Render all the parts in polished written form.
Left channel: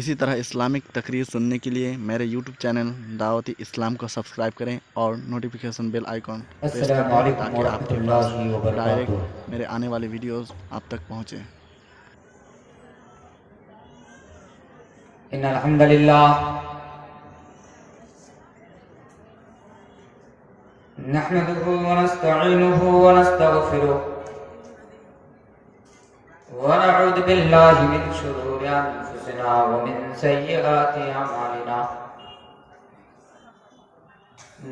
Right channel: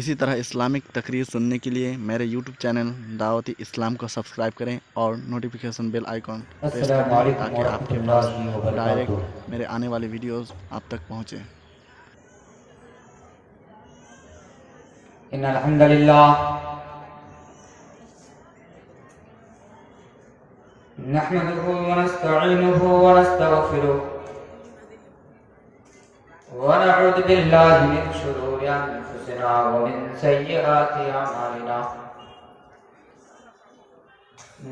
اسی طرح اسلامک تقریر سننے کے لیے میرے یوٹیوب چینل دعوت اسلام کو سبسکرائب کریں اور نوٹیفیکیشن بیل آئیکن پریس کر السلام دیں علیکم تاکہ آپ ورحمۃ کے پاس اللہ وبرکاتہ۔ ڈائریکٹ میرے آنے والے ویڈیوز آپ تک پہنچیں۔ ان الحمد للہ نحمده ونستعینه ونستغفره ونعوذ باللہ من شرور انفسنا ومن سیئات اعمالنا،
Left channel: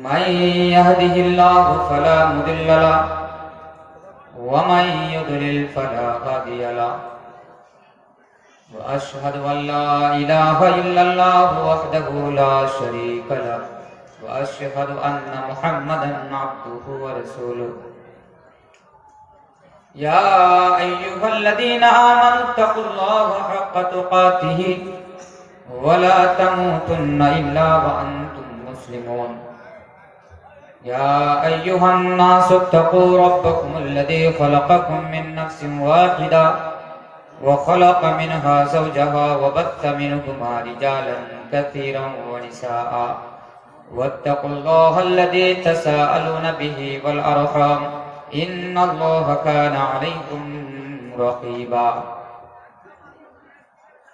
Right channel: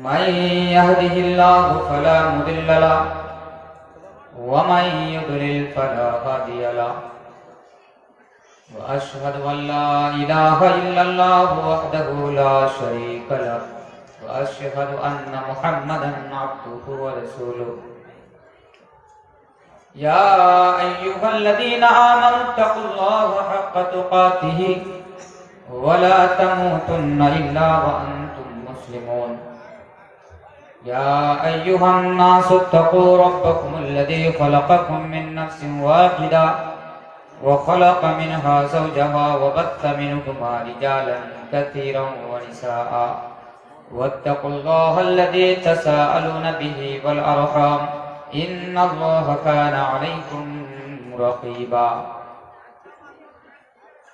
من يهده الله فلا مضل له ومن يضلل فلا هادي له، وأشهد أن لا إله إلا الله وحده لا شريك له، وأشهد أن محمدا عبده ورسوله۔ يا أيها الذين آمنوا اتقوا الله حق تقاته ولا تموتن إلا وأنتم مسلمون۔ يا أيها الناس اتقوا ربكم الذي خلقكم من نفس واحدة وخلق منها زوجها وبث منهما رجالا كثيرا ونساء، واتقوا الله الذي تساءلون به والأرحام إن الله كان عليكم رقيبا۔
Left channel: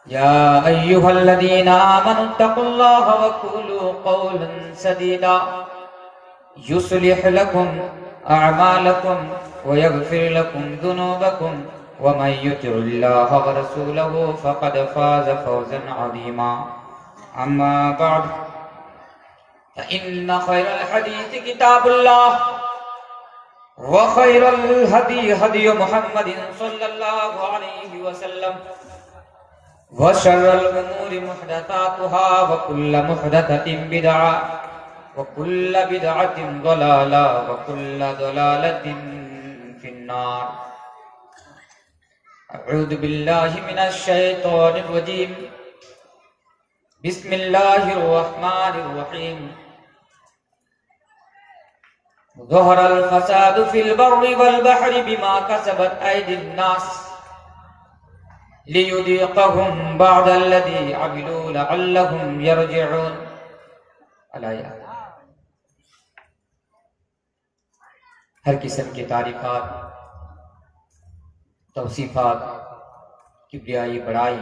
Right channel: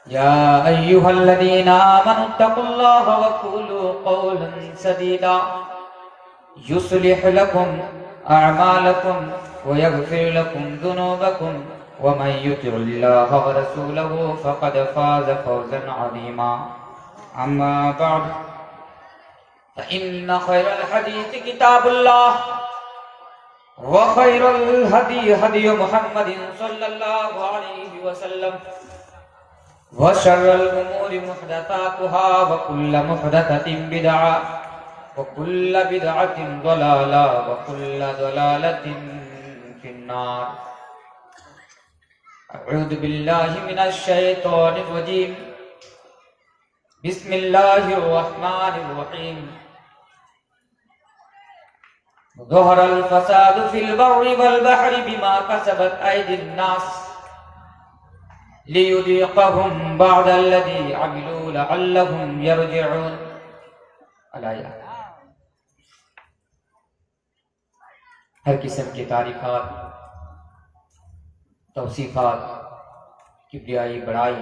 يا أيها الذين آمنوا اتقوا الله وقولوا قولا سديدا يصلح لكم أعمالكم ويغفر لكم ذنوبكم، ومن يطع الله ورسوله فقد فاز فوزا عظيما۔ أما بعد فإن خير الحديث كتاب الله، وخير الهدي هدي محمد صلى الله عليه وسلم، وشر الأمور محدثاتها وكل محدثة بدعة وكل بدعة ضلالة وكل ضلالة في النار۔ اعوذ باللہ من الشیطان الرجیم، بسم اللہ الرحمن الرحیم۔ ظہر الفساد فی البر والبحر بما کسبت ایدی الناس لیذیقہم بعد الذی عملوا لعلہم یرجعون۔ الآیہ۔ ہر قسم کی تعریفات، توصیفات، کبریائی، بڑائی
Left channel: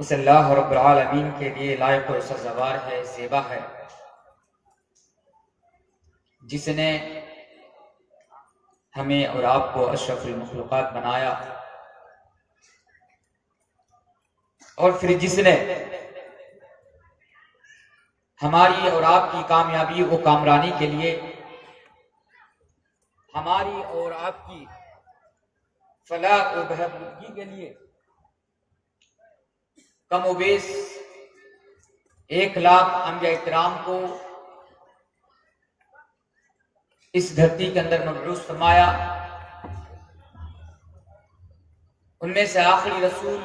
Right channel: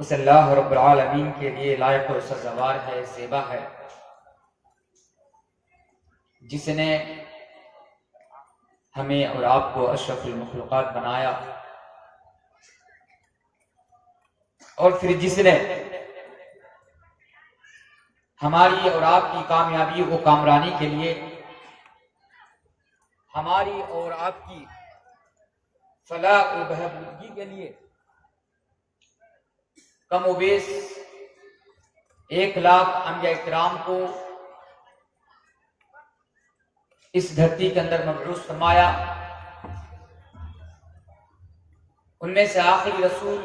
اس اللہ رب العالمین کے لیے لائق و سزاوار ہے، زیبا ہے، جس نے ہمیں اور آپ کو اشرف المخلوقات بنایا، اور پھر جس نے ہماری اور آپ کی کامیابی و کامرانی کے لیے، ہماری اور آپ کی فلاح و بہبودگی کے لیے کم و بیش 1,00,000 انبیاء کرام کو اس دھرتی کے اندر مبعوث فرمایا۔ ان میں سے آخری رسول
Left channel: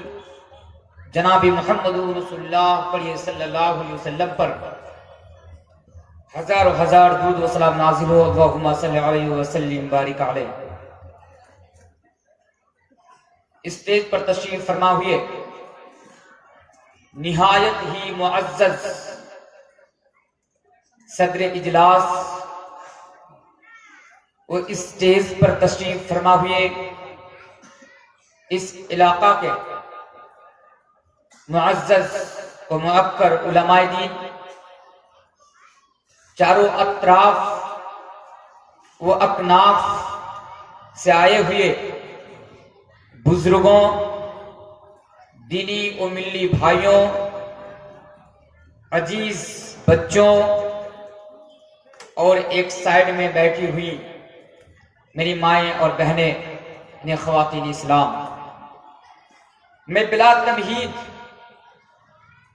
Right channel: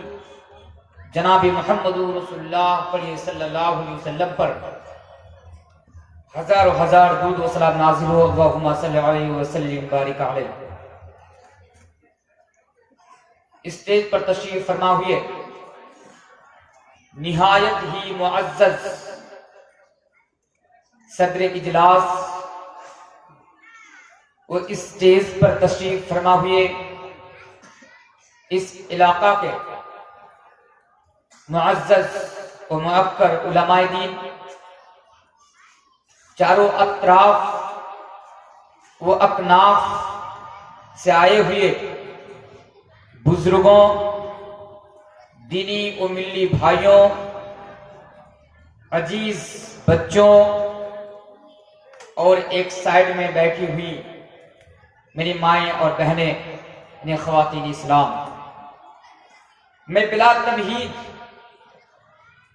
جناب محمد رسول اللہ صلی اللہ علیہ وسلم پر ہزار و ہزار درود و سلام نازل ہو، اللہم صلی علیہ وسلم بارک علیہ۔ اسٹیج پر تشریف فرما ہوئے نہایت ہی معزز صدر اجلاس، وہ اسٹیج پر تشریف فرما ہوئے اس علاقہ کے معزز و معکر علماء دین، چاروں اطراف و اکناف سے آئے ہوئے بزرگوں، دینی و ملی بھائیوں، عزیز بچوں، اور ایک سائیڈ میں بیٹھی ہوئی میری مائیں اور بہنیں، یعنی خواتین اسلام، میں بلا تمہید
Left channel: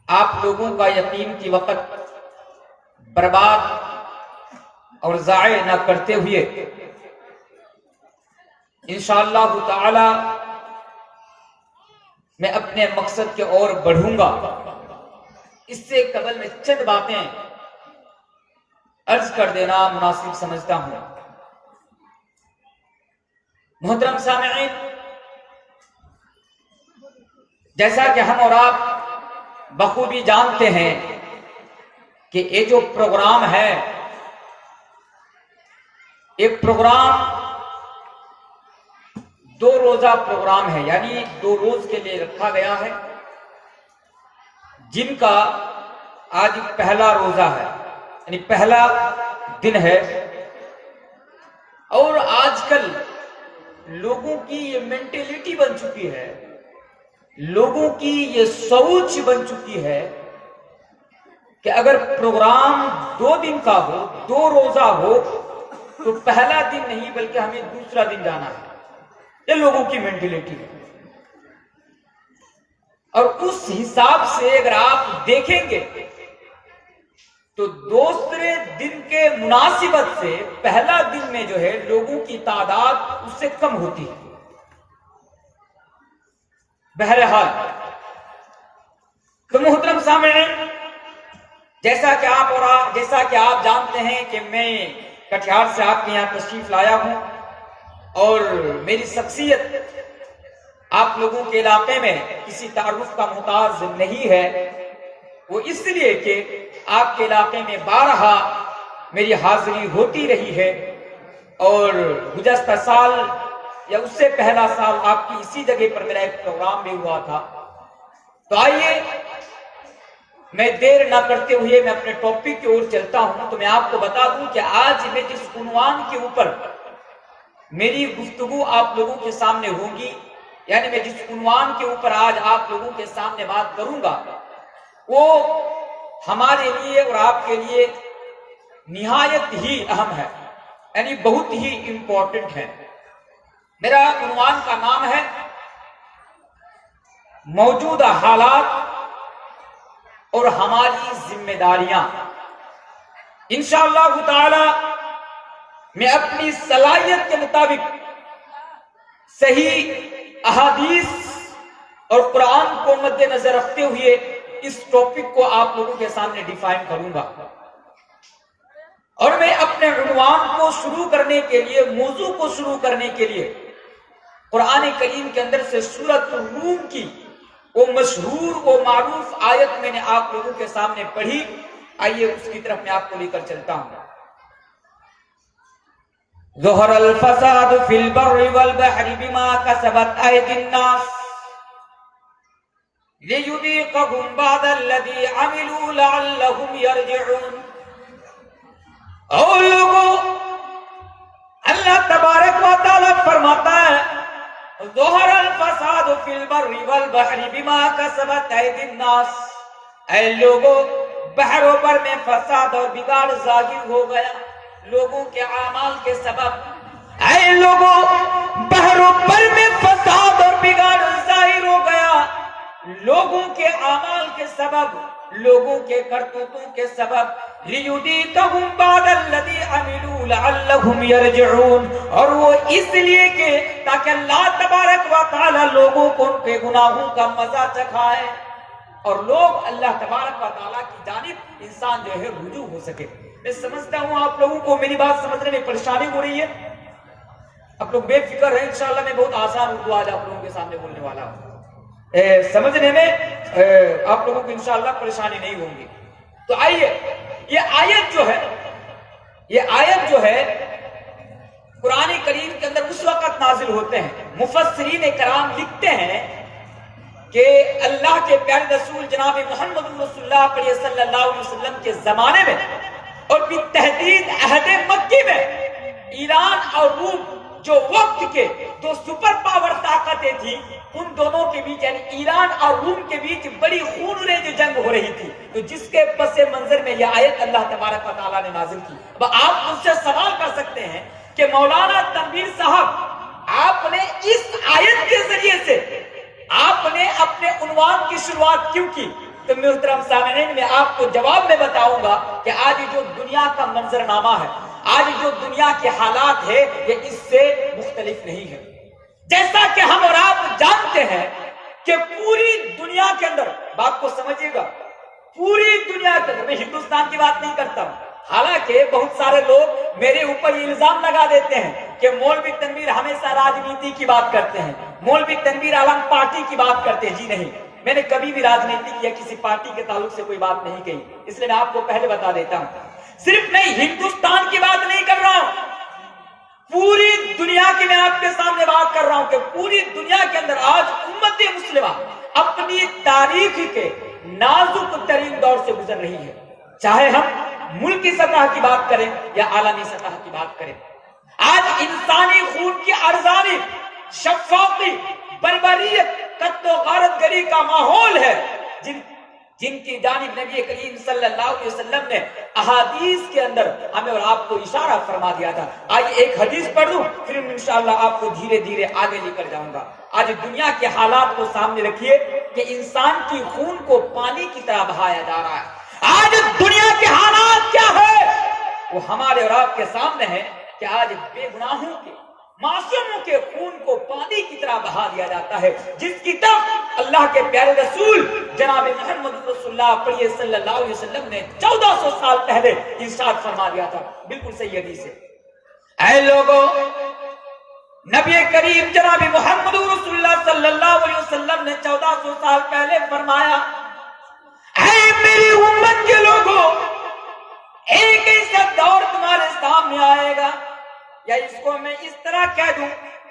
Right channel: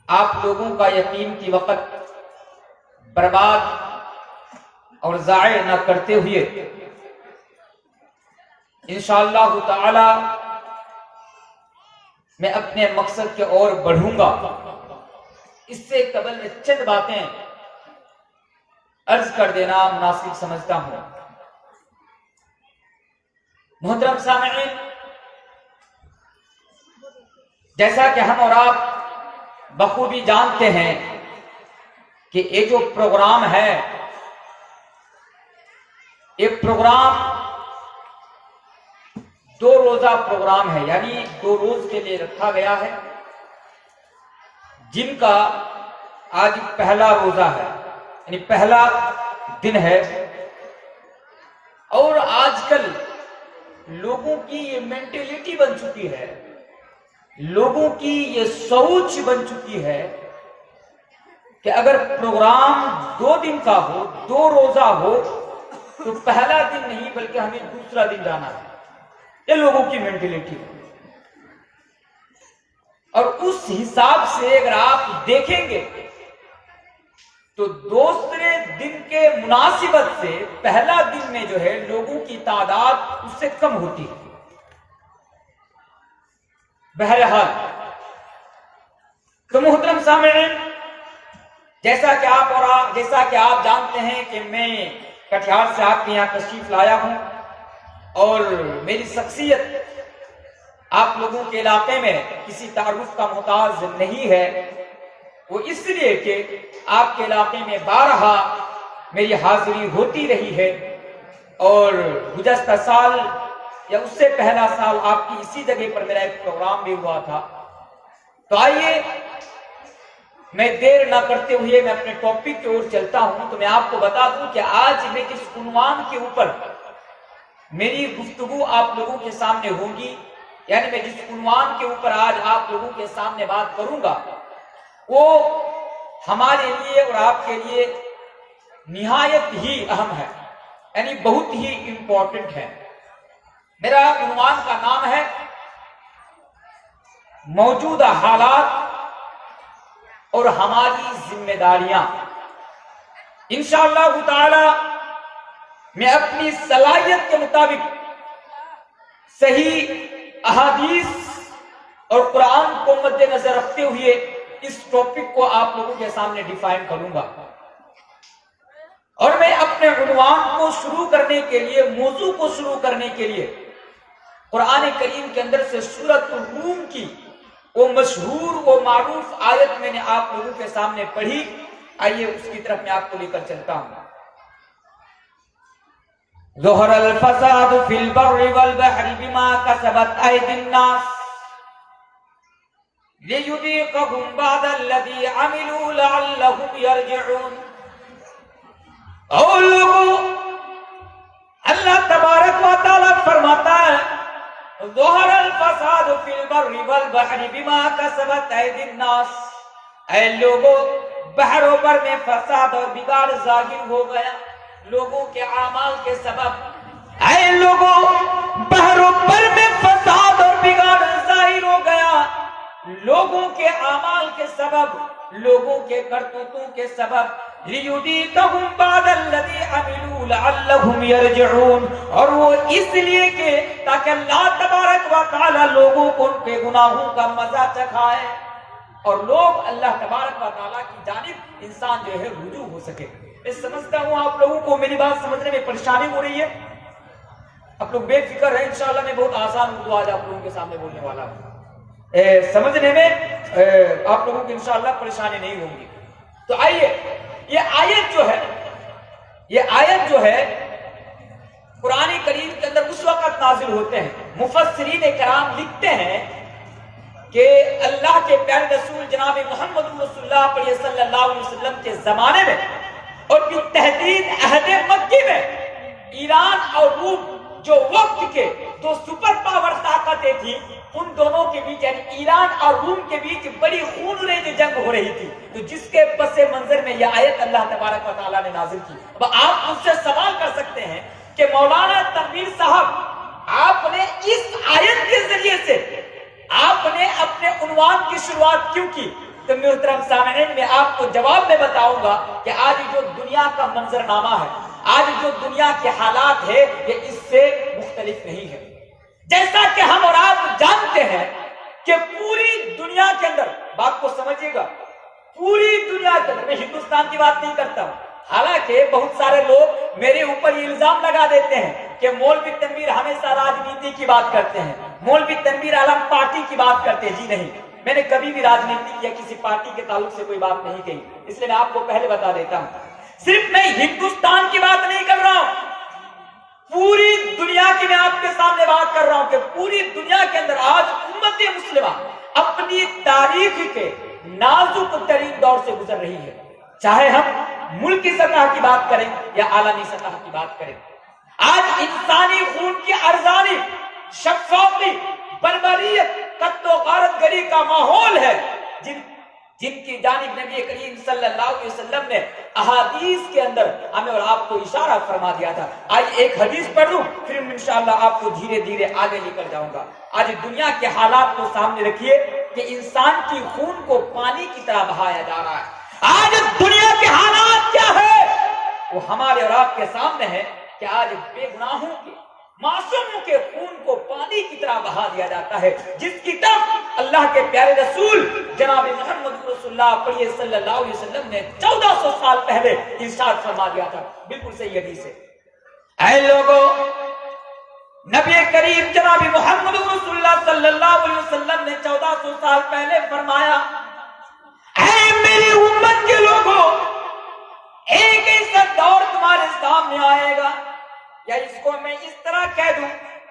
آپ لوگوں کا یقین کی وقت برباد اور ضائع نہ کرتے ہوئے انشاءاللہ تعالی میں اپنے مقصد کے اور بڑھوں گا۔ اس سے قبل میں چند باتیں عرض کر دینا مناسب سمجھتا ہوں۔ محترم سامعین، جیسا کہ ہم اور آپ بخوبی جانتے ہیں کہ یہ جو پروگرام ہے، ایک پروگرام 2 روزہ پروگرام ہے، یعنی 2 روز کے لیے رکھا گیا ہے، جن کا آج پہلا روزہ ہے، یعنی پہلا دن ہے۔ اور آج کل لوگوں کی یہ مینٹلٹی بن چکی ہے، لوگوں کی یہ سوچ بن چکی ہے کہ اگر پروگرام 2 دن کا ہو، 2 روزہ ہو، تو پہلا دن نہیں بلکہ ہمیں دوسرا دن جانا ہے۔ یہ لوگوں کی مینٹلٹی ہے، اور اس حساب سے اگر آپ دیکھیں گے تو دوسرے دن کے مناسبت سے پہلا دن میں جو ہے لوگوں کی تعداد اس سے کم ہوتی ہے۔ بہرحال تو محترم سامعین، جیسا کہ آپ جانتے ہیں کہ میں کٹیہار سے آپ کے یہاں تشریف لایا ہوں، اور میری شخصیت آپ لوگوں کے علاقے میں کسی تعارف کا محتاج نہیں ہے، وہ اس لیے کہ آپ کے علاقے میں بارہا میری حاضری ہوتی رہی ہے، اور گزشتہ سال یا اس سے پہلا سال آپ کی اسی جگہ پر میرا ایک پروگرام بھی ہوا تھا۔ تو آئیے میں دیر نہ کرتے ہوئے میں اپنے ٹاپک کی اور چلتا ہوں۔ تو میں آپ کو بتا دوں کہ آج میں جس عنوان کے اوپر میری گفتگو آپ لوگوں کے سامنے ہوگی، یعنی میں جس عنوان کے اوپر آج آپ لوگوں کے سامنے بات کروں گا، وہ ہمارے لیے اور آپ کے لیے نہایت ہی اہم ہے، یعنی بہت ہی امپورٹنٹ ہے۔ میرا عنوان کا نام ہے موجودہ حالات اور ہماری ذمہ داریاں۔ انشاءاللہ تعالی میں اپنی صلاحیت کے مطابق صحیح احادیث اور قرآن کو مد نظر رکھتے ہوئے اس ٹاپک کو آپ لوگوں کے سامنے ڈیفائن کروں گا، اور میں اپنے عنوان کو شروع کرنے کے لیے، موضوع کو شروع کرنے کے لیے قرآن کریم کے اندر سے سورۃ الروم کی وہ مشہور وہ معروف آیت میں نے آپ لوگوں کے سامنے پڑھی۔ آئیے اس کی طرف میں آپ کو لے کر چلتا ہوں۔ ظہر الفساد فی البر والبحر بما کسبت ایدی الناس لیذیقہم بعض الذی عملوا لعلہم یرجعون۔ اور لوگوں، اللہ تبارک و تعالیٰ فرماتا ہے ظہر الفساد فی البر والبحر بما کسبت ایدی الناس، اے لوگوں بحر و بر میں فساد اور بگاڑ ظاہر ہو گیا لوگوں کے اعمال کے سبب۔ اے لوگوں بحر و بر میں فساد اور بگاڑ ظاہر ہو گیا لوگوں کے اعمال کے سبب، لوگوں کے کرتوتوں کے سبب۔ لیذیقہم بعض الذی عملوا لعلہم یرجعون، اور وہ اس لیے کہ تاکہ اللہ تبارک و تعالی لوگوں کو ان کے گناہوں کا مزہ چکھائے، اور لوگ اللہ تبارک و تعالیٰ کی جانب انسان جو ہے رجوع ہو سکے۔ میں سمجھتا ہوں آپ لوگوں کو میری بات سمجھنے میں پریشانی ہو رہی ہے، آپ لوگ بے فکر ہیں، انشاءاللہ میں بہت آسان اردو آج آپ لوگوں کے سامنے بولنے والا ہوں، سمجھنے میں آپ لوگوں کو انشاءاللہ پریشانی نہیں ہوگی۔ تو آئیے یہ آیت جو ہے قرآن کریم کے اندر اس وقت نازل ہوتے ہیں، مفسرین کرام لکھتے ہیں کہ اللہ کے پیارے رسول جناب محمد رسول اللہ صلی اللہ علیہ وسلم کے زمانے میں، اور بالتحدید عہد مکی میں، ایران اور روم جو وقت کے 2 سپر پاور طاقتیں تھیں، ان دونوں کے بیچ یعنی ایران اور روم کے بیچ بڑی خونریز جنگ ہو رہی تھی، تو جس کے پس منظر میں یہ آیت اللہ تبارک و تعالیٰ نے نازل کی۔ اب آپ مجھ سے سوال کر سکتے ہیں کہ مولانا تنویر صاحب، آپ نے اس آیت کے ذریعے سے آپ نے اپنے عنوان کی شروعات کیوں کی؟ تو محترم سامعین، میں آپ کو جواب میں بتاؤں گا کہ آج جو دنیا کا منظرنامہ ہے، آج جو دنیا کے حالات ہے، یہ اس سے مختلف نہیں ہے۔ جیسا کہ ہم اور آپ جانتے ہیں کہ پوری دنیا کے اندر، بات کو سمجھیے گا، پوری دنیا کے اندر، میں ہندوستان کی بات نہیں کرتا ہوں، حالانکہ بہت سارے لوگ میرے اوپر یہ الزام لگا دیتے ہیں کہ مولوی تنویر ہمیشہ راجنیتی کی بات کرتے ہیں، مولوی تنویر عالم پارٹی کی بات کرتے ہیں۔ جی نہیں، میں نے کبھی بھی راجنیتک یا کسی پارٹی کے تعلق سے کوئی بات نہیں کہی، اس لیے میں آپ کو پہلے بتا دیتا ہوں، صرف میں ہندوستان کی بات نہیں کر رہا ہوں، پوری دنیا کی میں آپ کے سامنے بات کر رہا ہوں کہ پوری دنیا کے اندر آج امت مسلمہ اپنی تاریخ کے نازک ترین دور سے گزر رہی ہے، چاہے ہم ملک کی سطح کی بات کریں یا عالمی سطح کی بات کریں۔ آج انسانی خون کی ارزانی، شفافی، بربریت، قتل و غارت گری کا ماحول ہے، جن کی جانب نبی کریم صلی اللہ علیہ وسلم نے احادیث کے اندر ہمیں اور آپ کو اشارہ فرما دیا تھا۔ آج ایک حدیث پڑھ لوں، پھر انشاءاللہ آپ کو دھیرے دھیرے آگے لے کر جاؤں گا۔ آج دنیا کے حالات کو سامنے رکھیے کہ انسان کی خون کو پانی کی طرح بہایا جا رہا ہے۔ آج دنیا کے حالات کیا ہے وہ ہمارے اور آپ کے سامنے ہے کہ آج بے گناہوں کے، معصوموں کے خون کو پانی کی طرح بہا دیا جاتا ہے، جس کی طرف اللہ کے پیارے رسول جناب محمد رسول اللہ پڑھیے صلی اللہ علیہ وسلم نے 1400 سال پہلے ارشاد فرما دیا تھا۔ بالکل صحیح حدیث ہے، اے لوگوں، نبی کریم جناب محمد رسول اللہ صلی اللہ علیہ وسلم نے 1400 سال پہلے فرمایا، اے میری امت کے لوگوں، ایک ایسا دور تمہارے سامنے آئے گا، یا اس کو میں اس طرح کہہ دوں،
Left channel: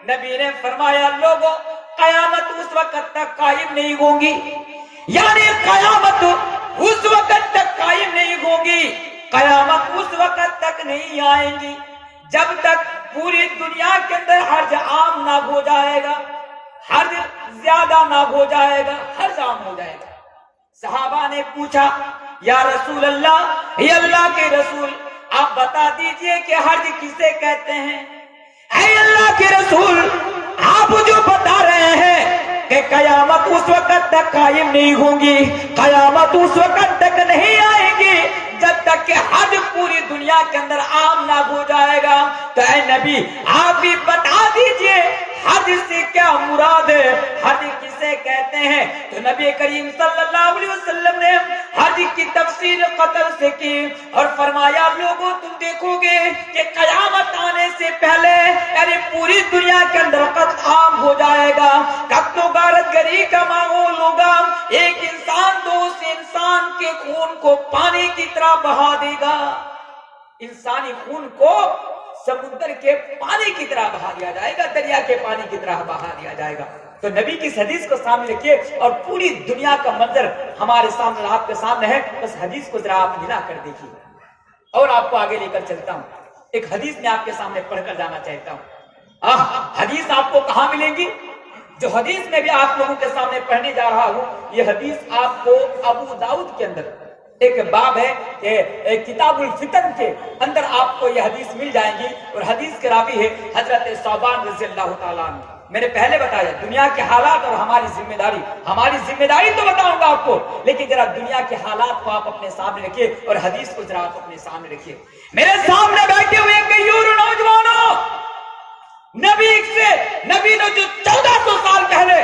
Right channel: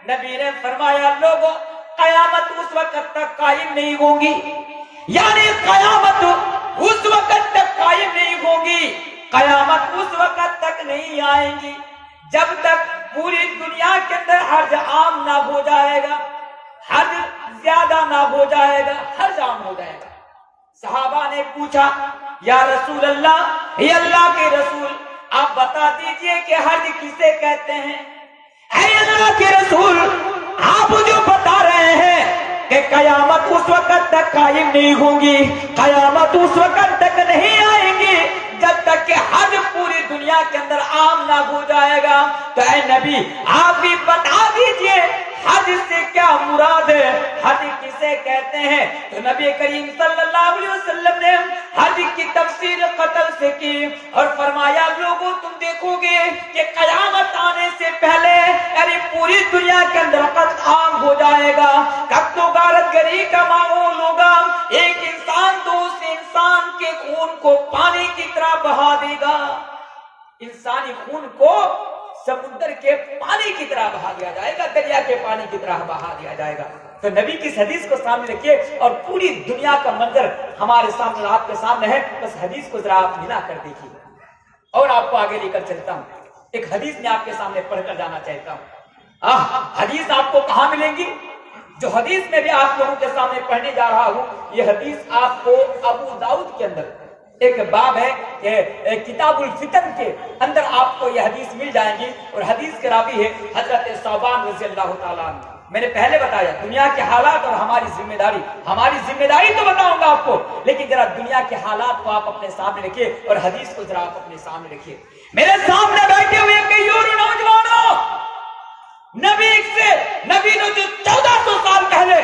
نبی نے فرمایا لوگوں، قیامت اس وقت تک قائم نہیں ہوگی، یعنی قیامت اس وقت تک قائم نہیں ہوگی، قیامت اس وقت تک نہیں آئیں گی جب تک پوری دنیا کے اندر حرج عام نہ ہو جائے گا، حرج زیادہ نہ ہو جائے گا، حرج عام ہو جائے گا۔ صحابہ نے پوچھا، یا رسول اللہ، یا اللہ کے رسول، آپ بتا دیجئے کہ حرج کسے کہتے ہیں؟ اے اللہ کے رسول، آپ جو بتا رہے ہیں کہ قیامت اس وقت تک قائم نہیں ہوں گی، قیامت اس وقت تک نہیں آئیں گی جب تک کہ حج پوری دنیا کے اندر عام نہ ہو جائے گا، تو اے نبی آپ بھی بتا دیجئے حج سے کیا مراد ہے، حج کسے کہتے ہیں؟ تو نبی کریم صلی اللہ علیہ وسلم نے حج کی تفسیر قتل سے کی اور فرمایا لوگوں تم دیکھو گے کہ قیامت آنے سے پہلے یعنی پوری دنیا کے اندر قتل عام ہو جائے گا، قتل و غارت گری کا ماحول ہوگا، ایک انسان دوسرے انسان کے خون کو پانی کی طرح بہا دے گا، انسانی خون کو سمندر کے پانی کی طرح بہا دیا جائے گا، دریا کے پانی کی طرح بہا دیا جائے گا۔ تو نبی کی اس حدیث کو سامنے رکھیے اور پوری دنیا کا منظر ہمارے سامنے، آپ کے سامنے ہے، اس حدیث کو ذرا آپ ملا کر دیکھیے اور آپ کو آگے لے کر چلتا ہوں۔ ایک حدیث میں آپ کے سامنے پڑھ کر جانا چاہتا ہوں۔ حدیث آپ کو کہاں ملیں گی؟ جو حدیث میں بھی آپ لوگوں کے سامنے پڑھنے جا رہا ہوں، یہ حدیث آپ کو ابو داؤد کے اندر ایک باب ہے کہ کتاب الفتن کے اندر آپ کو یہ حدیث مل جائیں گی، اور حدیث کے راوی ہے حضرت ثوبان رضی اللہ تعالیٰ عنہ۔ میں نے پہلے بتایا دنیا کے حالات اور ہماری ذمہ داری تو بتاؤں گا آپ کو، لیکن ذرا دنیا کے حالات کو آپ اپنے سامنے رکھیے اور حدیث کو ذرا آپ اپنے سامنے رکھیے۔ میرے سامنے بیٹھے ہوئے کئی اور نوجوانوں، نبی نے جو 1400 سال پہلے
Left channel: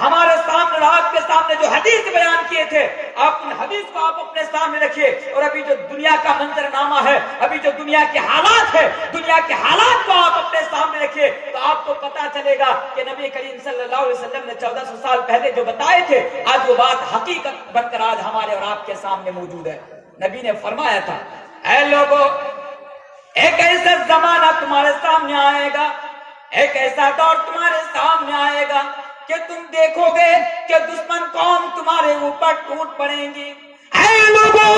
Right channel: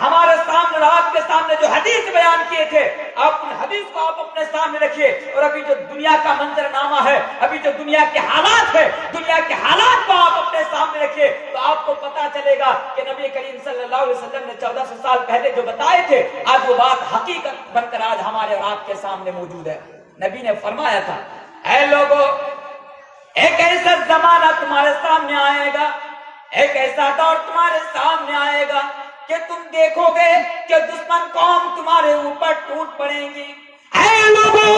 ہمارے سامنے آپ کے سامنے جو حدیث بیان کیے تھے، آپ ان حدیث کو آپ اپنے سامنے رکھیے، اور ابھی جو دنیا کا منظرنامہ ہے، ابھی جو دنیا کے حالات ہے، دنیا کے حالات کو آپ اپنے سامنے رکھیے تو آپ کو پتا چلے گا کہ نبی کریم صلی اللہ علیہ وسلم نے 1400 سال پہلے جو بتائے تھے، آج وہ بات حقیقت بن کر آج ہمارے اور آپ کے سامنے موجود ہے۔ نبی نے فرمایا تھا، اے لوگوں، ایک ایسا زمانہ تمہارے سامنے آئے گا، ایک ایسا دور تمہارے سامنے آئے گا کہ تم دیکھو گے کہ دشمن قوم تمہارے اوپر ٹوٹ پڑیں گی۔ اے لوگوں،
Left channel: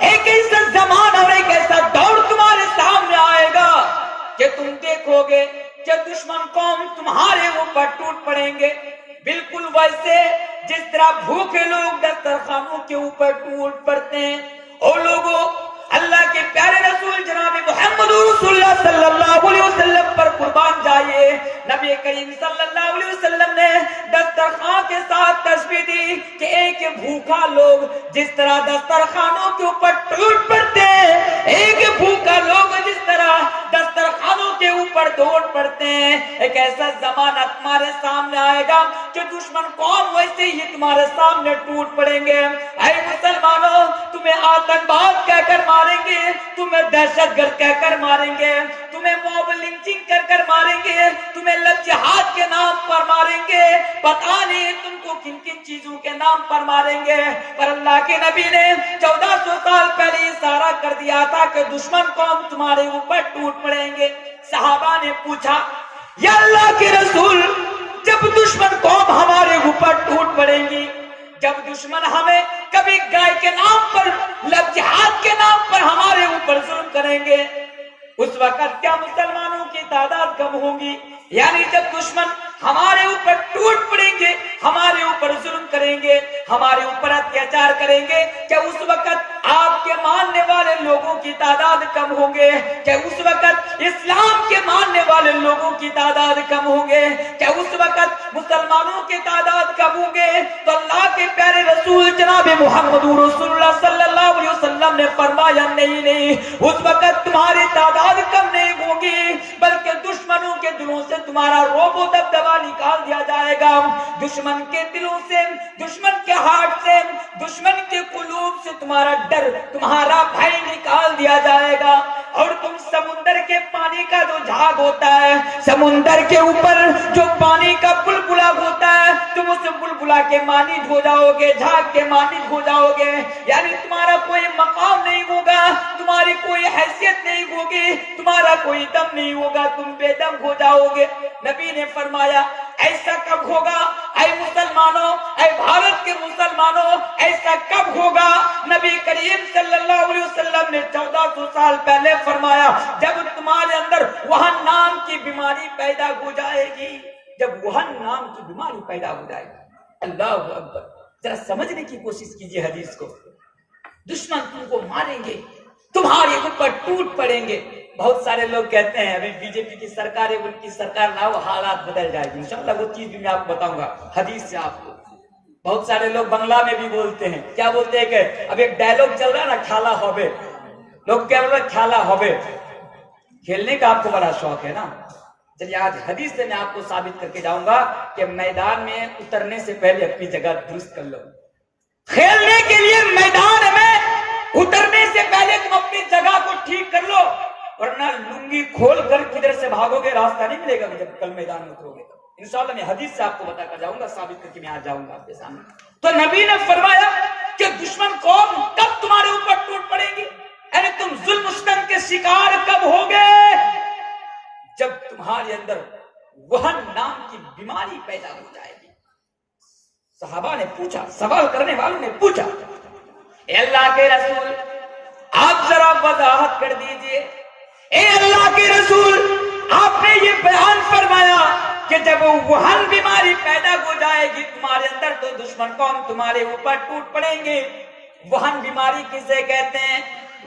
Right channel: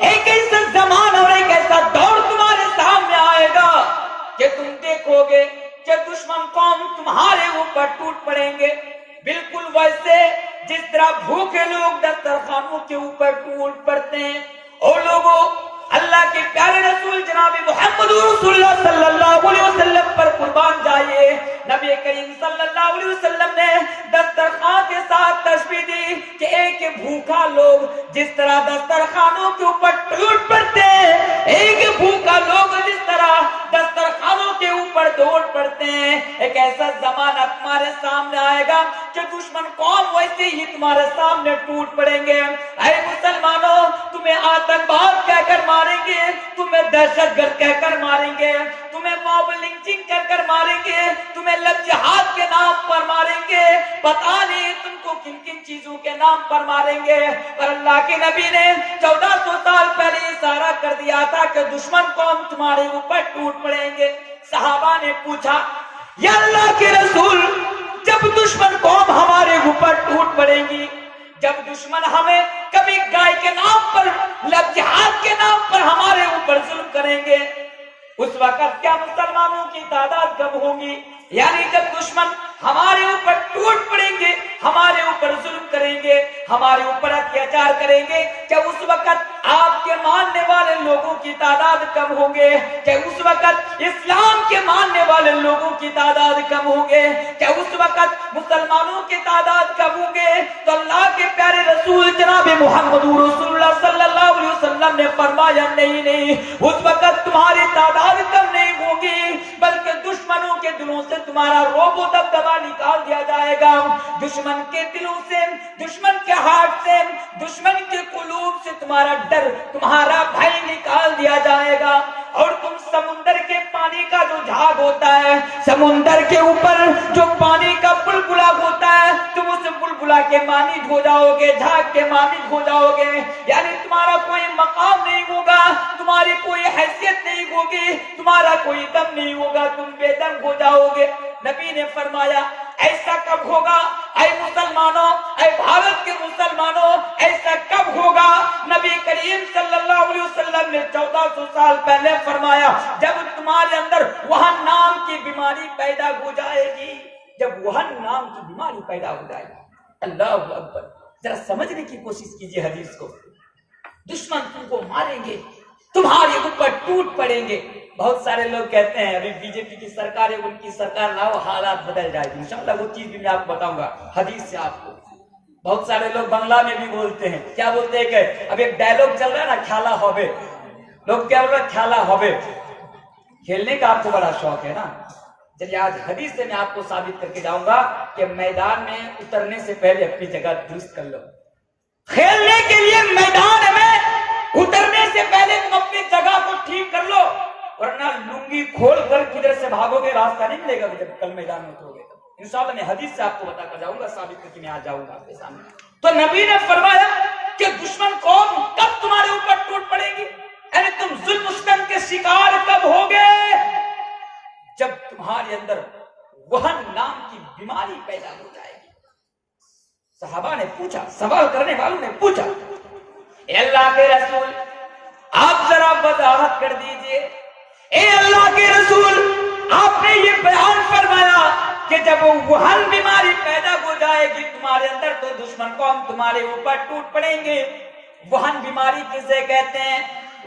ایک ایسا زمانہ اور ایک ایسا دور تمہارے سامنے آئے گا کہ تم دیکھو گے کہ دشمن قوم تمہارے اوپر ٹوٹ پڑیں گے، بالکل ویسے جس طرح بھوکے لوگ دسترخوانوں کے اوپر ٹوٹ پڑتے ہیں۔ اور لوگوں، اللہ کے پیارے رسول جناب محمد رسول اللہ صلی اللہ علیہ وسلم پر قربان جائیے، نبی کریم صلی اللہ علیہ وسلم نے دسترخوان کے ساتھ تشبیہ دی کہ ایک بھوکا لوگ جس طرح دسترخوانوں کے اوپر ٹوٹ پڑتے ہیں، ایک بھوکا لوگ جس طرح دسترخوانوں کے اوپر ٹوٹ پڑتے ہیں، ایک ایسا زمانہ تمہارے سامنے آئے گا کہ دشمن قوم ویسے ہی تمہارے سامنے ٹوٹ پڑیں گے۔ اے مسلمانوں، تمہیں آتنکواد کہہ کر ماریں گے، تمہیں دہشت گرد کہہ کر ماریں گے، تمہیں تمہیں ماب لنچنگ کر کر ماریں گے، تمہیں لب جہاد کے نام پر ماریں گے، پتہ نہیں تم کو کن کن چیزوں کے نام پر ماریں گے۔ پر اللہ کے نبی نے 1400 سال پہلے اشارہ کر دیا تھا کہ دشمن قوم تمہارے اوپر ٹوٹ پڑیں گے۔ صحابہ نے پوچھا یا اللہ کے رسول، جب دشمن قوم ہمارے اوپر ٹوٹ پڑیں گی، جب دشمن ہمیں کبھی گائے کے نام پر، لب جہاد کے نام پر ہمارے اوپر ظلم کریں گے، اس وقت کیا مسلمانوں کی تعداد کم ہوگی؟ یعنی جب دشمن ہمارے اوپر ٹوٹ پڑیں گے، ہمارے اوپر ظلم کریں گے، ہمارے اوپر اتیاچار کریں گے، کیا اس وقت آپ کے ماننے والے لوگوں کی تعداد کم ہوں گے؟ کیا اس وقت اسلام کے ماننے والے لوگوں کی تعداد کم ہوں گے؟ کیا اس وقت مسلمانوں کی تعداد کم ہوں گے؟ تو اللہ کے پیارے رسول جناب محمد رسول اللہ صلی اللہ علیہ وسلم نے فرمایا نہیں، اس وقت تمہاری تعداد کم نہیں ہوگی، بلکہ دشمنوں کے دلوں سے تمہارا رعب و دبدبا نکال دیا جائے گا، دشمن کے دلوں سے، دشمن کے ہارٹ سے، دشمن کے قلوب سے تمہارا ڈر، تمہارا بھائی نکال دیا جائے گا، اور تم سمندر کے پانی کا جو جھاگ ہوتا ہے، سمندر کے اوپر جو پانی کا بلبلا ہوتا ہے، تم اس بلبلا کے مانند ہو جاؤ گے، جھاگ کے مانند ہو جاؤ گے، یعنی تمہارا کوئی مقام نہیں ہوگا، تمہاری کوئی حیثیت نہیں ہوگی، تمہارا کوئی دم نہیں ہوگا، تم بے دم ہو جاؤ گے۔ نبی نے فرمایا ایسا کب ہوگا اے مسلمانوں، اے بھارت کے مسلمانوں، ایسا کب ہوگا؟ نبی کریم صلی اللہ علیہ وسلم نے 1400 سال پہلے فرمایا جب تمہارے اندر وہن نام کی بیماری پیدا ہو جائے گی، جب وہن نام کی بیماری پیدا ہو جائے گی۔ اللہ اکبر، ذرا سمجھنے کی کوشش کیجئے حدیث کو۔ دشمن تم کو ماریں گے، تمہارے اوپر ٹوٹ پڑیں گے۔ بہت سارے لوگ کہتے ہیں ابھی بی جے پی کی سرکار ہے، ان کی سرکار نہ ہو حالات بدل جائے گی، انشاءاللہ وہ چیز بھی میں آپ کو بتاؤں گا حدیث سے آپ کو۔ بہت سارے لوگ بنگلہ میں بھی بولتے ہیں، کیا بولتے ہیں کہ اب ایک ڈائلوگ چل رہا ہے نا، کھالا ہوبے، لوگ کیا بول رہے ہیں؟ کھالا ہوبے۔ کھیلنے کا آپ کو بڑا شوق ہے نا، چلیے آج حدیث سے میں آپ کو ثابت کر کے جاؤں گا کہ میدان میں اترنے سے پہلے اپنی جگہ درست کر لو۔ کھیلنے کے لیے میدان میں اترنے سے پہلے تم اپنی جگہ کو ٹھیک کر لو، ورنہ لنگی کھول کر کدھر سے بھاگو گے راستہ نہیں ملے گا جب کل میدان میں اترو گے۔ انشاءاللہ میں حدیث سے آپ کو بتا کر جاؤں گا، ثابت کر کے میں آج جاؤں گا آپ کے سامنے۔ تو نبی نے فرمایا کہ دشمن قوم کب تمہارے اوپر ٹوٹ پڑے گی، یعنی تم ظلم و ستم کے شکار کب ہوگے؟ جب تمہارے اندر وہن نام کی بیماری پیدا ہو جائے گی۔ صحابہ نے پوچھا، سوال کرنے والوں نے پوچھا اے اللہ کے رسول آپ ذرا وضاحت کر دیجئے، اے اللہ کے رسول آپ نے یہ بیان فرمایا کہ جب وہن بیماری پیدا ہو جائے گی تمہارے اندر تو دشمن قوم تمہارے اوپر ٹوٹ پڑیں گے۔ وہن بیماری کسے کہتے ہیں؟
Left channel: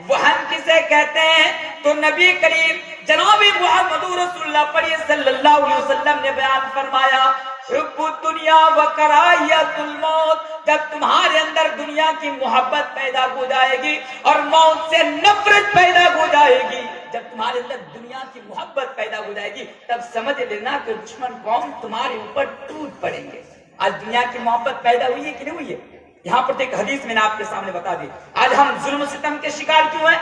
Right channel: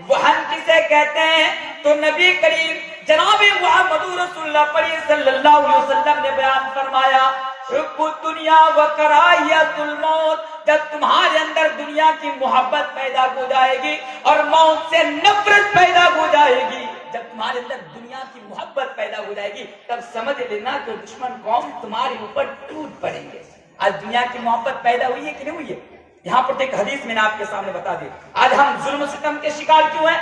وہن کسے کہتے ہیں؟ تو نبی کریم جناب محمد رسول اللہ صلی اللہ علیہ وسلم نے بیان فرمایا حب الدنیا و کراہیت الموت، جب تمہارے اندر دنیا کی محبت پیدا ہو جائے گی اور موت سے نفرت پیدا ہو جائے گی، جب تمہارے اندر دنیا کی محبت پیدا ہو جائے گی تب سمجھ لینا کہ دشمن قوم تمہارے اوپر ٹوٹ پڑیں گے۔ آج دنیا کی محبت پیدا ہوئی ہے کہ نہیں ہوئی ہے؟ یہاں پر ایک حدیث میں نے آپ کے سامنے بتا دی۔ آج ہم ظلم و ستم کے شکار کیوں ہیں؟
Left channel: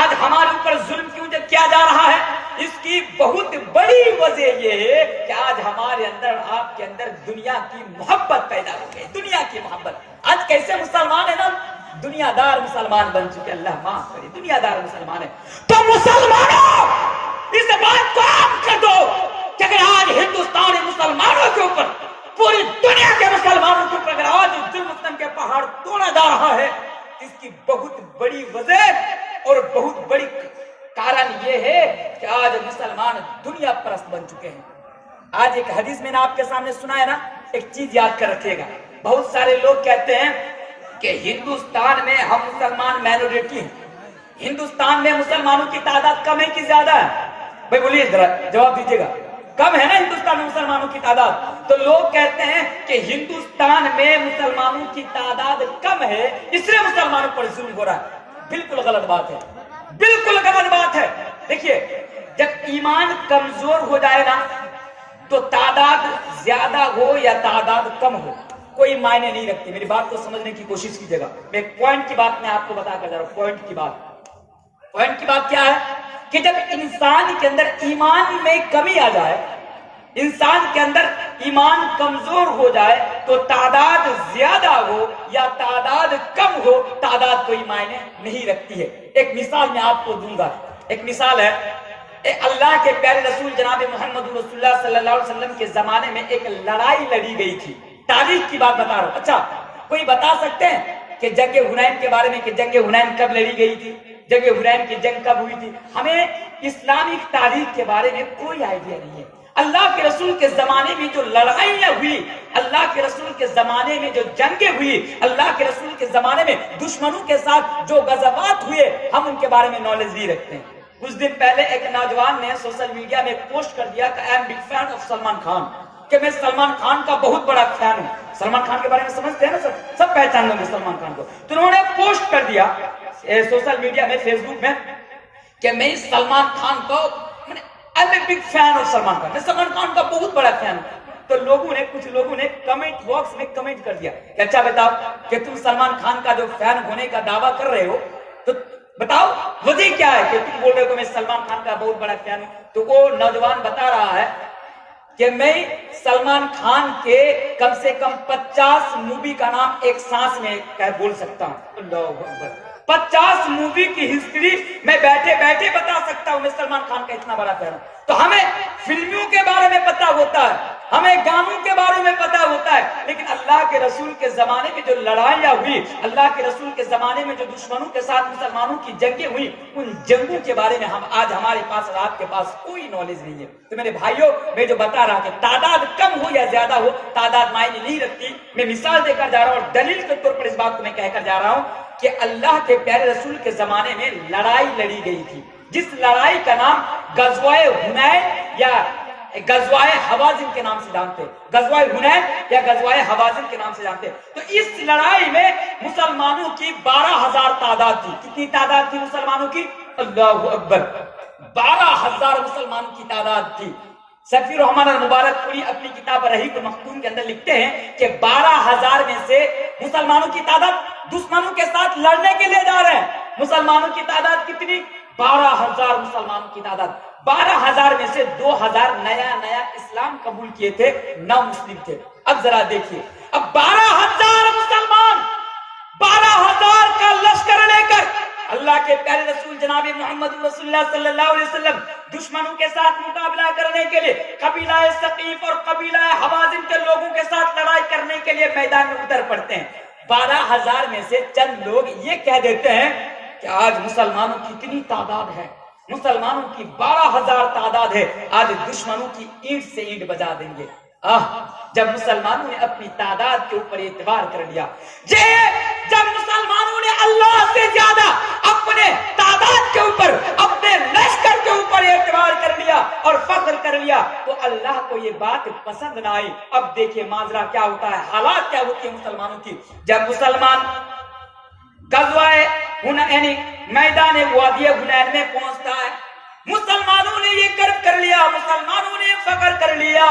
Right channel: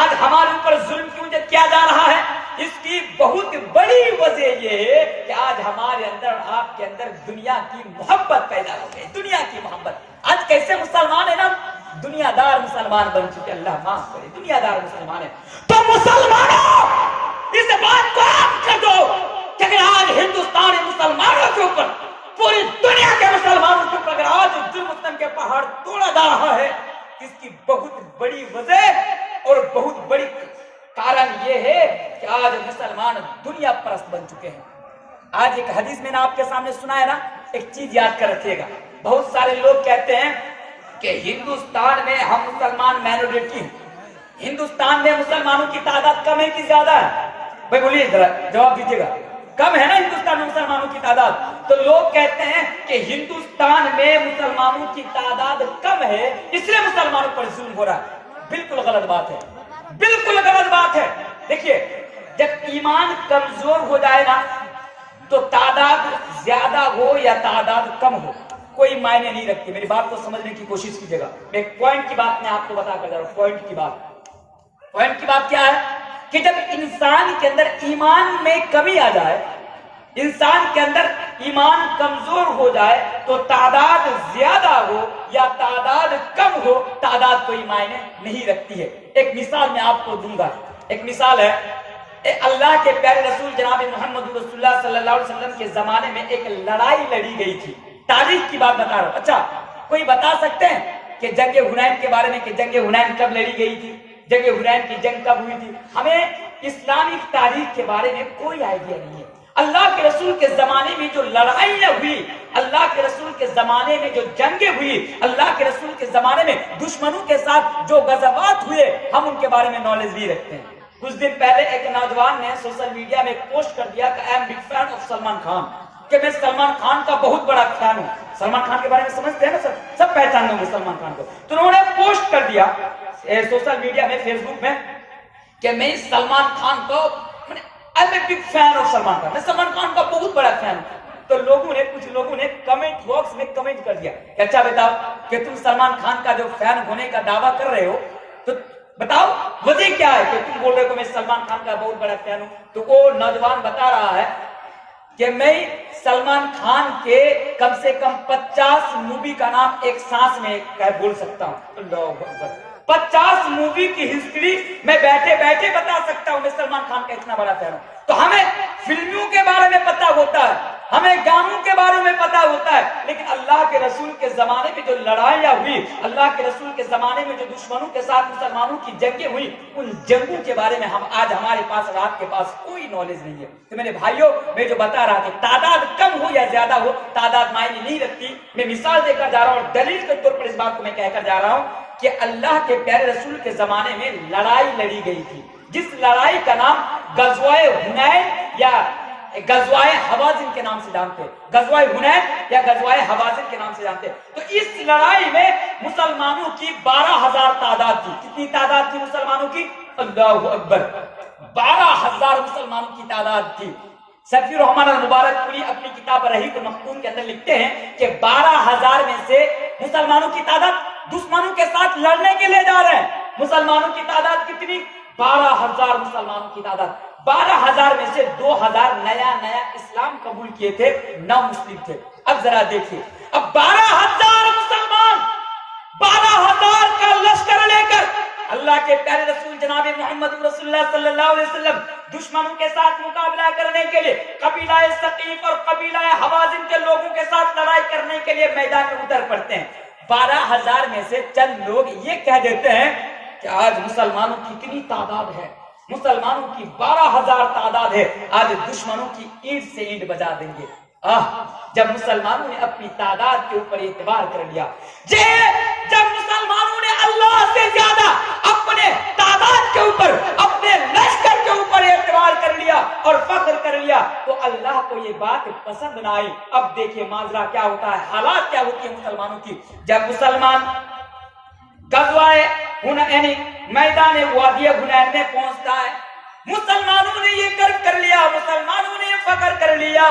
آج ہمارے اوپر ظلم کیوں کیا جا رہا ہے؟ اس کی بہت بڑی وجہ یہ ہے کہ آج ہمارے اندر، آپ کے اندر دنیا کی محبت پیدا ہو گئی، دنیا کی محبت۔ آج کیسے مسلمان ہے نا، دنیا دار مسلمان بن چکے، اللہ معاف کرے، دنیا دار مسلمان ہے۔ تو مسلمانوں اس بات کو عام کر دو کہ اگر آج ہندوستان مسلمانوں کے اوپر، پوری دنیا کے مسلمانوں کے اوپر اگر آج ظلم و ستم کے پہاڑ توڑا جا رہا ہے، اس کی بہت بڑی وجہ اور بہت بڑی کارن یہ ہے کہ آج مسلمان دنیا پرست بن چکے ہیں۔ آج ایک حدیث میں نے آپ کے سامنے سنا ہے نا، ایک چیز یاد کر رکھیے گا، بہت سارے لوگ کہتے ہیں کہ ہندوستان میں ہم مسلمان مائنورٹی ہیں، ہندوستان میں مسلمانوں کی تعداد کم ہے کہ زیادہ ہے؟ بھائی بولیے ذرا جواب دیجیے گا، کم ہے نا ہندوستان میں مسلمانوں کی تعداد؟ تو لوگ کہتے ہیں کہ ہندوستان میں مسلمانوں کی تعداد کم ہے اس لیے مسلمانوں پر ظلم ہو رہا ہے۔ بالکل غلط بات ہے، بالکل غلط بات ہے۔ دیکھیے جب ایمان کمزور ہو جائے نا تو تعداد زیادہ ہو یا تعداد کم ہو کوئی معنی نہیں رکھتی۔ میری بات کو سمجھنے کی کوشش کیجیے گا، ایک پوائنٹ کی بات میں آپ کو بتا کر جا رہا ہوں۔ پوائنٹ کی بات کیا ہے کہ جب انسان کے اندر ایمان میں کمی آ جائے، انسان کے اندر ایمان کمزور ہو جائے، تو تعداد زیادہ ہو یا تعداد کم ہو، تعداد کوئی معنی نہیں رکھتی ہے۔ ایک مثال میں آپ کو دوں گا، ایک مثال ہے، اللہ کے پیارے رسول جناب محمد رسول اللہ صلی اللہ علیہ وسلم کے زمانے میں ایک لڑائی لڑی گئی تھی۔ تاریخ کی بات بتا رہا ہوں۔ اچھا، کوئی بتا سکتے ہیں کہ جنگ حنین کے بارے میں، کہ جنگ حنین کب لڑی گئی تھی، جنگ حنین کی جنگ کب ہوئی تھی؟ ہمیں اسلامی تاریخ کے بارے میں کوئی آئیڈیا نہیں ہے۔ اللہ کے رسول کے زمانے میں جو لڑائیاں ہوئی، اللہ کے رسول کے زمانے میں جو جنگیں ہوئی، اللہ کے رسول کے زمانے میں دشمنوں کے ساتھ جو غزوات ہوئے، ہم ان کے بارے میں نالج نہیں رکھتے ہیں۔ کچھ دن پہلے ایک نوجوان نے سوشل میڈیا میں پوسٹ کر دیا کہ I am big fan of Salman Khan, کہ میں سلمان خان کا بہت بڑا فین ہوں۔ سلمان خان کے بارے میں سمجھتے ہیں نا سب پہچان گے سلمان خان کو۔ تو انہوں نے پوسٹ کر دیا سوشل میڈیا میں، فیس بک میں، کہ میں سلمان خان کو I am a big fan of Salman Khan, میں سلمان خان کا بہت بڑا فین ہوں۔ تو کچھ لوگوں نے کمنٹ باکس میں کمنٹ کر دیا کہ اچھا بتاؤ کہ تم سلمان خان کا جو فین ہونے کا دعویٰ کر رہے ہو، تو بتاؤ وجہ کیا ہے کہ تم بول رہے ہو میں سلمان خان کا بہت بڑا فین ہوں؟ تو وہ نوجوان بتا رہا ہے کہ میں سلمان خان کے کم سے کم 50 مووی کا نام ایک سانس میں بول سکتا ہوں۔ اللہ اکبر، 50 مووی کی ہسٹری میں بیٹھے بیٹھے بتا سکتا ہوں، میں سلمان خان کا اتنا بڑا فین ہوں۔ تو ہمیں فلموں کے بارے میں پتا ہوتا ہے، ہمیں گانوں کے بارے میں پتا ہوتا ہے، لیکن اللہ کے رسول کے زمانے میں جو لڑائیاں ہوئی، اللہ کے رسول کے زمانے میں جو دشمنوں کے ساتھ مسلمانوں کی جنگیں ہوئی، ان جنگوں کے بارے میں آج ہمارے پاس، رات کے پاس کوئی نالج نہیں ہے۔ تو میرے بھائیوں، میں جو بتا رہا کہ تعداد کم ہو یا زیادہ ہو، تعداد معنی نہیں رکھتی۔ میں مثال دے کر جا رہا ہوں اور دلیل کے طور پر اس بات کو میں کہہ کر جا رہا ہوں کہ اللہ کے پیارے رسول کے زمانے میں لڑائی لڑی گئی تھی، جس لڑائی کا نام غزوہ حنین یا غزوہ حوازن کے نام سے جانتے، غزوہ حنین یا غزوہ حوازن کے نام سے جانتے۔ تو اس لڑائی میں مسلمانوں کی 12,000 تعداد تھی۔ کتنی تعداد تھی مسلمانوں کی؟ اللہ اکبر، 12,000 مسلمانوں کی تعداد تھی۔ سفیر الرحمن المبارک پوری اپنی کتاب رحیق المختوم کے اندر لکھتے ہیں کہ 12,000 میں سے مسلمانوں کی تعداد دشمنوں کے ساتھ لڑنے کے لیے جا رہے ہیں۔ مسلمانوں کی تعداد کتنی؟ 12,000 مسلمانوں کی تعداد۔ 12,000 میں سے 2,000 نیا اسلام قبول کیے تھے، 9 مسلم تھے۔ اب ذرا دیکھیے، اب 12,000 مسلمان 12,000 کا لشکر لے کر اللہ کے پیارے رسول جناب محمد رسول اللہ صلی اللہ علیہ وسلم دشمنوں کے ساتھ مقابلہ کرنے کے لیے، قبیلہ ثقیف اور قبیلہ حوازن کے لوگوں کے ساتھ لڑائی کرنے کے لیے میدان میں اتر پڑتے ہیں۔ 12,000 میں سے چند لوگ یہ کہہ دیتے ہیں کہ آج مسلمانوں کی اتنی تعداد ہے، مسلمانوں کی 12,000 تعداد ہے، آج دشمنوں کی اینٹ سے اینٹ بجا دیں گے۔ جب مسلمانوں نے اپنی تعداد کے اوپر اعتبار کر لیا، جب مسلمانوں نے اللہ سے زیادہ اپنے تعداد کے اوپر، اپنے لشکر کے اوپر اعتبار کر لیا اور فخر کر لیا، تو اللہ کو یہ بات پسند نہ آئی۔ اب دیکھیے ماجرا کیا ہوتا ہے، حالات کیا ہوتی ہے مسلمانوں کی۔ جب مسلمان غزوہ یعنی میدان وادی حنین میں پہنچتا ہے، مسلمانوں نے یہ کر لیا، مسلمانوں نے فخر کر لیا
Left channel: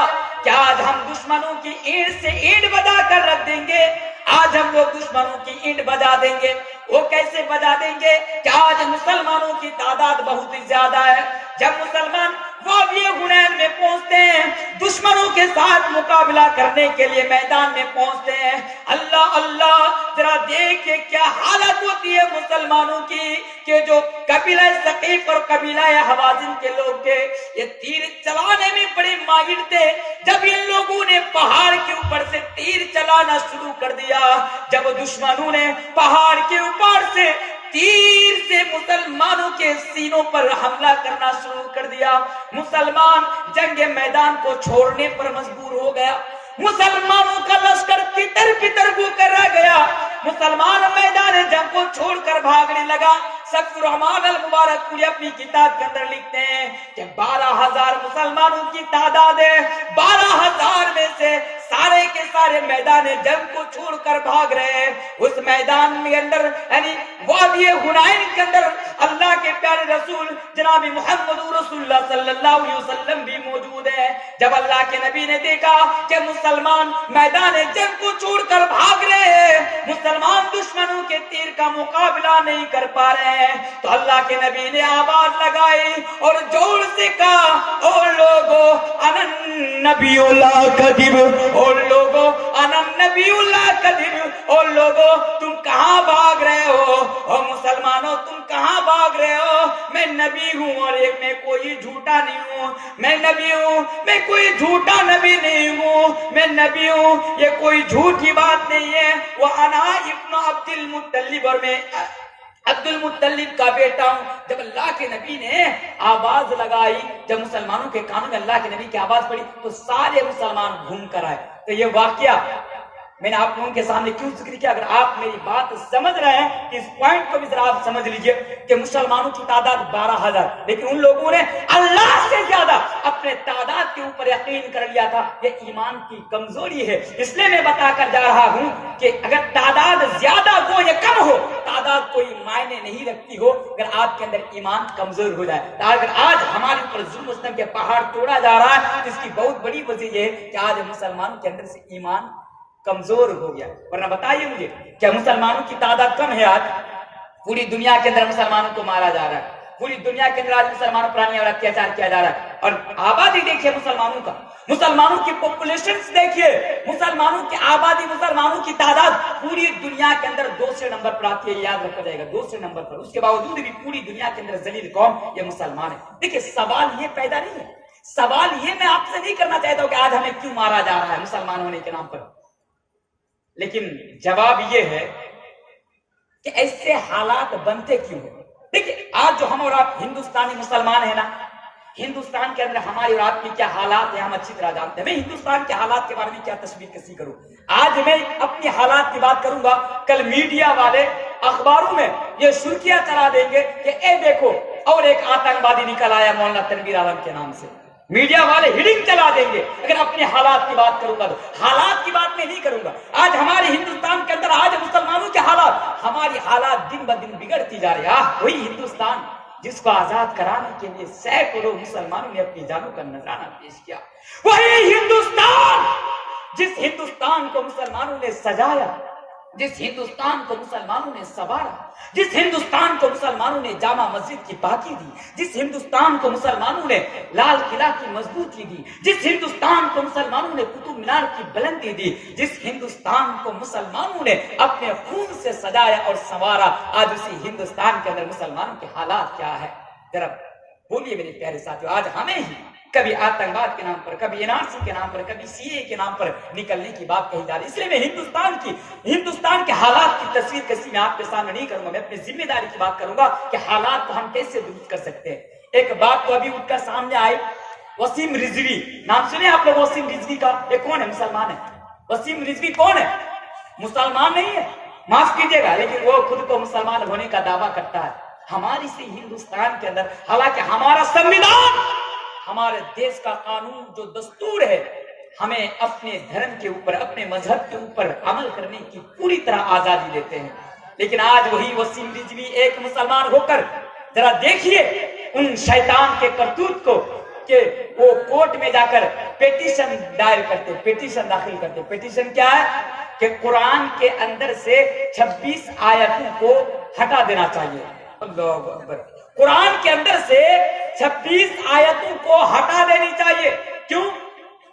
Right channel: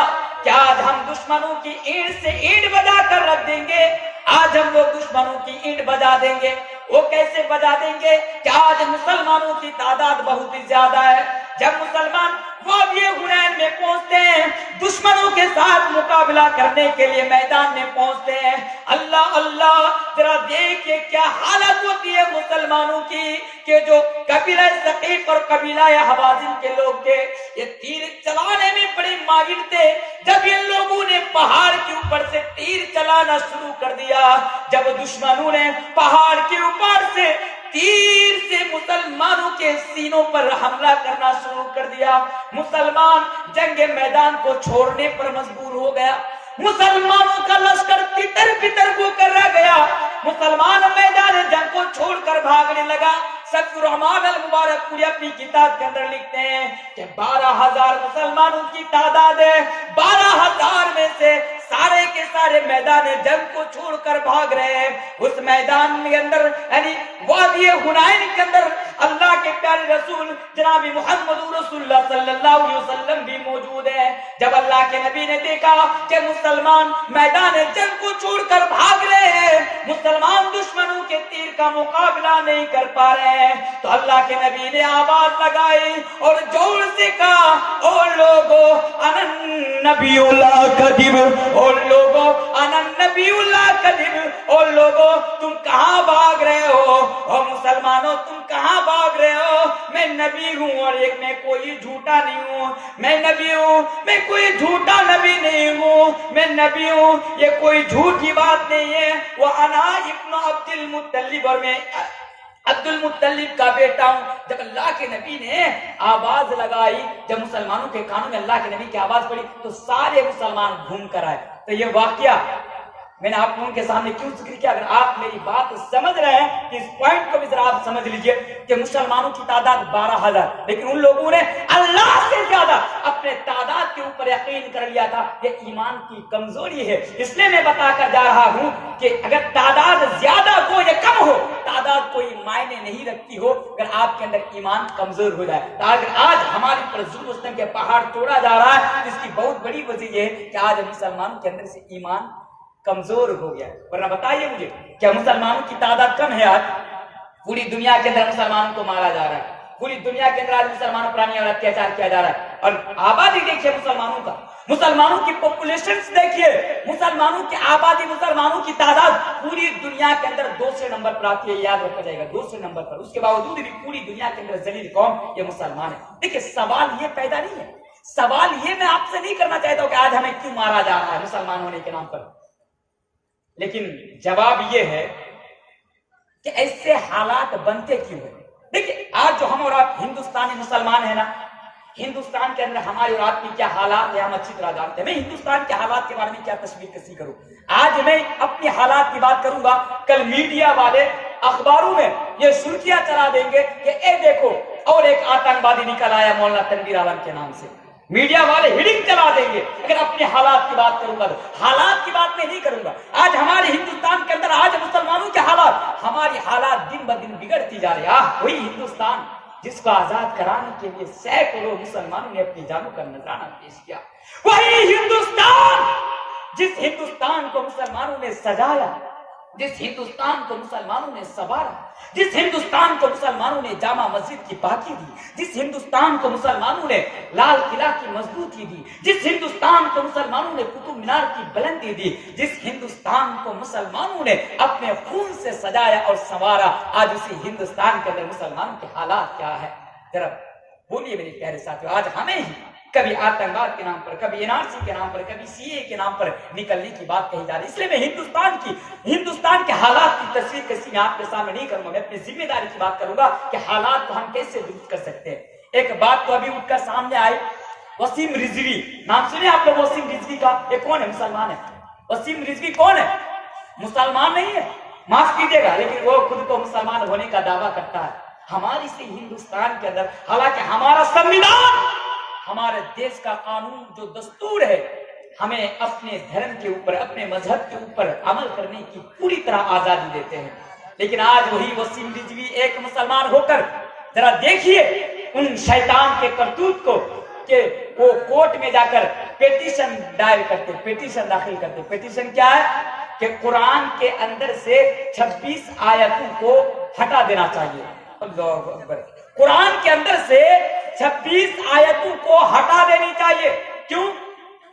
کہ آج ہم دشمنوں کی اینٹ سے اینٹ بجا کر رکھ دیں گے، آج ہم لوگ دشمنوں کی اینٹ بجا دیں گے۔ وہ کیسے بجا دیں گے کہ آج مسلمانوں کی تعداد بہت زیادہ ہے۔ جب مسلمان وادی حنین میں پہنچتے ہیں، دشمنوں کے ساتھ مقابلہ کرنے کے لیے میدان میں پہنچتے ہیں، اللہ اللہ ذرا دیکھیں کیا حالت ہوتی ہے مسلمانوں کی کہ جو قبیلہ ثقیف اور قبیلہ حوازن کے لوگ تھے، یہ تیر چلانے میں بڑے ماہر تھے۔ جب ان لوگوں نے پہاڑ کے اوپر سے تیر چلانا شروع کر دیا، جب دشمنوں نے پہاڑ کے اوپر سے تیر سے مسلمانوں کے سینوں پر حملہ کرنا شروع کر دیا، مسلمان جنگ میدان کو چھوڑنے پر مجبور ہو گیا، مسلمانوں کا لشکر کتر پتر ہو کر رہ گیا، مسلمان میدان جنگ کو چھوڑ کر بھاگنے لگا۔ سفیر الرحمن المبارک پوری اپنی کتاب کے اندر لکھتے ہیں کہ 12,000 مسلمانوں کی تعداد ہے، 12,000 میں سے سارے کے سارے میدان جنگ کو چھوڑ کر بھاگ رہے ہیں۔ اس میدان کے اندر یعنی وادی حنین کے اندر اللہ کے پیارے رسول جناب محمد رسول اللہ صلی اللہ علیہ وسلم بھی موجود ہے۔ جب اللہ کے نبی نے دیکھا کہ مسلمان میدان جنگ کو چھوڑ کر بھاگ رہے ہیں، مسلمان دشمنوں کے تیر کا مقابلہ نہیں کر پا رہے ہیں تو اللہ کے نبی نے آواز لگائی اور زور سے کہا اور لوگوں انن نبی اللہ کذب، اور لوگوں انن نبی اللہ کذب، اور لوگوں تم کہاں بھاگ رہے ہو، اور مسلمانوں تم کہاں بھاگ رہے ہو، میں نبی ہوں اور ایک میں کوئی جھوٹا نہیں ہوں، میں نبی ہوں، میں کوئی جھوٹا نبی نہیں ہوں، میں نبی ہوں، یہ کوئی جھوٹی بات نہیں ہے، وہ انا ابن عبد المطلب، اور میں عبد المطلب کا بیٹا ہوں۔ جب اللہ کے نبی نے آواز لگائی، جب مسلمانوں کے کانوں میں اللہ کے نبی کی آواز پڑی تو سارے مسلمان گھوم کر آئے۔ تو یہ واقعہ میں نے آپ لوگوں کے سامنے کیوں ذکر کیا؟ اگر آپ میری بات سمجھ رہے ہیں اس پوائنٹ کو بھی ذرا آپ سمجھ لیجئے کہ مسلمانوں کی تعداد 12,000، لیکن ان لوگوں نے اللہ سے زیادہ اپنے تعداد کے اوپر یقین کر لیا تھا۔ یہ ایمان کی کمزوری ہے، اس لیے میں بتا کر جا رہا ہوں کہ اگر تعداد زیادہ ہو یا کم ہو، تعداد کوئی معنی نہیں رکھتی ہو اگر آپ کے اندر ایمان کمزور ہو جائے۔ اگر آج ہمارے اوپر ظلم و ستم کے پہاڑ توڑا جا رہا ہے، اس کی بہت بڑی وجہ یہ ہے کہ آج مسلمانوں کے اندر سے ایمان کمزور ہو گیا۔ ورنہ بتائیے مجھے، کیا مسلمانوں کی تعداد کم ہے؟ آج پوری دنیا کے اندر مسلمانوں کو مارا جا رہا ہے، پوری دنیا کے اندر آج مسلمانوں پر اور اتیاچار کیا جا رہا ہے، اور آبادی دیکھیے مسلمانوں کا، مسلمانوں کی پاپولیشن دیکھیے، مسلمانوں کی آبادی، مسلمانوں کی تعداد پوری دنیا کے اندر دوسرے نمبر پر آتی ہے، یاد رکھا جائے گا، دوسرے نمبر پر۔ اس کے باوجود بھی پوری دنیا کے اندر ذلیل قوم یہ مسلمان ہے۔ دیکھیے سوال یہ پیدا نہیں ہے، سوال یہ میں آپ سے نہیں کرنا چاہتا ہوں کہ آج ہمیں کیوں مارا جا رہا ہے مسلمان ہونے کے نام پر، لیکن جواب یہ ہے کہ ایسے حالات بنتے کیوں ہیں۔ دیکھیں آج جو ہم اور آپ ہندوستانی مسلمان ہیں نا، ہندوستان کے اندر ہمارے اور آپ کی کیا حالات ہیں ہم اچھی طرح جانتے ہیں۔ میں ہندوستان کے حالات کے بارے میں کیا تشبیہ کسی کروں، آج میں اپنی حالات کی بات کروں گا، کل میڈیا والے اخباروں میں یہ سرخیاں چلا دیں گے کہ اے دیکھو اور ایک آتنکوادی نکل آیا مولانا تنویر عالم کے نام سے، میڈیا والے ہیڈنگ چلا دیں گے۔ اگر اپنے حالات کی بات کروں گا تو حالات کی بات میں نہیں کروں گا۔ آج ہمارے ہندوستان کے اندر آج مسلمانوں کے حالات، ہماری حالات دن بدن بگڑتی جا رہی ہے۔ وہی ہندوستان جس کو آزاد کرانے کے لیے سینکڑوں مسلمانوں نے اپنی جانوں کا نذرانہ پیش کیا، وہی ہندوستان جس ہندوستان کو مسلمانوں نے سجایا، جس ہندوستان کو مسلمانوں نے سنوارا، جس ہندوستان کو مسلمانوں نے جامع مسجد کی پاکی دی، جس ہندوستان کو مسلمانوں نے لال قلعہ کی مضبوطی دی، جس ہندوستان کو مسلمانوں نے قطب مینار کی بلندی دی، جس ہندوستان کو مسلمانوں نے اپنے خون سے سجایا اور سنوارا، آج اسی ہندوستان کے اندر مسلمانوں کے حالات کیا ہے؟ ذرا بولیے میرے پیارے ساتھیو۔ آج ہمیں ہی کبھی آتنکواد کے نام پر، کبھی NRC کے نام پر، کبھی CA کے نام پر نکلنے کی بات کہی جا رہی ہے۔ اس لیے میں ہندوستان کے حالات کی تصویر کسی میں آپ کے سامنے نہیں کروں گا، میں اپنی ذمہ داری کی بات کروں گا کہ حالات کو ہم کیسے درست کر سکتے ہیں۔ ایک بات تو ابھی اٹھ کر سامنے آئی، وسیم رضوی نام سنے آپ لوگ؟ وسیم رضوی کا یہ کون ہے؟ مسلمان ہے۔ وسیم رضوی کون ہے؟ مسلمان نہیں ہے، معاف کیجیے گا، لیکن وہ خود کو مسلمان ہونے کا دعویٰ کرتا ہے۔ ہماری سی ہندوستان کے اندر، حالانکہ ہمارا سنویدھان، ہمارے دیش کا قانون جو دستور ہے، ہمیں اپنے دھرم کے اوپر، اپنے مذہب کے اوپر عمل کرنے کی پوری طرح آزادی دیتے ہیں، لیکن آج وہی وسیم رضوی ایک مسلمان ہو کر ذرا دیکھیے ان شیطان کے کرتوت کو کہ وہ کورٹ میں جا کر پیٹیشن دائر کرتے، پیٹیشن داخل کرتے۔ پیٹیشن کیا ہے؟ کہ قرآن کے اندر سے 26 آیتوں کو ہٹا دینا چاہیے۔ اللہ اکبر، قرآن کے اندر سے 26 آیتوں کو ہٹا دینی چاہیے۔ کیوں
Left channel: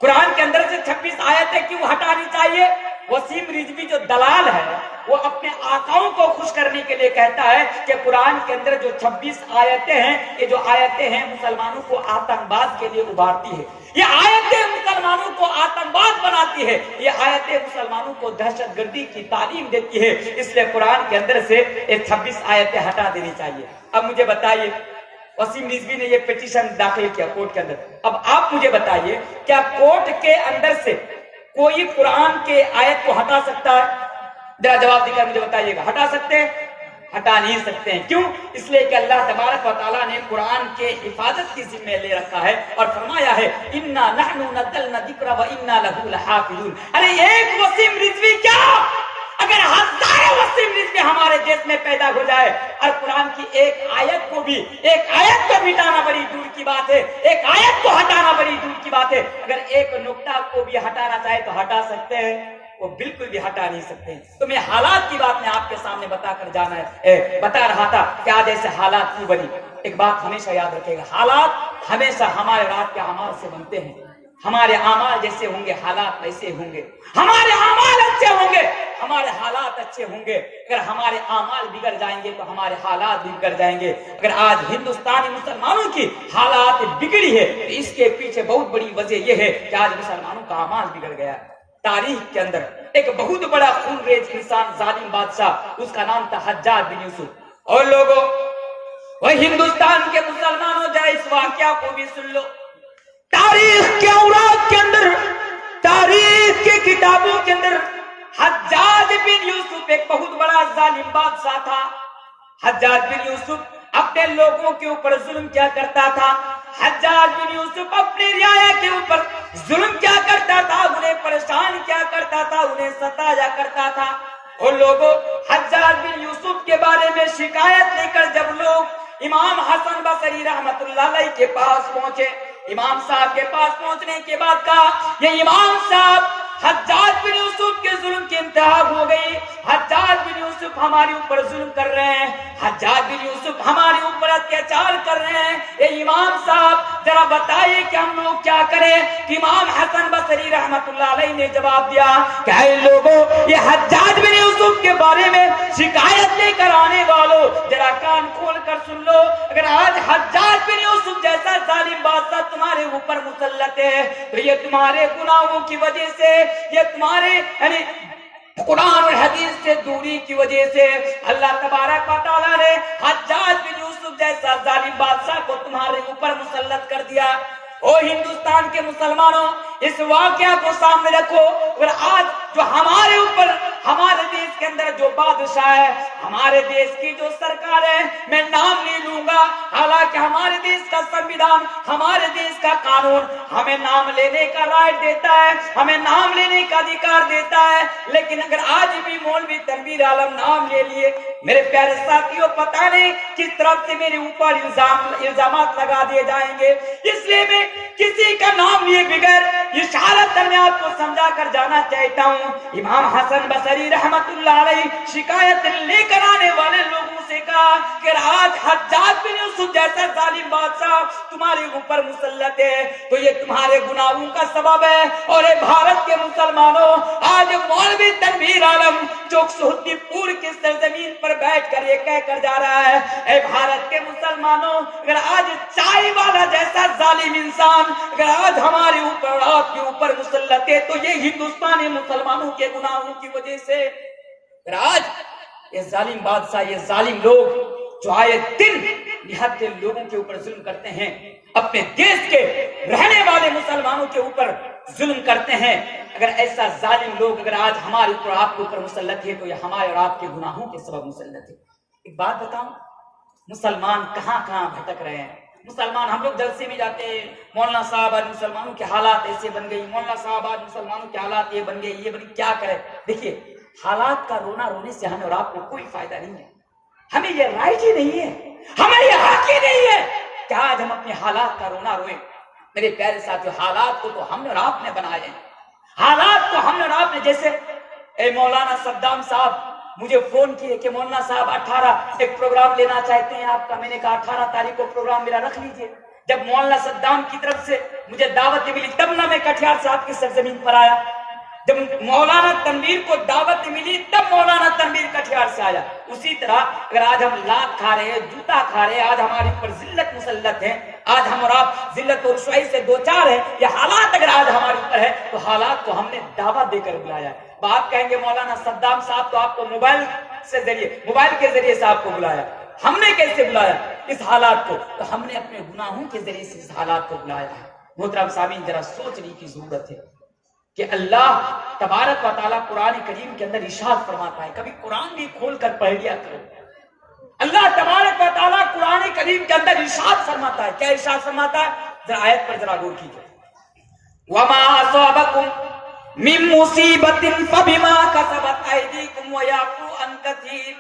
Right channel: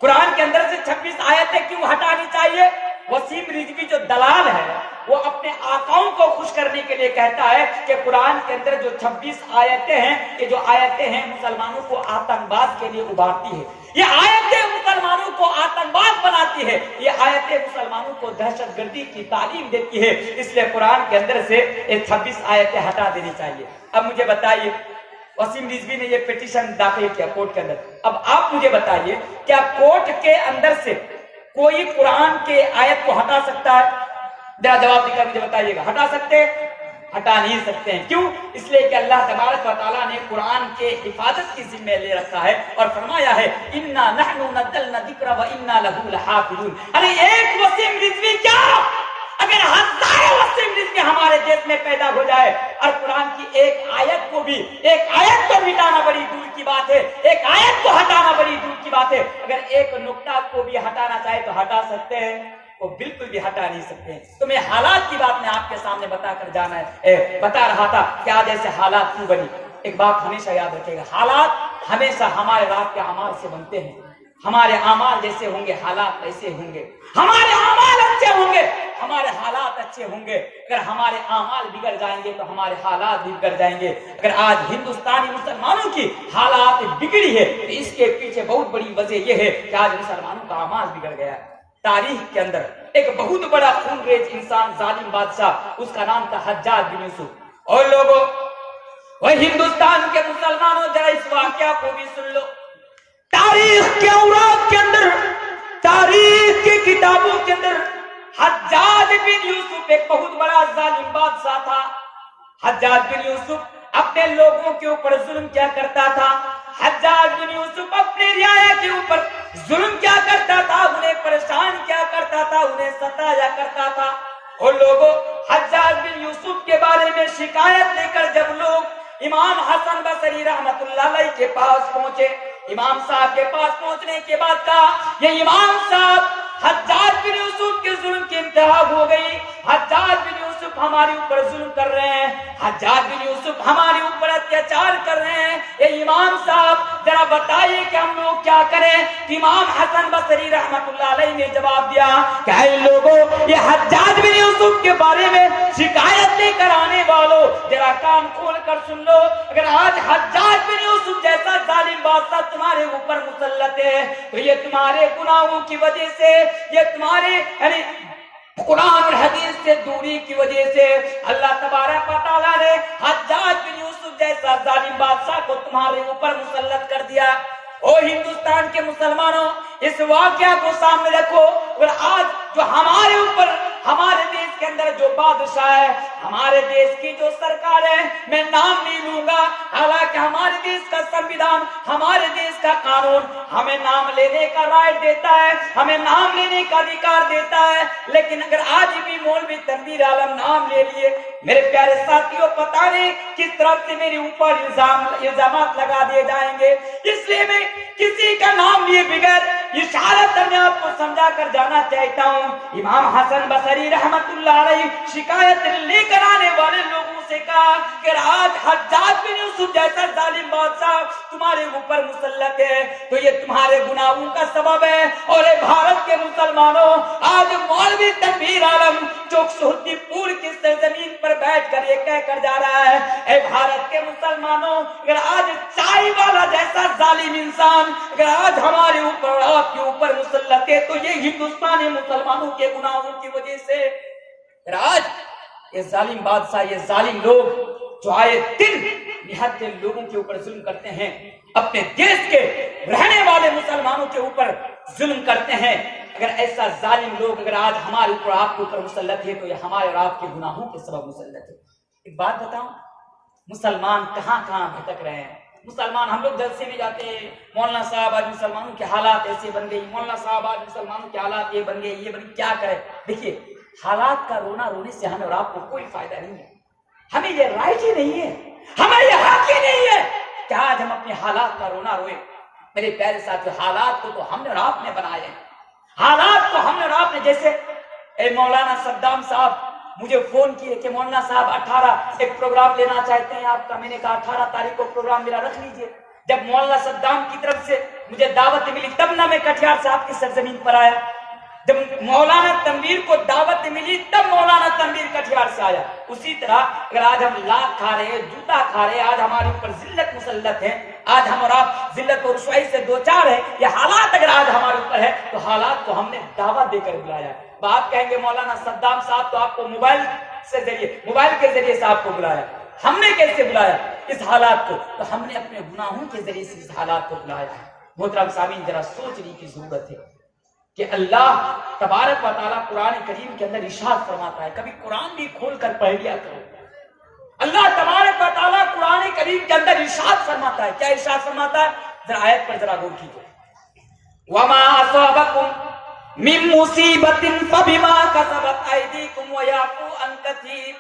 قرآن کے اندر سے 26 آیتیں کیوں ہٹانی چاہیے؟ وسیم رضوی جو دلال ہے وہ اپنے آقاؤں کو خوش کرنے کے لیے کہتا ہے کہ قرآن کے اندر جو 26 آیتیں ہیں، یہ جو آیتیں ہیں مسلمانوں کو آتنکواد کے لیے ابھارتی ہے، یہ آیتیں مسلمانوں کو آتنکواد بناتی ہے، یہ آیتیں مسلمانوں کو دہشت گردی کی تعلیم دیتی ہے، اس لیے قرآن کے اندر سے یہ 26 آیتیں ہٹا دینی چاہیے۔ اب مجھے بتائیے، وسیم رضوی نے یہ پیٹیشن داخل کیا کورٹ کے اندر، اب آپ مجھے بتائیے کیا کورٹ کے اندر سے کوئی قرآن کے آیت کو ہٹا سکتا ہے؟ ذرا جواب دے کر مجھے بتائیے گا، ہٹا سکتے ہیں؟ ہٹا نہیں سکتے ہیں۔ کیوں؟ اس لیے کہ اللہ تبارک و تعالیٰ نے قرآن کے حفاظت کی ذمہ لے رکھا ہے اور فرمایا ہے اِنَّا نَحْنُ نَزَّلْنَا الذِّكْرَ وَإِنَّا لَهُ لَحَافِظُونَ۔ ارے ایک وسیم رضوی کیا، اگر ہزار وسیم رضوی ہمارے دیش میں پیدا ہو جائے اور قرآن کی ایک آیت کو مٹانا بڑی دور کی بات ہے، ایک آیت کو ہٹانا بڑی دور کی بات ہے، اگر ایک نقطہ کو بھی ہٹانا چاہے تو ہٹا سکتے ہیں؟ وہ بالکل بھی ہٹا نہیں سکتے. تو میں حالات کی بات میں آپ کے سامنے بتا رہا تھا کہ آج ایسے حالات کیوں بنی. ایک بات ہمیشہ یاد رکھے گا، حالات ہمیشہ ہمارے رات کے اعمال سے بنتے ہیں. ہمارے اعمال جیسے ہوں گے ہالات ویسے ہوں گے. ہمارے اعمال اچھے ہوں گے ہمارے حالات اچھے ہوں گے. اگر ہمارے اعمال بگڑ جائیں گے تو ہمارے حالات بھی بگڑ جائیں گے. اگر آج ہندوستانی مسلمانوں کی حالات بگڑی ہے تو اس کے پیچھے بہت بڑی وجہ یہ ہے کہ آج مسلمانوں کا اعمال بگڑ گیا. تاریخ کے اندر ایک بہت بڑا خون ریز انسان، ظالم بادشاہ، اس کا نام تھا حجاج بن یوسف. اور لوگوں، وہ ہندوستان کے مسلمانوں ذرا اس واقعہ کو بھی سن لو. تاریخ کے اوراق کے اندر، تاریخ کی کتابوں کے اندر حجاج بن یوسف ایک بہت بڑا ظالم بادشاہ تھا. حجاج بن یوسف اپنے لوگوں کے اوپر ظلم کیا کرتا تھا. حجاج بن یوسف اپنے رعایا کے اوپر ظلم کیا کرتا تھا، انہیں پریشان کیا کرتا تھا، انہیں ستایا کرتا تھا. اور لوگوں، حجاج بن یوسف کے بارے میں شکایت لے کر جب لوگ امام حسن بصری رحمت اللہ علیہ کے پاس پہنچے، امام صاحب کے پاس پہنچنے کے بعد کہا، یہ امام صاحب، حجاج بن یوسف کے ظلم کی انتہا ہو گئی. حجاج بن یوسف ہمارے اوپر ظلم کر رہے ہیں، حجاج بن یوسف ہمارے اوپر اتیاچار کر رہے ہیں. اے امام صاحب ذرا بتائیے کہ ہم لوگ کیا کریں. امام حسن بصری رحمت اللہ علیہ نے جواب دیا کہ اے لوگوں، یہ حجاج بن یوسف کے بارے میں شکایت لے کر آنے والوں ذرا کان کھول کر سن لو. اگر آج حجاج بن یوسف جیسا ظالم بادشاہ تمہارے اوپر مسلط ہے تو یہ تمہارے گناہوں کی وجہ سے، یہ تمہارے یعنی قرآن اور حدیث سے دوری کی وجہ سے اللہ تبارک و تعالیٰ نے حجاج بن یوسف جیسا ظالم بادشاہ کو تمہارے اوپر مسلط کر دیا. او ہندوستان کے مسلمانوں، اس واقعہ کو سامنے رکھو. اور آج جو ہمارے اوپر، ہمارے دیش کے اندر جو بادشاہ ہے، ہمارے دیش کی جو سرکار ہے، میں نام نہیں لوں گا، حالانکہ ہمارے دیش کا سنویدھان، ہمارے دیش کا قانون ہمیں نام لینے کا رائٹ دیتا ہے، ہمیں نام لینے کا ادھیکار دیتا ہے. لیکن اگر آج بھی مولوی تنویر عالم نام لے لیے، میرے پیارے ساتھیوں، پتہ نہیں کس طرف سے میرے اوپر الزامات لگا دیے جائیں گے. اس لیے میں کسی کا نام لیے بغیر اشارت میں آپ کو سمجھا کر جانا چاہتا ہوں. امام حسن بصری رحمت اللہ علیہ شکایت لے کر آنے والے لوگوں سے کہا کہ آج حجاج بن یوسف جیسا ظالم بادشاہ تمہارے اوپر مسلط ہے تو یہ تمہارے گناہوں کا سبب ہے. اور اے بھارت کے مسلمانوں، آج مولوی تنویر عالم جو سہتی پور کی سرزمین پر بیٹھ کر یہ کہہ کر جا رہا ہے، اے بھارت کے مسلمانوں، اگر آج چائے والا جیسا ظالم انسان اگر آج ہمارے اوپر اور آپ کے اوپر مسلط ہے تو یہ ہندوستانی مسلمانوں کے گناہوں کی وجہ سے. اگر آج یہ ظالم بادشاہ، یہ ظالم لوگ جو آئے دن نہایت لوگوں کے اوپر ظلم کرتے ہیں، اپنے دیش کے رہنے والے مسلمانوں کے اوپر ظلم کرتے ہیں، اگر ایسا ظالم لوگ اگر آج ہمارے اوپر آپ کے اوپر مسلط ہے تو یہ ہمارے اور آپ کے گناہوں کے سبب مسلط ہے. ایک بات بتاؤں، مسلمان کہاں کہاں بھٹک رہے ہیں. مسلمان، ہم لوگ جلسے میں جاتے ہیں، مولانا صاحب آج مسلمانوں کے حالات ایسے بن گئی، مولانا صاحب آج مسلمانوں کے حالات یہ بن گئے، یہ بن گئی، کیا کرے. دیکھیے، حالات کا رونا رونے سے ہمیں اور آپ کو کوئی فائدہ نہیں ہے. ہمیں یہ رائٹ ہی نہیں ہے، ہمیں یہ حق ہی نہیں ہے کہ آج ہم اپنے حالات کا رونا روئیں. میرے پیارے ساتھیو، حالات کو تو ہم نے اور آپ نے بنائے ہیں. حالات کو ہم نے اور آپ نے، جیسے اے مولانا صدام صاحب مجھے فون کیے کہ مولانا صاحب 18 ایک پروگرام لینا چاہتے ہیں آپ کا. میں نے کہا 18 تاریخ کو پروگرام میرا رکھ لیجئے. جب مولانا صدام کی طرف سے مجھے دعوت ملی تب نہ میں کٹیہار صاحب کی سرزمین پر آیا. جب مولانا تنویر کو دعوت ملی تب مولانا تنویر کٹیہار سے آیا. اسی طرح اگر آج ہم لات کھا رہے ہیں، جوتا کھا رہے ہیں، آج ہمارے اوپر ذلت مسلط ہے، آج ہم اور آپ ذلت اور رسوائی سے دوچار ہیں، یہ حالات اگر آج ہمارے اوپر ہے تو حالات کو ہم نے دعوت دے کر بلایا. آپ کہیں گے مولانا صدام صاحب تو آپ کو موبائل کے ذریعے سے آپ کو بلایا. ہم نے کیسے بلایا اس حالات کو؟ تو ہم نے اپنے گناہوں کے ذریعے سے اس حالات کو بلایا ہے. محترم سامعین، ذرا سوچنے کی ضرورت ہے کہ اللہ تبارک و تعالیٰ قرآن کریم کے اندر ارشاد فرماتا ہے، کبھی قرآن بھی کھول کر پڑھ لیا کرو. اللہ تبارک و تعالیٰ قرآن کریم کے اندر ارشاد فرماتا ہے. کیا ارشاد فرماتا ہے؟ ذرا آیت پر ذرا غور کیجیے. وَمَا أَصَابَكُم مِّن مُّصِيبَةٍ فَبِمَا كَسَبَتْ أَيْدِيكُمْ وَيَعْفُو عَن كَثِيرٍ.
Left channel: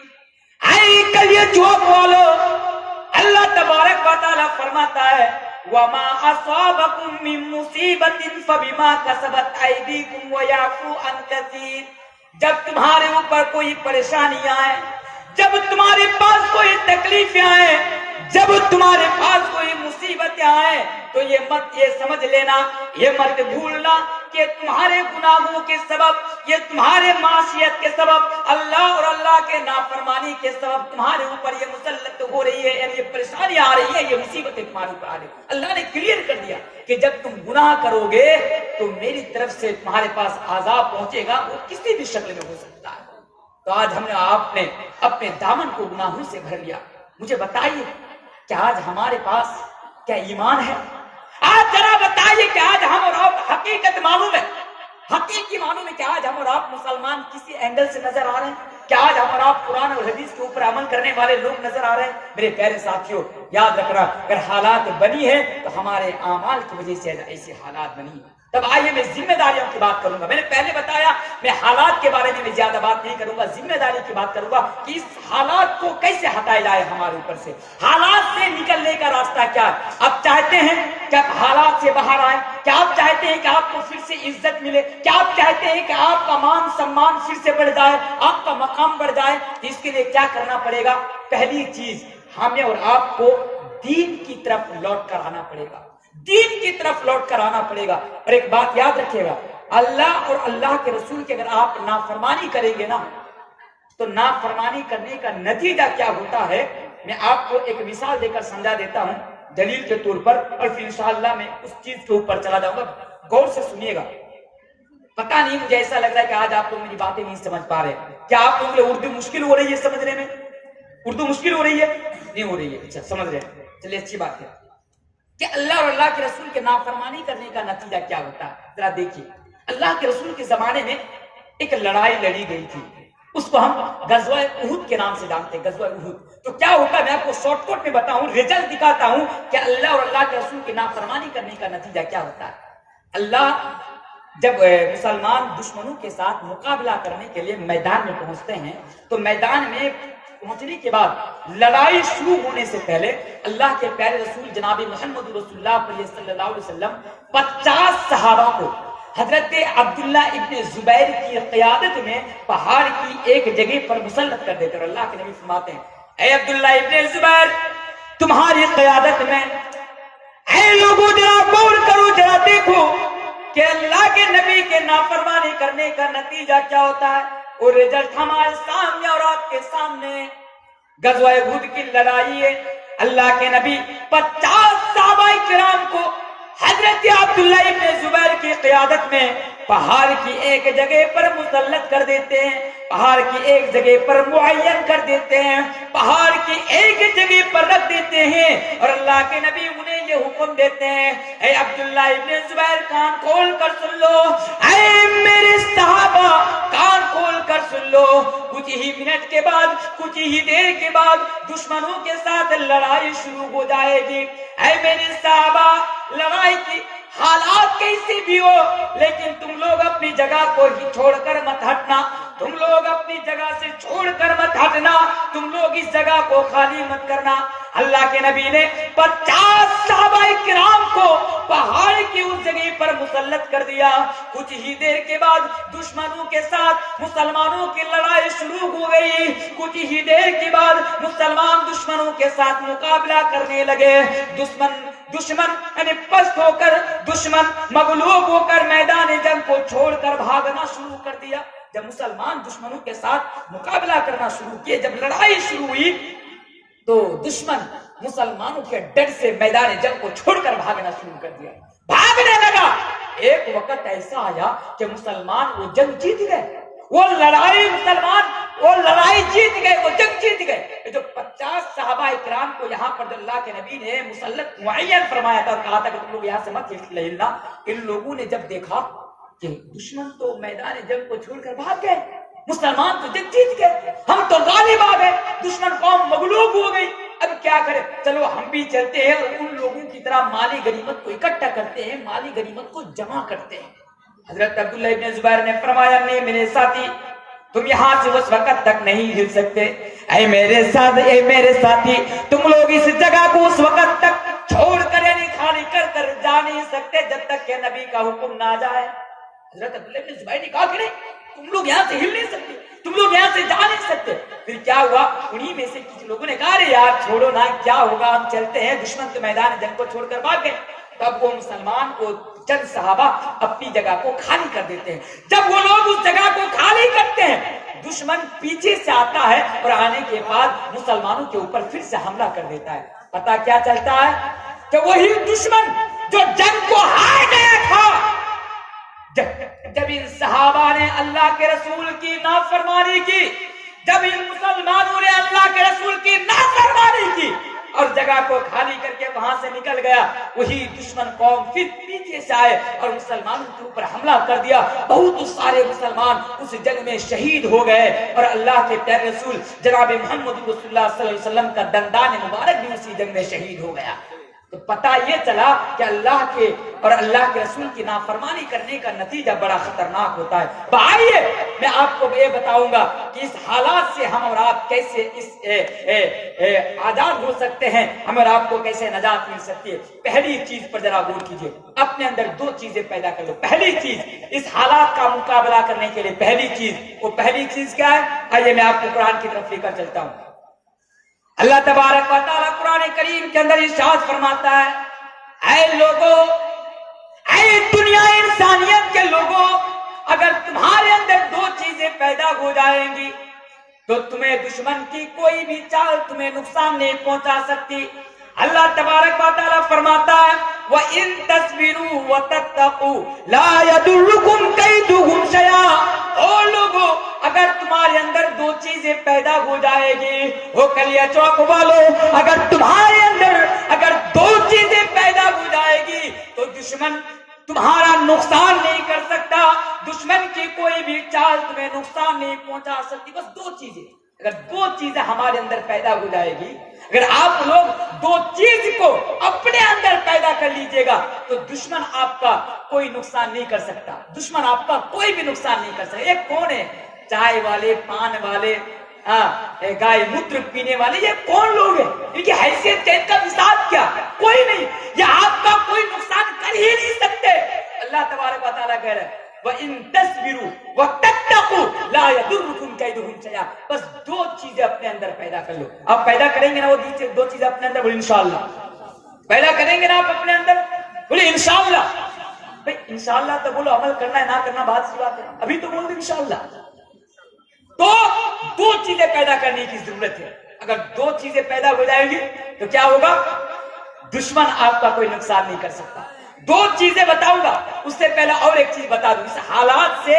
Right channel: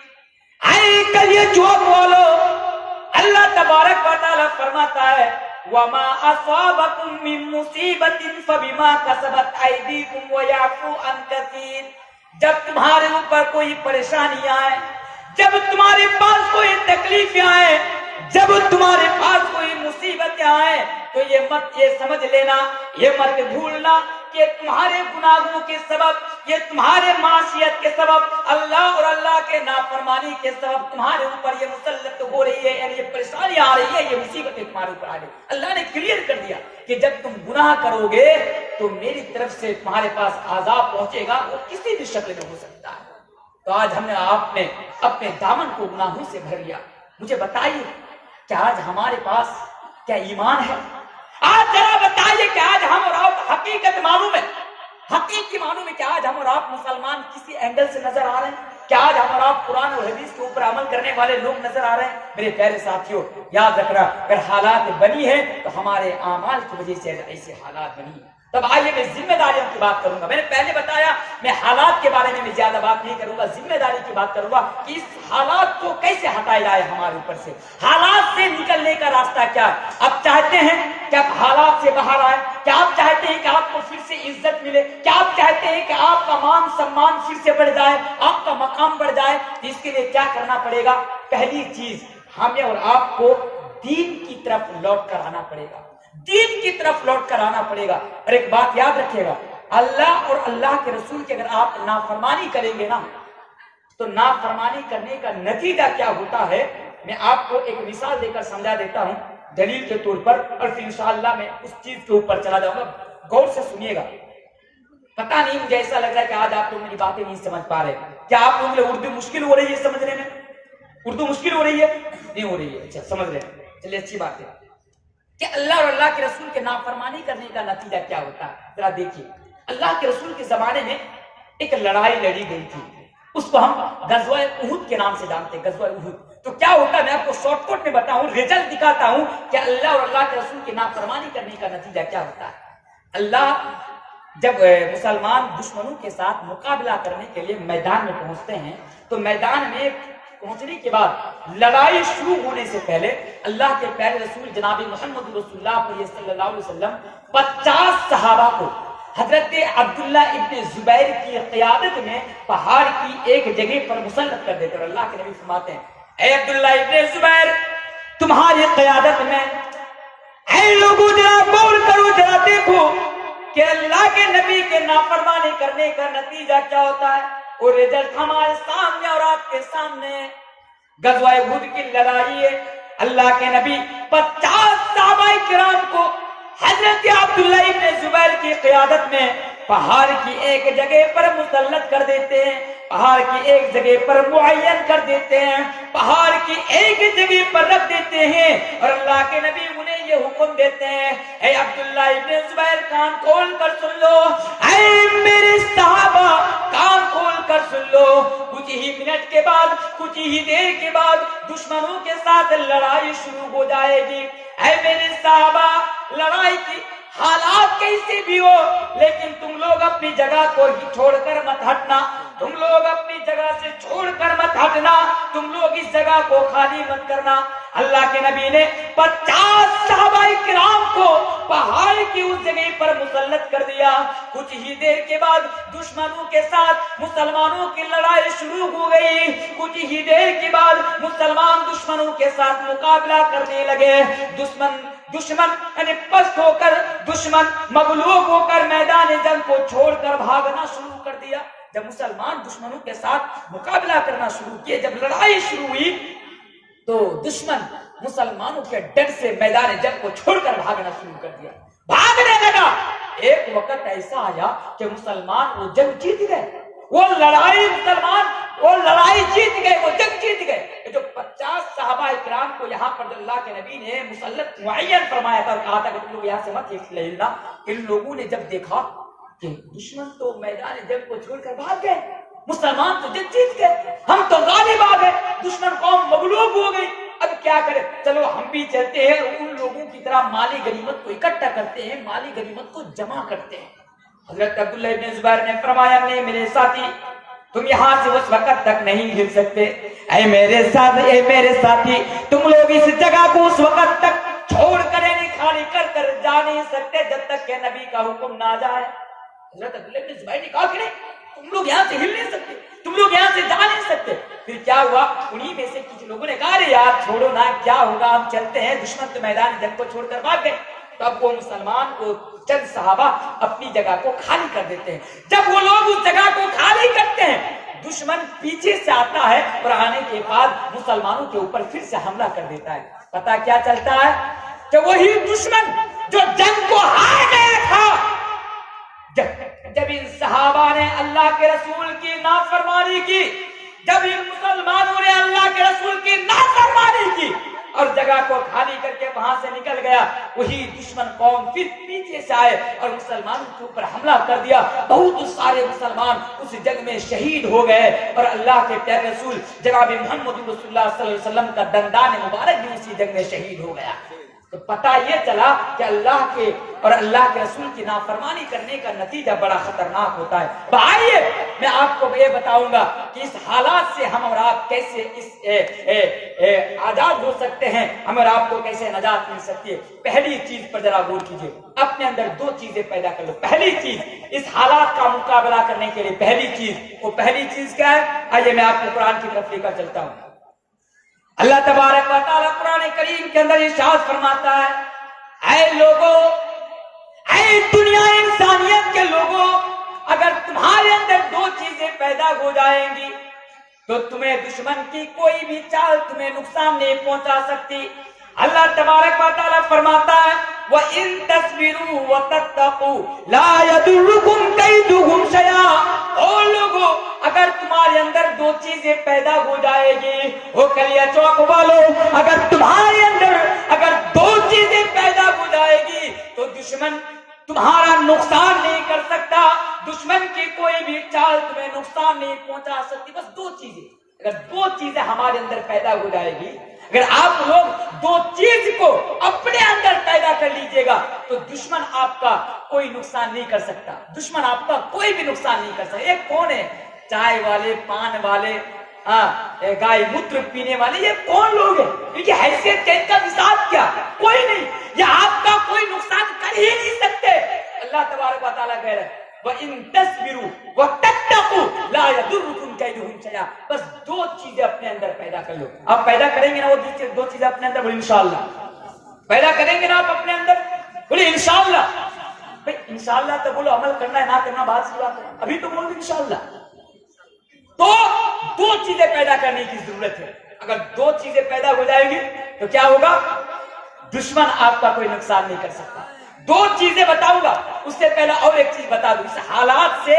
اے کلیے جو بولو، اللہ تبارک و تعالیٰ فرماتا ہے وما اصابكم من مصیبت فبما کسبت ایدیکم ویعفو عن کثیر. جب تمہارے اوپر کوئی پریشانی آئے، جب تمہارے پاس کوئی تکلیفیں آئے، جب تمہارے پاس کوئی مصیبتیں آئیں، تو یہ سمجھ لینا، یہ مت بھولنا کہ تمہارے گناہوں کے سبب، یہ تمہارے معصیت کے سبب، اللہ اور اللہ کے نافرمانی کے سبب تمہارے اوپر یہ مسلط ہو رہی ہے، یعنی یہ پریشانی آ رہی ہے، یہ مصیبتیں تمہارے اوپر آ رہی ہے. اللہ نے کلیئر کر دیا کہ جب تم گناہ کرو گے تو میری طرف سے تمہارے پاس عذاب پہنچے گا، وہ کسی بھی شکل میں ہو سکتا ہے. تو آج آپ نے اپنے دامن کو گناہوں سے بھر لیا. مجھے بتائیے کہ آج ہمارے پاس کیا ایمان ہے؟ آج ذرا بتائیے کہ آج ہم اور آپ حقیقت معلوم ہے، حقیقی معلوم ہے کہ آج ہم اور آپ مسلمان کسی اینگل سے نظر آ رہے ہیں؟ کیا آج ہم اور آپ قرآن اور حدیث کے اوپر عمل کرنے والے لوگ نظر آ رہے ہیں؟ میرے پیارے ساتھیوں، یاد رکھنا، اگر حالات بنی ہیں تو ہمارے اعمال کی وجہ سے ایسے حالات بنی ہیں. تب آئیے میں ذمہ داریوں کی بات کروں گا. میں نے پہلے بتایا میں حالات کے بارے میں زیادہ بات نہیں کروں گا، ذمہ داری کی بات کروں گا کہ اس حالات کو کیسے ہٹایا جائے ہمارے اوپر سے. حالات سے نکلنے کا راستہ کیا ہے؟ آپ چاہتے ہیں کہ آپ حالات سے باہر آئیں؟ کیا آپ چاہتے ہیں کہ آپ کو پھر سے عزت ملے؟ کیا آپ چاہتے ہیں کہ آپ کا مان سمان پھر سے بڑھ جائے، آپ کا مقام بڑھ جائے؟ اس کے لیے کیا کرنا پڑے گا؟ پہلی چیز، ہمیں اور آپ کو دین کی طرف لوٹ کر آنا پڑے گا، دین کی طرف لوٹ کر آنا پڑے گا. اور ایک بات یاد رکھیے گا، اللہ اور اللہ کے رسول کی اگر آپ نافرمانی کریں گے نا تو نافرمانی کرنے کا نتیجہ کیا ہوتا ہے میں آپ کو ایک مثال دے کر سمجھا دیتا ہوں دلیل کے طور پر، اور پھر انشاءاللہ میں اس چیز کے اوپر چلا جاؤں گا. غور سے سنیے گا. پتہ نہیں، مجھے ایسا لگ رہا ہے کہ آج آپ لوگ میری باتیں نہیں سمجھ پا رہے. کیا آپ لوگوں کو اردو مشکل ہو رہی ہے سمجھنے میں؟ اردو مشکل ہو رہی ہے؟ نہیں ہو رہی ہے. اچھا، سمجھ رہے ہیں، چلیے اچھی بات ہے. کہ اللہ اور اللہ کے رسول کے نافرمانی کرنے کا نتیجہ کیا ہوتا ہے ذرا دیکھیے. اللہ کے رسول کے زمانے میں ایک لڑائی لڑی گئی تھی، اس کو ہم غزوہ احد کے نام سے جانتے ہیں، غزوہ احد. تو کیا ہوتا ہے میں آپ کو شارٹ کٹ میں بتاؤں، رزلٹ دکھاتا ہوں کہ اللہ اور اللہ کے رسول کی نافرمانی کرنے کا نتیجہ کیا ہوتا ہے. اللہ جب مسلمان دشمنوں کے ساتھ مقابلہ کرنے کے لیے میدان میں پہنچتے ہیں تو میدان میں پہنچنے کے بعد لڑائی شروع ہونے سے پہلے اللہ کے پیارے رسول جناب محمد رسول اللہ صلی اللہ علیہ وسلم 50 صحابہ کو حضرت عبداللہ ابن زبیر کی قیادت میں پہاڑ کی ایک جگہ پر مسلط کر دیتے. اور اللہ کے نبی فرماتے ہیں، اے عبداللہ ابن زبیر، تمہاری قیادت میں، اے لوگوں ذرا غور کرو، ذرا دیکھو کہ اللہ کے نبی کے نافرمانی کرنے کا نتیجہ کیا ہوتا ہے. اور رزلٹ ہمارے سامنے اور آپ کے سامنے. غزوہ احد کی لڑائی ہے، اللہ کے نبی 50 صحابہ کرام کو حضرت عبداللہ ابن زبیر کی قیادت میں پہاڑ کی ایک جگہ پر مسلط کر دیتے ہیں، پہاڑ کی ایک جگہ پر معین کر دیتے ہیں، پہاڑ کی ایک جگہ پر رکھ دیتے ہیں. اور اللہ کے نبی انہیں یہ حکم دیتے ہیں، اے عبداللہ ابن زبیر کان کھول کر سن لو، اے میرے صحابہ کان کھول کر سن لو، کچھ ہی منٹ کے بعد، کچھ ہی دیر کے بعد دشمنوں کے ساتھ لڑائی شروع ہو جائے گی. اے میرے صحابہ، لڑائی کی حالات کیسے بھی ہو لیکن تم لوگ اپنی جگہ کو ہی چھوڑ کر مت ہٹنا، تم لوگ اپنی جگہ سے چھوڑ کر مت ہٹنا، تم لوگ اس جگہ کو خالی مت کرنا. اللہ کے نبی نے 50 صحابہ کرام کو پہاڑ کی اس جگہ پر مسلط کر دیا. کچھ ہی دیر کے بعد دشمنوں کے ساتھ مسلمانوں کی لڑائی شروع ہو گئی. کچھ ہی دیر کے بعد مسلمان دشمنوں کے ساتھ مقابلہ کرنے لگے. دشمن یعنی پست ہو کر، دشمن مغلوب ہو کر میدان جنگ کو چھوڑ کر بھاگنا شروع کر دیا. جب مسلمان دشمنوں کے ساتھ مقابلہ کرنا شروع کیے، جب لڑائی شروع ہوئی تو دشمن مسلمانوں کے ڈر سے میدان جنگ کو چھوڑ کر بھاگنا شروع کر دیا، بھاگنے لگا. ایک وقت ایسا آیا کہ مسلمان وہ جنگ جیت گئے، وہ لڑائی مسلمان وہ لڑائی جیت گئے، وہ جنگ جیت گئے. جو 50 صحابہ کرام کو یہاں پر اللہ کے نبی نے مسلط معین فرمایا تھا اور کہا تھا کہ تم لوگ یہاں سے مت ہلنا، ان لوگوں نے جب دیکھا کہ دشمن تو میدان جنگ کو چھوڑ کر بھاگ گئے، مسلمان تو جنگ جیت گئے، ہم تو غالب آ گئے، دشمن قوم مغلوب ہو گئی، اب کیا کریں؟ چلو ہم بھی چلتے ہیں اور ان لوگوں کی طرح مالی غنیمت کو اکٹھا کرتے ہیں، مالی غنیمت کو جمع کرتے ہیں. حضرت عبداللہ ابن زبیر نے فرمایا، نہیں میرے ساتھی، تم یہاں سے اس وقت تک نہیں ہل سکتے. اے میرے ساتھی، تم لوگ اس جگہ کو اس وقت تک چھوڑ کر یعنی خالی کر کر جا نہیں سکتے جب تک کہ نبی کا حکم نہ جائے. حضرت عبداللہ بن زبیر نے کہا کہ نہیں, تم لوگ یہاں سے ہل نہیں سکتے, تم لوگ یہاں سے جا نہیں سکتے. پھر کیا ہوا, انہی میں سے کچھ لوگوں نے کہا ارے یار چھوڑو نا, کیا ہوگا, ہم چلتے ہیں. دشمن کے میدان جنگ کو چھوڑ کر بھاگ گئے. تب وہ مسلمان کو چند صحابہ اپنی جگہ کو خالی کر دیتے ہیں. جب وہ لوگ اس جگہ کو خالی کرتے ہیں, دشمن پیچھے سے آتا ہے اور آنے کے بعد مسلمانوں کے اوپر پھر سے حملہ کر دیتا ہے. پتا کیا چلتا ہے کہ وہی دشمن جو جنگ کو ہار گیا تھا, جب ان صحابہ نے اللہ کے رسول کی نافرمانی کی, جب ان مسلمانوں نے اللہ کے رسول کی نافرمانی کی اور جگہ کو خالی کر کے وہاں سے نکل گیا, وہی دشمن قوم پھر پیچھے سے آئے اور مسلمانوں کے اوپر حملہ کر دیا. بہت سارے مسلمان اس جنگ میں شہید ہو گئے اور اللہ کے پیارے رسول جناب محمد رسول اللہ صلی اللہ علیہ وسلم کا دندان مبارک بھی اسی جنگ میں شہید ہو گیا. تو پتہ یہ چلا کہ اللہ کے اور اللہ کے رسول کی نافرمانی کرنے کا نتیجہ بڑا خطرناک ہوتا ہے. آئیے میں آپ کو یہ بتاؤں گا کہ اس حالات سے ہم اور آپ کیسے آزاد ہو سکتے ہیں, ہم اور آپ کو کیسے نجات مل سکتی ہے. پہلی چیز پر ذرا غور کیجیے, اپنے اندر دو چیزیں پیدا کر لو. پہلی چیز اس حالات کا مقابلہ کرنے کے لیے پہلی چیز کیا ہے؟ آئیے میں آپ کو قرآن کی طرف لے کر چلتا ہوں. اللہ تبارک و تعالیٰ قرآن کریم کے اندر ارشاد فرماتا ہے, اے لوگوں, اے دنیا انسانیت کے لوگوں, اگر تمہارے اندر دو چیزیں پیدا ہو جائیں گی تو تمہیں دشمن کی کوئی بھی چال تمہیں نقصان نہیں پہنچا سکتی. اللہ تبارک و تعالیٰ فرماتا ہے وَإِن تَصْبِرُوا وَتَتَّقُوا لَا يَضُرُّكُمْ كَيْدُهُمْ شَيْئًا. او لوگو, اگر تمہارے اندر دو چیزیں پیدا ہو جائے گی, وہ کلیا چوک والو, اگر تمہارے اندر اگر دو چیزیں پیدا ہو جائے گی تو دشمن تمہارا نقصان نہیں کر سکتا, دشمن کی کوئی بھی چال تمہیں نقصان نہیں پہنچا سکتی. بس دو چیزیں, اگر دو چیزیں ہمارے اندر پیدا ہو جائے گی, اگر آپ لوگ دو چیز کو اپنے اندر پیدا کر لیجئے گا تو دشمن آپ کا کوئی نقصان نہیں کر سکتا, دشمن آپ کا کوئی بھی نقصان نہیں کر سکتا. ایک کون ہے؟ چائے والے, پان والے, گائے موتر پینے والے, یہ کون لوگ ہیں؟ ان کی حیثیت کیا, ان کا مزاج کیا؟ کوئی نہیں, یہ آپ کا کوئی نقصان کر ہی نہیں سکتے. اللہ تبارک و تعالیٰ کہہ رہے ہیں وَإِن تَصْبِرُوا وَتَتَّقُوا لَا يَضُرُّكُمْ كَيْدُهُمْ شَيْئًا. بس دو چیزیں اپنے اندر پیدا کر لو. آپ پیدا کریں گے نا وہ دو چیزیں اپنے اندر, بولے انشاءاللہ. پیدا کریں گے نا آپ اپنے اندر, بولے انشاءاللہ. بھئی انشاءاللہ تو بولو, عمل کرنا ہے نہ کرنا بات سی بات ہے, ابھی تو بولو انشاءاللہ. تو دو چیزیں پیدا کرنے کی ضرورت ہے. اگر دو چیزیں پیدا ہو جائیں گی تو کیا ہوگا؟ دشمن آپ کا کوئی نقصان نہیں کر سکتا. دو چیزیں بتاؤں گا, اس سے پہلا اور ایک چیز بتا دوں, اس حالات سے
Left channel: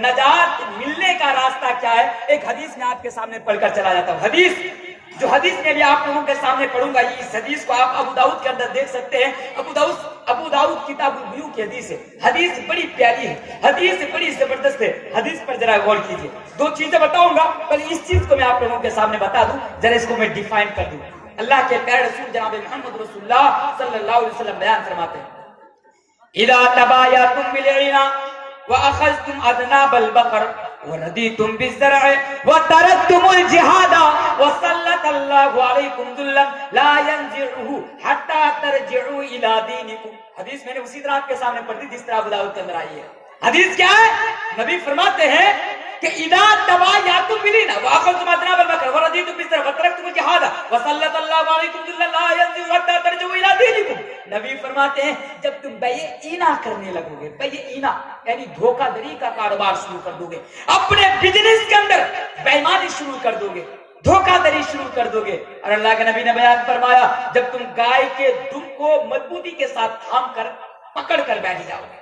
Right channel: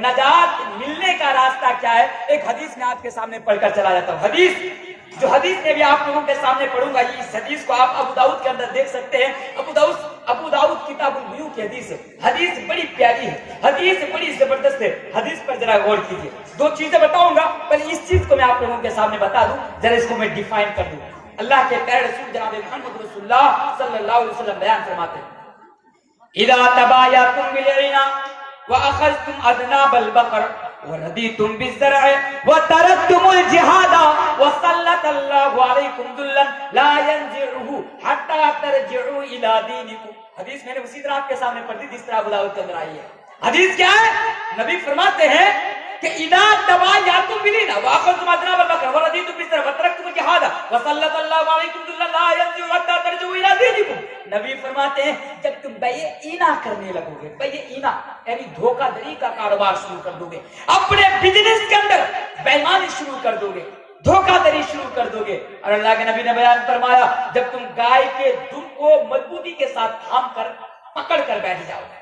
نجات ملنے کا راستہ کیا ہے. ایک حدیث میں آپ کے سامنے پڑھ کر چلا جاتا ہوں. حدیث میں بھی آپ لوگوں کے سامنے پڑھوں گا. اس حدیث کو آپ ابو داؤد کے اندر دیکھ سکتے ہیں. ابو داؤد کتاب البیوع کی حدیث ہے. حدیث بڑی پیاری ہے, حدیث بڑی زبردست ہے. حدیث پر ذرا غور کیجیے. دو چیزیں بتاؤں گا, پر اس چیز کو میں آپ لوگوں کے سامنے بتا دوں, ذرا اس کو میں ڈیفائن کر دوں. اللہ کے پیارے رسول جناب محمد رسول اللہ صلی اللہ علیہ وسلم بیان فرماتے ہیں اذا تبايعتم بالعنا واخذتم اذناب البقر ورديتم بالزرع وتركتم الجهاد وسلط الله عليكم ذلا لا ينزعه حتى ترجعوا الى دينكم. حدیث میں نے اسی طرح آپ کے سامنے پڑھ دی جس طرح ابو داؤد کے اندر آئی ہے. حدیث کیا ہے؟ نبی فرماتے ہیں کہ اذا تبايعتم بالعنا واخذتم اذناب البقر ورديتم بالزرع وتركتم الجهاد وسلط الله عليكم ذلا لا ينزعه حتى ترجعوا الى دينكم. نبی فرماتے ہیں جب تم بیع اینا کرنے لگو گے, بیع اینا یعنی دھوکہ دری کا کاروبار شروع کر دو گے, اپنے بزنس کے اندر بے ایمانی شروع کر دو گے, دھوکہ دری شروع کر دو گے. اور اللہ کے نبی نے بیان فرمایا جب تم گائے کے دم کو مضبوطی کے ساتھ تھام کر پکڑ کر بیٹھ جاؤ گے,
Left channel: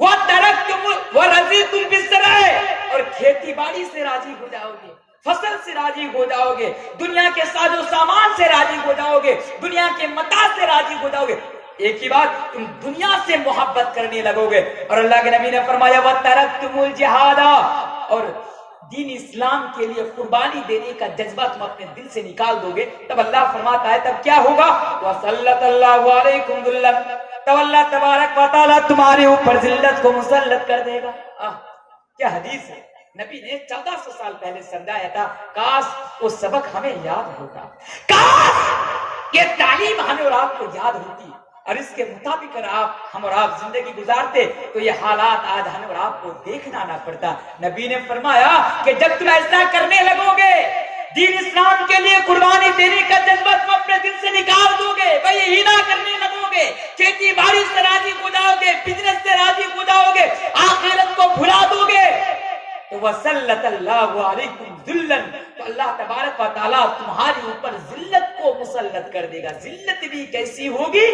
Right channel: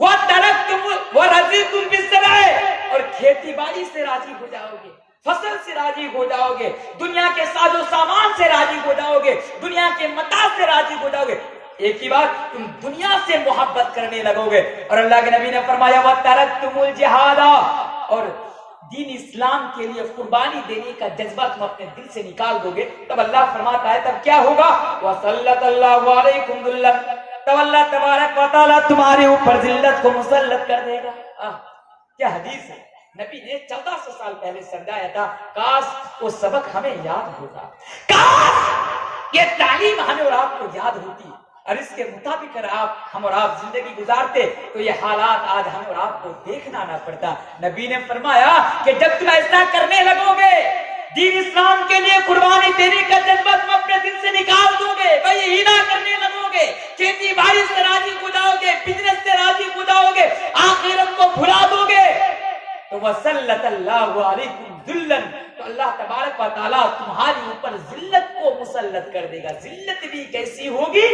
وَتَرَكْتُمُ وَرَضِيتُمْ بِالزَّرْعِ اور کھیتی باڑی سے راضی ہو جاؤ گے, فصل سے راضی ہو جاؤ گے, دنیا کے ساز و سامان سے راضی ہو جاؤ گے, دنیا کے متاع سے راضی ہو جاؤ گے. ایک ہی بات, تم دنیا سے محبت کرنے لگو گے. اور اللہ کے نبی نے فرمایا وَتَرَكْتُمُ الْجِهَادَ اور دین اسلام کے لیے قربانی دینے کا جذبہ تم اپنے دل سے نکال دو گے. تب اللہ فرماتا ہے تب کیا ہوگا؟ وَسَلَّطَ اللَّهُ عَلَيْكُمْ ذُلًّا تب اللہ تبارک و تعالیٰ تمہارے اوپر ذلت کو مسلط کر دے گا. کیا حدیث ہے, نبی نے 1400 سال پہلے سمجھایا تھا. کاش وہ سبق ہمیں یاد ہوتا, کاش یہ تعلیم ہمیں اور آپ کو یاد ہوتی اور اس کے مطابق اگر ہم اور آپ زندگی گزارتے تو یہ حالات آج ہمیں اور آپ کو دیکھنا نہ پڑتا۔ نبی نے فرمایا کہ جب تم ایسا کرنے لگو گے، دین اسلام کے لیے قربانی دینے کا جذبہ تم اپنے دل سے نکال دو گے، بھائی ہینا کرنے لگو گے، کھیتی باڑی سے راضی ہو جاؤ گے، بزنس سے راضی ہو جاؤ گے، آخرت کو بھلا دو گے، تو وَسَلَّتَ اللَّهُ عَلَيْكُمْ ذُلًّا، تو اللہ تبارک و تعالیٰ تمہاری اوپر ذلت کو مسلط کر دے گا۔ ذلت بھی کیسی ہوگی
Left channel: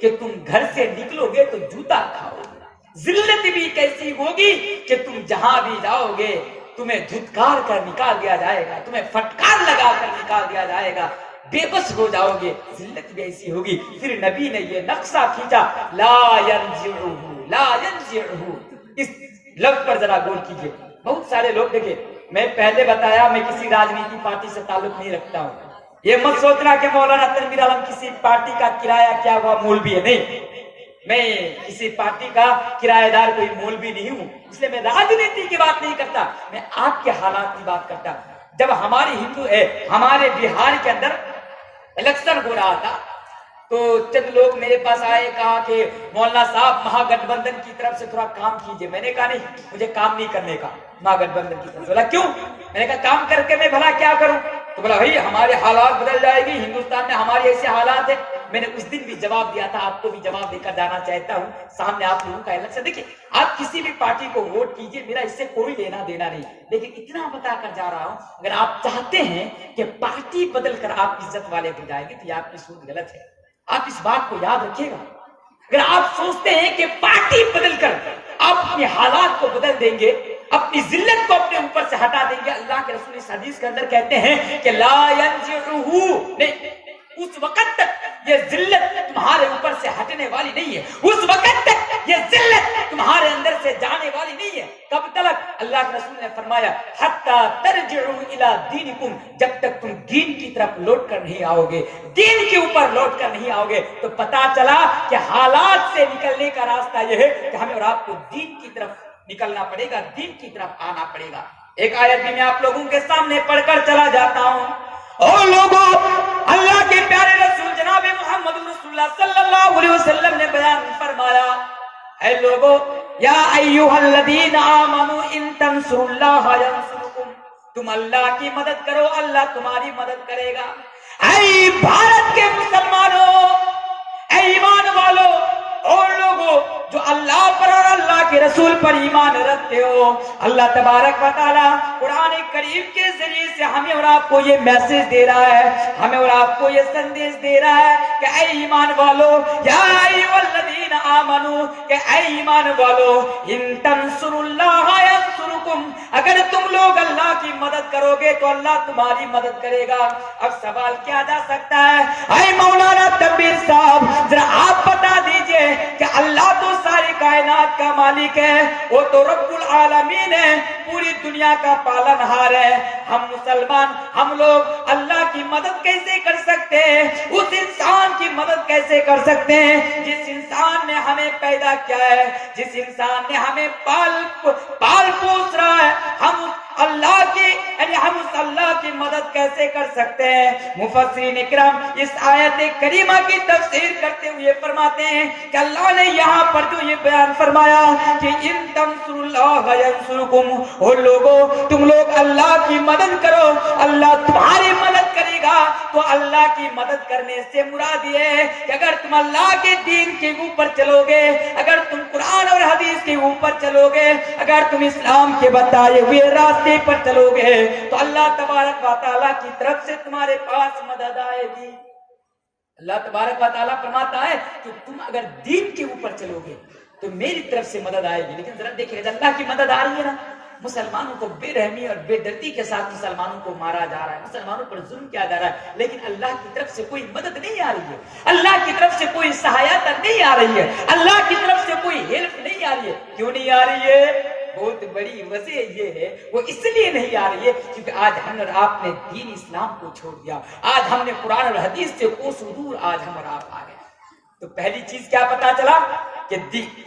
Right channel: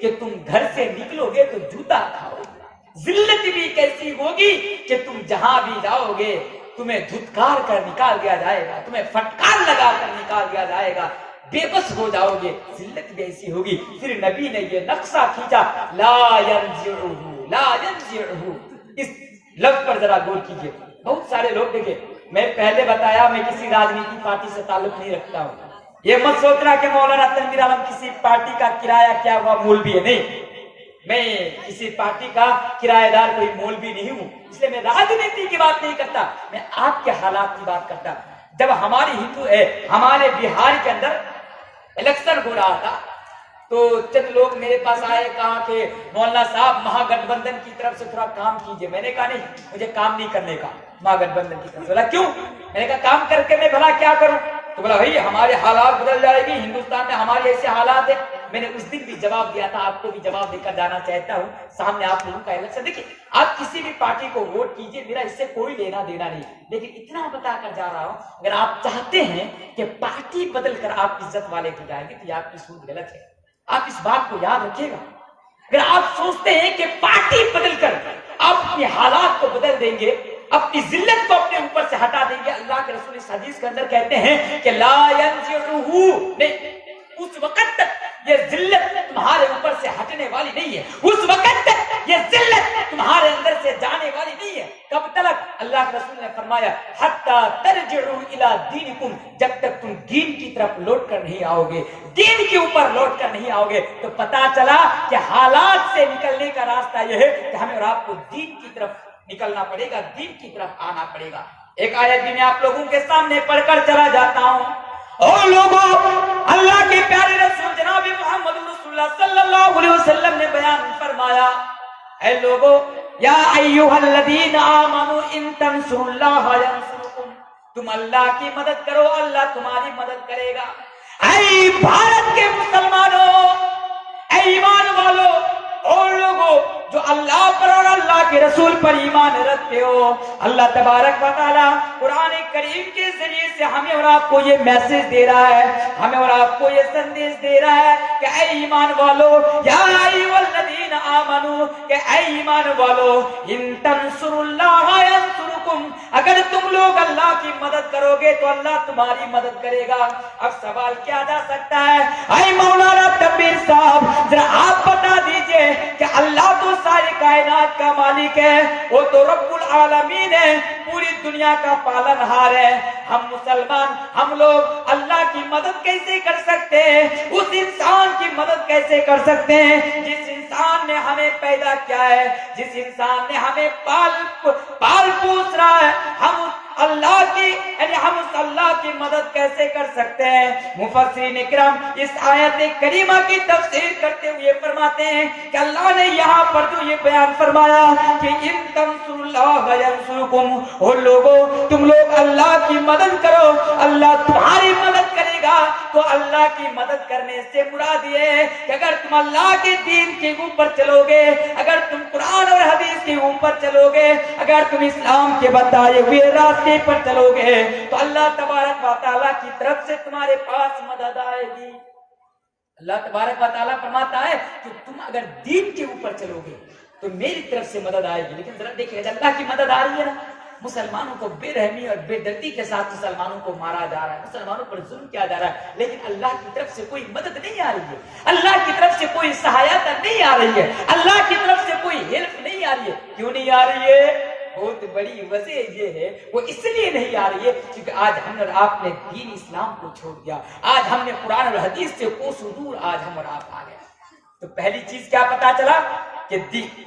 کہ تم گھر سے نکلو گے تو جوتا کھاؤ گے، ذلت بھی کیسی ہوگی کہ تم جہاں بھی جاؤ گے تمہیں دھتکار کر نکال دیا جائے گا، تمہیں فٹکار لگا کر نکال دیا جائے گا، بے بس ہو جاؤ گے، ذلت بھی ایسی ہوگی۔ پھر نبی نے یہ نقشہ کھینچا، لا ينزعه لا ينزعه، اس لفظ پر ذرا غور کیجئے۔ بہت سارے لوگ دیکھیں، میں پہلے بتایا میں کسی راجنیتی پارٹی سے تعلق نہیں رکھتا ہوں، یہ مت سوچنا کہ مولانا تنویر عالم کسی پارٹی کا کرایہ کیا ہوا مولوی ہے، نہیں، میں کسی پارٹی کا کرایہ دار کوئی مولوی نہیں ہوں، اس لیے میں راجنیتی کی بات نہیں کرتا، میں آپ کے حالات کی بات کرتا۔ جب ہمارے بہار کے اندر الیکشن ہو رہا تھا تو چند لوگ میرے پاس آئے، کہا کہ مولانا صاحب مہا گٹھ بندھن کی طرف سے تھوڑا کام کیجئے۔ میں نے کہا نہیں، مجھے کام نہیں کرنے کا مہا گٹھ بندھن کی طرف سے۔ بولا کیوں؟ میں نے کہا کام کر کے میں بھلا کیا کروں؟ تو بولا بھائی ہمارے حالات بدل جائے گی، ہندوستان میں ہمارے ایسے حالات ہیں۔ میں نے اس دن بھی جواب دیا تھا، آپ کو بھی جواب دے کر جانا چاہتا ہوں سامنے آپ لوگوں کا الیکشن۔ دیکھیے آپ کسی بھی پارٹی کو ووٹ کیجئے، میرا اس سے کوئی لینا دینا نہیں، لیکن اتنا بتا کر جا رہا ہوں اگر آپ چاہتے ہیں کہ پارٹی بدل کر آپ عزت والے ہو جائیں گے تو یہ آپ کی سوچ غلط ہے۔ آپ اس بات کو یاد رکھیے گا، اگر آپ سوچتے ہیں کہ پارٹی بدل کر آپ اپنے حالات کو بدل دیں گے، اپنی ذلت کو اپنے اوپر سے ہٹا دیں گے، اللہ کے رسول اس حدیث کے اندر کہتے ہیں کہ لا ينزعه، نہیں، اس وقت تک یہ ذلت تمہارے اوپر سے ہٹنے والی نہیں ہے، اس وقت تک یہ ذلت تمہارے اندر سے جانے والی نہیں ہے۔ کب تک؟ اللہ کے رسول نے فرمایا حتی ترجعوا الی دینکم، جب تک تم دین کی طرف لوٹ کر نہیں آؤ گے، دین کے اوپر لوٹ کر نہیں آؤ گے۔ تو پتا چلا کہ حالات سے نکلنے کا راستہ یہ ہے کہ ہمیں اور آپ کو دین کی طرف نکلنا پڑے گا، دین کی طرف آنا پڑے گا۔ ایک آیت بھی میں آپ لوگوں کے سامنے پڑھ کر چلا جاتا ہوں۔ اور لوگوں، اللہ کے پیارے رسول جناب محمد رسول اللہ صلی اللہ علیہ وسلم نے بیان فرمایا، اے لوگوں، یا ایھا الذین آمنوا ان تنصروا اللہ ینصرکم، تم اللہ کی مدد کرو اللہ تمہاری مدد کرے گا۔ اے بھارت کے مسلمانوں، اے ایمان والو اور لوگوں جو اللہ پر اور اللہ کے رسول پر ایمان رکھتے ہو، اللہ تبارک و تعالی قرآن کریم کے ذریعے سے ہمیں اور آپ کو یہ میسج دے رہا ہے، ہمیں اور آپ کو یہ سندیش دے رہا ہے کہ اے ایمان والو، یا ایھا الذین آمنو، کہ اے ایمان والو، ان تنصروا اللہ ینصرکم، اگر تم لوگ اللہ کی مدد کرو گے تو اللہ تمہاری مدد کرے گا۔ اب سوال کیا جا سکتا ہے، اے مولانا تنویر صاحب ذرا آپ بتا دیجئے کہ اللہ تو ساری کائنات کا مالک ہے، وہ تو رب العالمین ہے، پوری دنیا کا پالن ہار ہے، ہم مسلمان ہم لوگ اللہ کی مدد کیسے کر سکتے ہیں؟ اس انسان کی مدد کیسے کر سکتے ہیں جس انسان نے ہمیں پیدا کیا ہے، جس انسان نے ہمیں پال پوس رہا ہے؟ ہم اللہ کی ہم اس اللہ کی مدد کیسے کر سکتے ہیں؟ مفسرین اکرام اس آیت کریمہ کی تفسیر کرتے ہوئے فرماتے ہیں کہ اللہ نے یہاں پر جو یہ بیان فرمایا کہ ان تنصروا اللہ ینصرکم، اور لوگوں تم لوگ اللہ کی مدد کرو اللہ تمہاری مدد کرے گا، تو اللہ کی مدد کرنے سے مراد یہ ہے کہ اگر تم اللہ کے دین کے اوپر چلو گے، اگر تم قرآن اور حدیث کے اوپر چلو گے، اگر تم اسلام کے بتائے ہوئے راستے پر چلو گے تو اللہ تبارک و تعالیٰ کی طرف سے تمہارے پاس مدد آئے گی۔ اللہ تبارک و تعالیٰ فرماتا ہے کہ تم اگر دین کے اوپر چلو گے تو میری طرف سے مدد آئے گی۔ لیکن ذرا دیکھیں اللہ کی مدد آ رہی ہے نا، مسلمانوں کو بے رحمی اور بے دردی کے ساتھ مسلمانوں کو مارا جا رہا ہے، مسلمانوں پر ظلم کیا جا رہا ہے، لیکن اللہ کی طرف سے کوئی مدد نہیں آ رہی ہے، اللہ کی طرف سے کوئی سہایتا نہیں آ رہی ہے، اللہ کی طرف سے کوئی ہیلپ نہیں آ رہی ہے۔ کیوں نہیں آ رہی ہے؟ بہت بڑی وجہ یہ ہے، وہ اس لیے نہیں آ رہی ہے کیونکہ آج ہم اور آپ نے دین اسلام کو چھوڑ دیا، آج ہم نے قرآن اور حدیث سے کوسوں دور آج ہم اور آپ آ گئے۔ تو پہلی چیز کیا پتا چلا کہ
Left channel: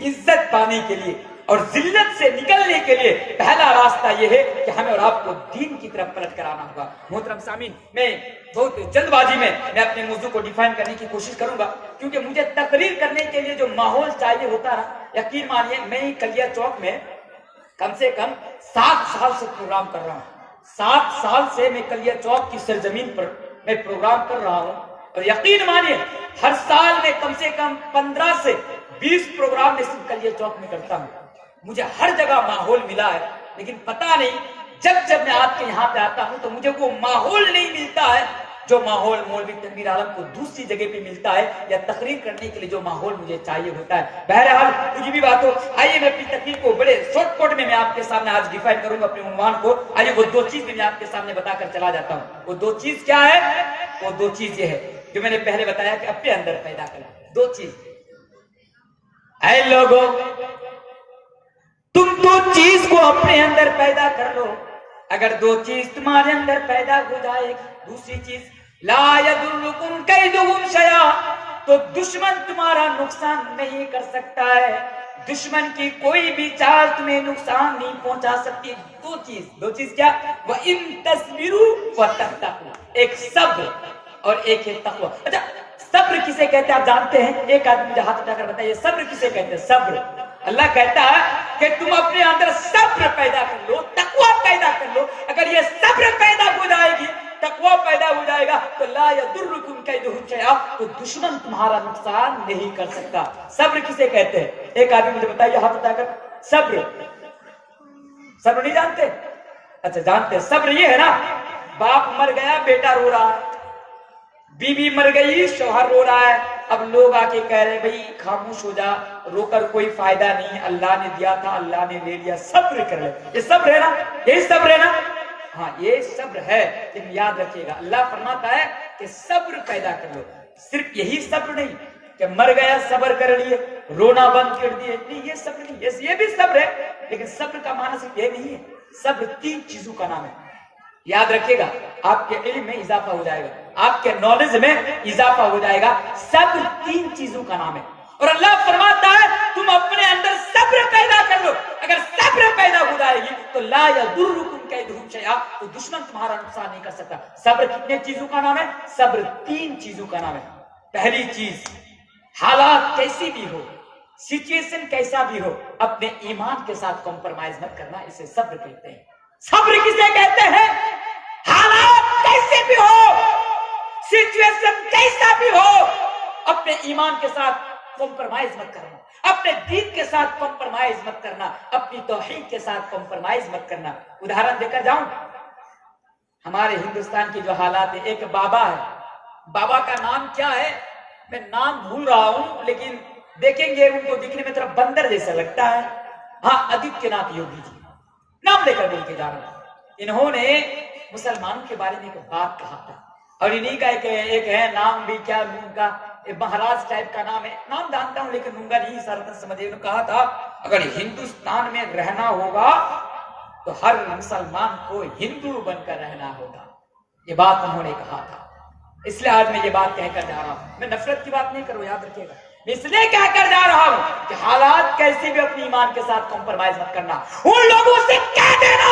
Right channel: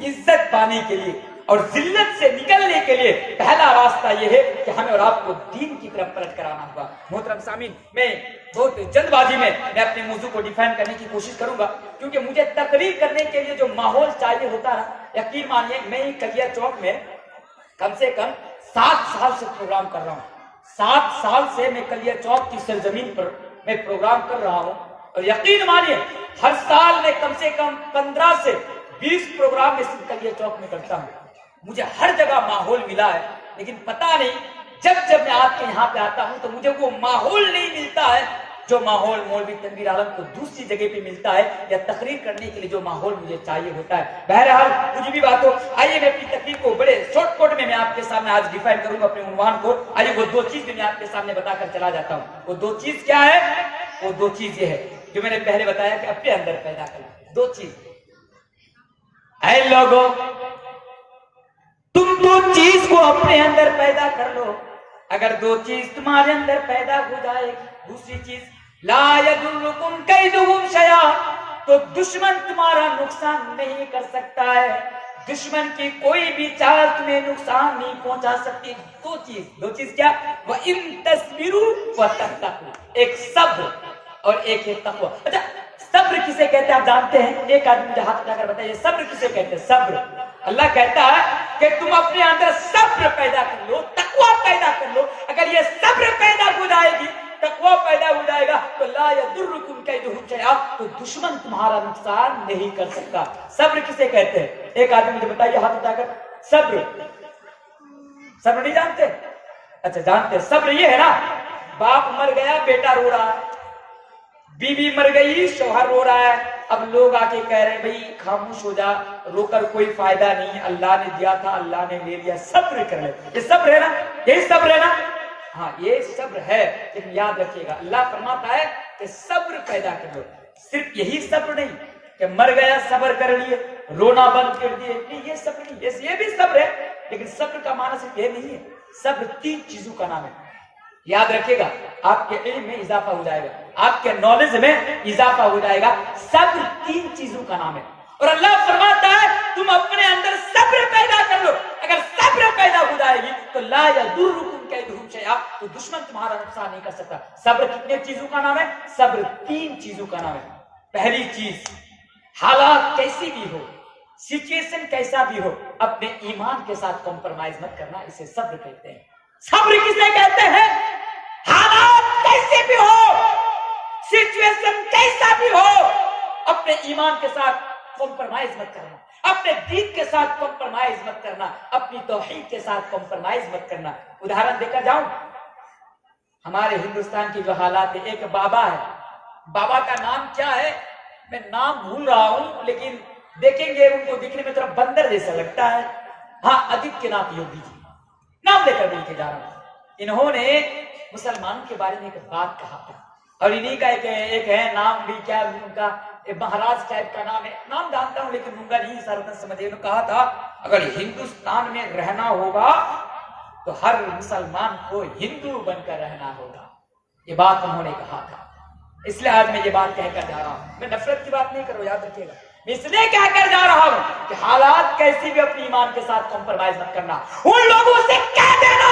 عزت پانے کے لیے اور ذلت سے نکلنے کے لیے پہلا راستہ یہ ہے کہ ہمیں اور آپ کو دین کی طرف پلٹ کر آنا ہوگا۔ محترم سامعین، میں بہت جلد بازی میں اپنے موضوع کو ڈیفائن کرنے کی کوشش کروں گا، کیونکہ مجھے تقریر کرنے کے لیے جو ماحول چاہیے ہوتا نا، یقین مانیے میں کلیا چوک میں کم سے کم 7 سال سے پروگرام کر رہا ہوں۔ 7 سال سے میں کلیا چوک کی سرزمین پر میں پروگرام کر رہا ہوں، اور یقین مانیے ہر سال میں کم سے کم 15 سے 20 پروگرام میں صرف کلیا چوک میں کرتا ہوں۔ مجھے ہر جگہ ماحول ملا ہے، لیکن پتا نہیں جب میں آپ کے یہاں پہ آتا ہوں تو مجھے وہ ماحول نہیں ملتا ہے جو ماحول مولوی تنویر عالم کو دوسری جگہ پہ ملتا ہے، یا تقریر کرنے کے لیے جو ماحول مجھے چاہیے ہوتا ہے۔ بہرحال کچھ بھی بات ہو، آئیے میں اپنی تقریر کو بڑے شارٹ کٹ میں آپ کے سامنے آج ڈیفائن کروں گا اپنے عنوان کو۔ آئیے وہ 2 چیز میں آپ کے سامنے بتا کر چلا جاتا ہوں۔ وہ 2 چیز کیا ہے؟ وہ 2 چیز یہ ہے جو میں نے پہلے بتایا کہ اپنے اندر پیدا کر 2 چیز۔ اے لوگوں، تم 2 چیز کو اپنے اندر پیدا کر لو، اگر 2 چیز تمہارے اندر پیدا ہو جائے گی، دوسری چیز لا یضرکم کیدہم شیئا، تو دشمن تمہارا نقصان نہیں کر سکتا ہے، دشمن کی کوئی بھی چال تمہیں نقصان نہیں پہنچا سکتی۔ 2 چیز کیا؟ وَإِن تَصْبِرُوا وَتَتَّقُوا، ایک صبر اور ایک ہے تقوی۔ اچھا صبر کسے کہتے ہیں آپ جانتے ہیں؟ ایک آدمی مجھے ہاتھ اٹھا کر بتائیے صبر کسے کہتے ہیں؟ صبر، اللہ کہتا ہے کہ تم اپنے اندر صبر پیدا کر لو، تقوی پیدا کر لو۔ اگر یہ صبر پیدا ہو جائے گی، تقوی پیدا ہو جائے گا، تو لا یضرکم کیدہم شیئا، تو دشمن تمہارا نقصان نہیں کر سکتا۔ صبر کسے کہتے ہیں؟ ایک آدمی مجھے بتائیے ہاتھ اٹھا کر، صبر نہیں جانتے؟ اچھا جانتے ہیں۔ صبر یہ ہے نا، باپ مر گیا بیٹا رو رہا ہے، بیوی مر گئی شوہر رو رہا ہے، اب لوگ آ کے کہہ رہے بھائی خاموش ہو جا، رو کر کوئی فائدہ نہیں، اللہ نے دیا تھا اللہ نے لے لیا، صبر کر لے۔ یہ صبر ہے نا، یہی صبر ہے نا؟ ہاں یہ صبر ہے، لیکن یاد رکھیے گا اللہ فرماتا ہے کہ صبر پیدا کر لو۔ صرف یہی صبر نہیں کہ مر گیا صبر کر لیے، رونا بند کر دیے، نہیں یہ صبر نہیں، یہ بھی صبر ہے، لیکن صبر کا معنی صرف یہ نہیں ہے۔ صبر 3 چیزوں کا نام ہے، یاد رکھیے گا، آپ کے علم میں اضافہ ہو جائے گا، آپ کے نالج میں اضافہ ہو جائے گا۔ صبر 3 چیزوں کا نام ہے، اور اللہ فرماتا ہے تم اپنے اندر صبر پیدا کر لو، اگر صبر پیدا ہو جائے گی تو لا یضرکم کیدہم شیئا، تو دشمن تمہارا نقصان نہیں کر سکتا۔ صبر کتنے چیزوں کا نام ہے؟ صبر 3 چیزوں کا نام ہے۔ پہلی چیز، حالات کیسی بھی ہو، سچویشن کیسا بھی ہو، اپنے ایمان کے ساتھ کمپرمائز مت کرنا، اسے صبر کہتے ہیں۔ صبر کسے کہتے ہیں؟ حالات کیسے بھی ہو، سچویشن کیسا بھی ہو، اپنے ایمان کے ساتھ کمپرمائز مت کرنا، اپنے دین کے ساتھ کمپرمائز مت کرنا، اپنی توحید کے ساتھ کمپرمائز مت کرنا۔ ادھارن دے کر جاؤں، ہمارے ہندوستان کی جو حالات ہے، ایک بابا ہے، بابا کا نام کیا ہے میں نام بھول رہا ہوں، لیکن دیکھیں گے ان کو دکھنے میں تھوڑا بندر جیسا لگتا ہے، ہاں آدتیہ ناتھ یوگی جی، نام لے کر بول کے جا رہا ہوں۔ انہوں نے مسلمانوں کے بارے میں ایک بات کہا تھا، اور انہی کا ایک ہے نام بھی کیا ان کا مہاراج ٹائپ کا نام ہے، نام جانتا ہوں لیکن منگا نہیں سارا سمجھے۔ انہوں نے کہا تھا اگر ہندوستان میں رہنا ہوگا تو ہر مسلمان کو ہندو بن کر رہنا ہوگا، یہ بات انہوں نے کہا تھا۔ اس لیے آج میں یہ بات کہہ کر جا رہا ہوں، میں نفرت کی بات نہیں کروں، یاد رکھیے گا، میں اس لیے کہہ کر جا رہا ہوں کہ حالات کیسی بھی اپنی ایمان کے ساتھ کمپرمائز مت کرنا۔ ان لوگوں سے کہہ دینا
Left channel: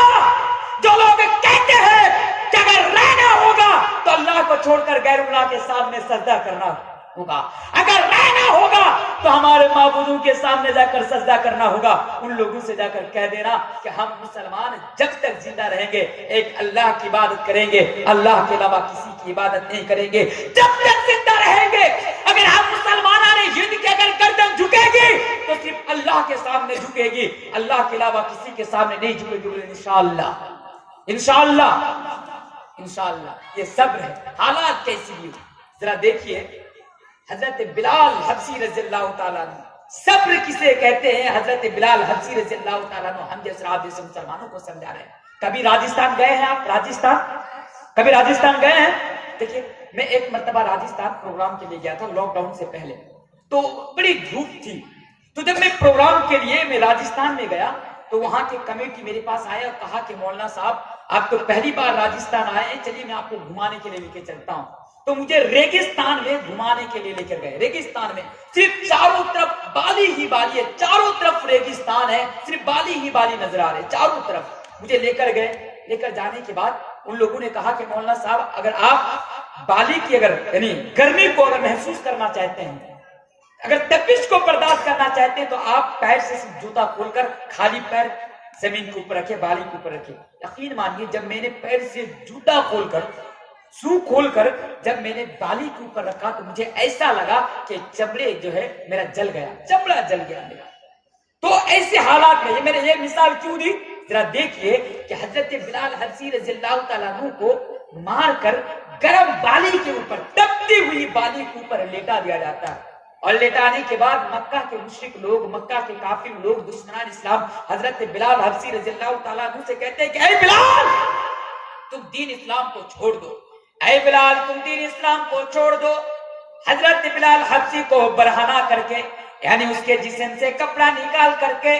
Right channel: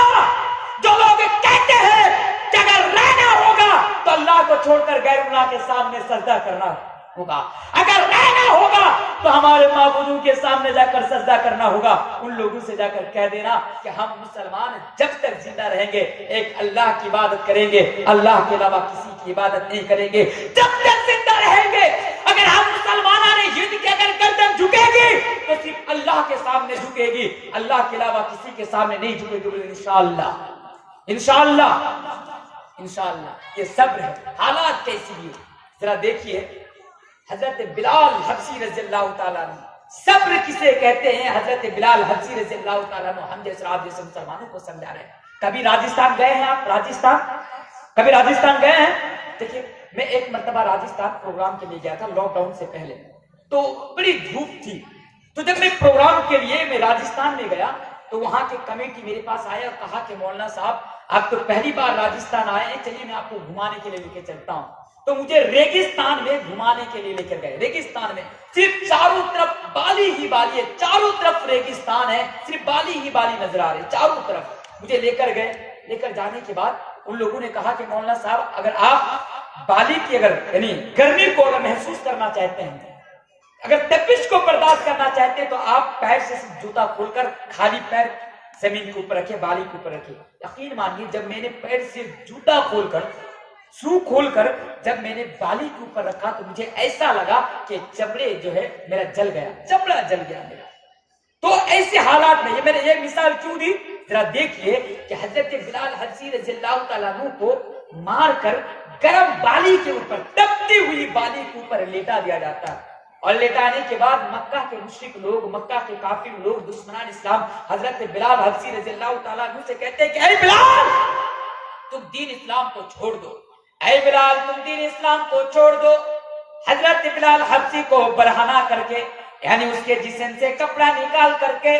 جو لوگ کہتے ہیں کہ اگر رہنا ہوگا تو اللہ کو چھوڑ کر غیر اللہ کے سامنے سجدہ کرنا ہوگا، اگر رہنا ہوگا تو ہمارے معبودوں کے سامنے جا کر سجدہ کرنا ہوگا، ان لوگوں سے جا کر کہہ دینا کہ ہم مسلمان جب تک زندہ رہیں گے ایک اللہ کی عبادت کریں گے، اللہ کے علاوہ کسی کی عبادت نہیں کریں گے جب تک زندہ رہیں گے۔ اگر ہم مسلمانوں نے یہ کہ اگر گردن جھکے گی تو صرف اللہ کے سامنے جھکے گی، اللہ کے علاوہ کسی کے سامنے نہیں جھکے گی، بولے انشاءاللہ انشاءاللہ انشاءاللہ۔ یہ صبر ہے، حالات کیسی بھی ہو۔ ذرا دیکھیے حضرت بلال حبشی رضی اللہ تعالیٰ عنہ، صبر کسے کہتے ہیں؟ حضرت بلال حبشی رضی اللہ تعالیٰ عنہ ہم جیسے آپ جیسے مسلمانوں کو سمجھا رہے ہیں۔ کبھی راجستھان گئے ہیں آپ؟ کبھی راجستھان گئے ہیں؟ دیکھیے میں ایک مرتبہ راجستھان پروگرام کے لیے گیا تھا لاک ڈاؤن سے پہلے، تو بڑی دھوپ تھی، تو جب میں پروگرام کے لیے میں راجستھان میں گیا تو وہاں کے کمیٹی میرے پاس آئے اور کہا کہ مولانا صاحب آپ تو پہلی بار راجستھان آئے ہیں، چلیے میں آپ کو گھمانے کے لیے لے کے چلتا ہوں۔ تو مجھے ریگستان میں گھمانے کے لیے لے کر گئے. ریگستان میں صرف چاروں طرف بالی ہی بالی ہے, چاروں طرف ریگستان ہے, صرف بالی ہی بالی نظر آ رہے چاروں طرف. مجھے لے کر گئے. لے کر جانے کے بعد ان لوگوں نے کہا کہ مولانا صاحب اگر آپ بالی کی یعنی گرمی کو اگر محسوس کرنا چاہتے ہیں, اگر تپش کو برداشت کرنا چاہتے ہیں, تو آپ پیر سے جوتا کھول کر خالی پیر زمین کے اوپر رکھے, بالی کے اوپر رکھے. یقین مانیے جب میں نے پیر سے جوتا کھول کر سو کھول کر جب میں نے بالی کے اوپر رکھا تو مجھے ایسا لگا کہ چمڑے جو ہے میرا جل گیا, چمڑا جل گیا میرا. تو ایسے حالات میں یہ میں نے یہ مثال کیوں دی, ذرا دیکھیے کہ حضرت بلال حبشی رضی اللہ تعالیٰ عنہ کو مار کر گرم بالی کے اوپر, تپتی ہوئی بالی کے اوپر لیٹا دیا جاتا ہے. اور لیٹانے کے بعد مکہ کے مشرک لوگ, مکہ کے کافر لوگ, دشمنان اسلام حضرت بلال حبشی رضی اللہ تعالیٰ عنہ سے کہتے ہیں کہ اے بلال تم دین اسلام کو چھوڑ دو, اے بلال تم دین اسلام کو چھوڑ دو. حضرت بلال حبشی کو برہنہ کر کے, یعنی اس کے جسم سے کپڑا نکال کر کے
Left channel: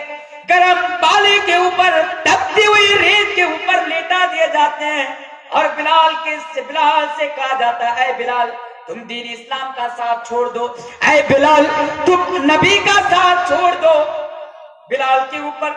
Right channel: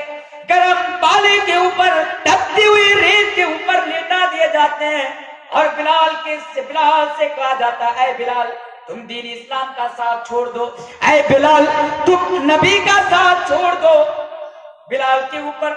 گرم بالی کے اوپر, تپتی ہوئی ریت کے اوپر لیٹا دیے جاتے ہیں. اور بلال سے کہا جاتا ہے اے بلال تم دین اسلام کا ساتھ چھوڑ دو, اے بلال تم نبی کا ساتھ چھوڑ دو. بلال کے اوپر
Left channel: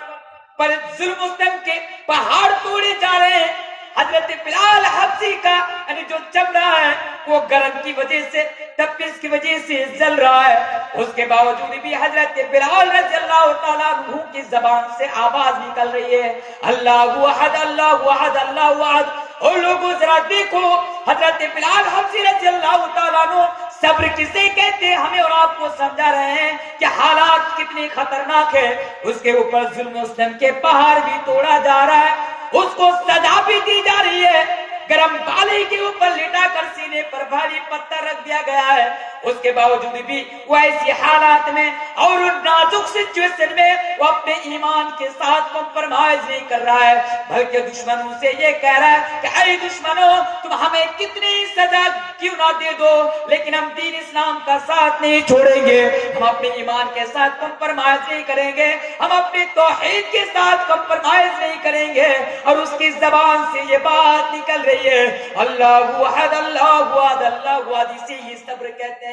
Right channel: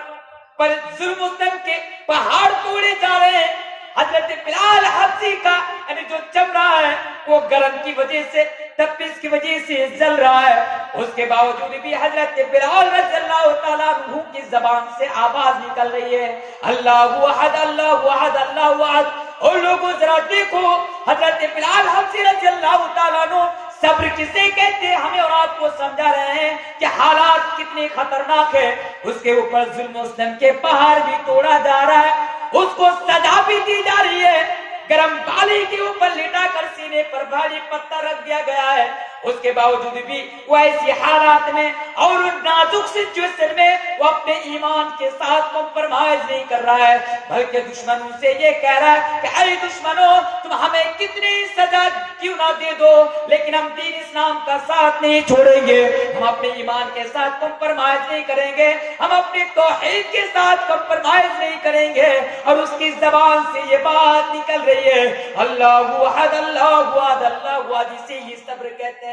پر ظلم و ستم کے پہاڑ توڑے جا رہے ہیں. حضرت بلال حبشی کا یعنی جو چمڑا ہے وہ گرم کی وجہ سے, تپش کی وجہ سے جل رہا ہے. اس کے باوجود بھی حضرت بلال رضی اللہ تعالیٰ عنہ کی زبان سے آواز نکل رہی ہے اللہ احد اللہ احد اللہ احد. اور لوگوں ذرا دیکھو حضرت بلال حبشی رضی اللہ تعالیٰ عنہ صبر کسے کہتے ہیں, ہمیں اور آپ کو سمجھا رہے ہیں کہ حالات کتنے خطرناک ہیں. اس کے اوپر ظلم و ستم کے پہاڑ بھی توڑا جا رہا ہے, اس کو سزا بھی دی جا رہی ہے. گرم بالی کے اوپر لٹا کر سینے پر بھاری پتھر رکھ دیا گیا ہے. اس کے باوجود بھی وہ ایسی حالات میں اور نازک سچویشن میں وہ اپنے ایمان کے ساتھ کمپرمائز نہیں کر رہا ہے, بلکہ دشمنوں سے یہ کہہ رہا ہے کہ اے دشمنوں تم ہمیں کتنی سزا کیوں نہ دے دو, لیکن ہم دین اسلام کا ساتھ نہیں چھوڑیں گے, ہم اپنے ایمان کے ساتھ کمپرمائز نہیں کریں گے, ہم اپنے توحید کے ساتھ کمپرمائز نہیں کریں گے. اور اس کی زبان سے یہ بات نکل رہی ہے اللہ احد اللہ احد اللہ احد. اسے ہی صبر کہتے ہیں.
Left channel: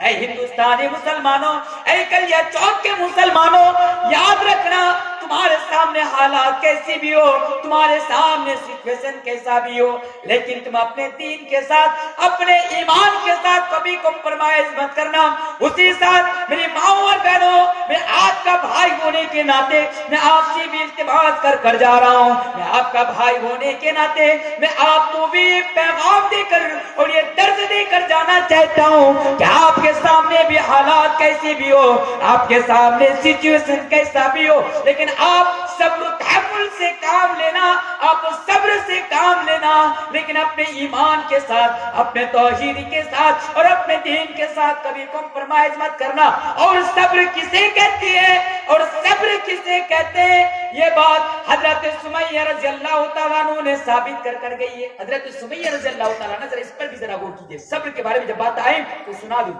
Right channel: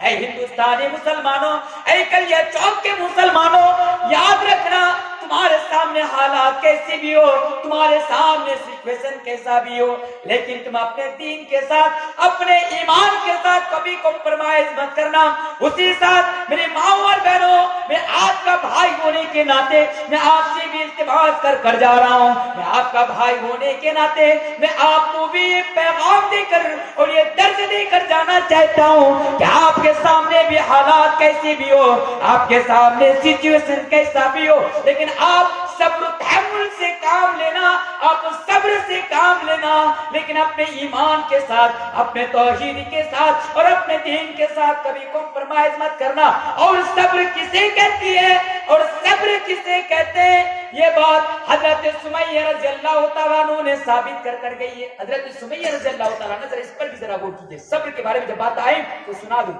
اے ہندوستانی مسلمانوں, اے کلیہ چوک کے مسلمانوں, یاد رکھنا تمہارے سامنے حالات کیسی بھی ہو, تمہارے سامنے سچویشن کیسا بھی ہو, لیکن تم اپنے دین کے ساتھ, اپنے ایمان کے ساتھ کبھی کمپرمائز مت کرنا. اسی ساتھ میری ماؤں اور بہنوں, میں آپ کا بھائی ہونے کے ناطے میں آپ سے بھی التماس کر جا رہا ہوں. میں آپ کا بھائی ہونے کے ناطے میں آپ کو بھی پیغام دے کر اور یہ درد دے کر جانا چاہتا ہوں کہ آپ کے سامنے بھی حالات کیسی بھی ہو, آپ کے سامنے سچویشن کیسا بھی ہو, لیکن آپ صبر و تحمل سے کام لینا, آپ صبر سے کام لینا, لیکن اپنے ایمان کے ساتھ, اپنے توحید کے ساتھ اور اپنے دین کے ساتھ کبھی کمپرمائز مت کرنا. اور صبر کسے کہتی ہے اور صبر کسے کہتے ہیں, یہ بات حضرت سمیہ رضی اللہ تعالیٰ عنہ نے ثابت کر گئی ہے. حضرت سمیہ رضی اللہ تعالیٰ عنہ, اس پر بھی ذرا غور کیجئے. صبر کے بارے میں جب بات آئی تو سنا دوں.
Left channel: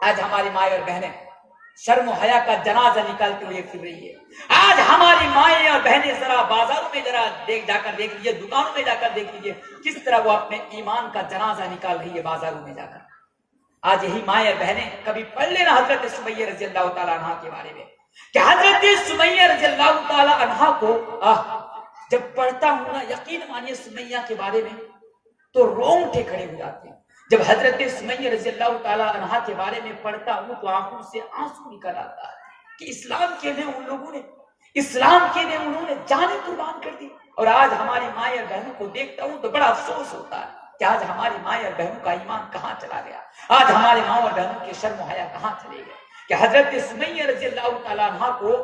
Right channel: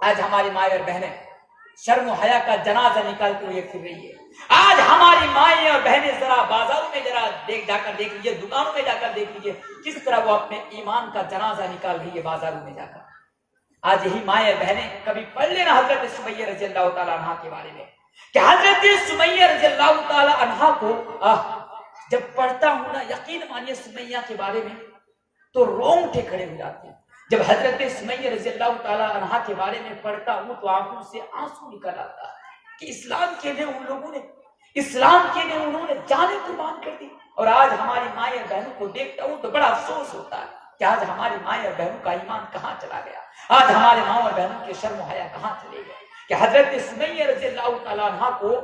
آج ہماری مائیں اور بہنیں شرم و حیا کا جنازہ نکالتے ہوئے پھر رہی ہے. آج ہماری مائیں اور بہنیں ذرا بازاروں میں ذرا جا کر دیکھ لیجیے, دکانوں میں جا کر دیکھ لیجیے کس طرح وہ اپنے ایمان کا جنازہ نکال رہی ہے بازاروں میں جا کر. آج یہی مائیں اور بہنیں, کبھی پڑھ لینا حضرت سمیہ رضی اللہ تعالیٰ عنہ کے بارے میں کہ حضرت سمیہ رضی اللہ تعالیٰ عنہ کو جب پڑھتا ہوں نا, یقین مانیے سمیہ کے بارے میں تو رونگٹے کھڑے ہو جاتے ہیں. جب حضرت سمیہ رضی اللہ تعالیٰ عنہ کے بارے میں پڑھتا ہوں تو آنکھوں سے آنسو نکل آتا ہے کہ اسلام کے لیے ان لوگوں نے, اسلام کے لیے انہوں نے جانیں قربان کر دی. اور آج ہماری مائیں اور بہنوں کو دیکھتا ہوں تو بڑا افسوس ہوتا ہے کہ آج ہماری مائیں اور بہنوں کا ایمان کہاں چلا گیا, آج ہمارے ماں اور بہنوں کے شرم و حیا کہاں چلے گئے. کہ حضرت سمیہ رضی اللہ تعالیٰ عنہ کو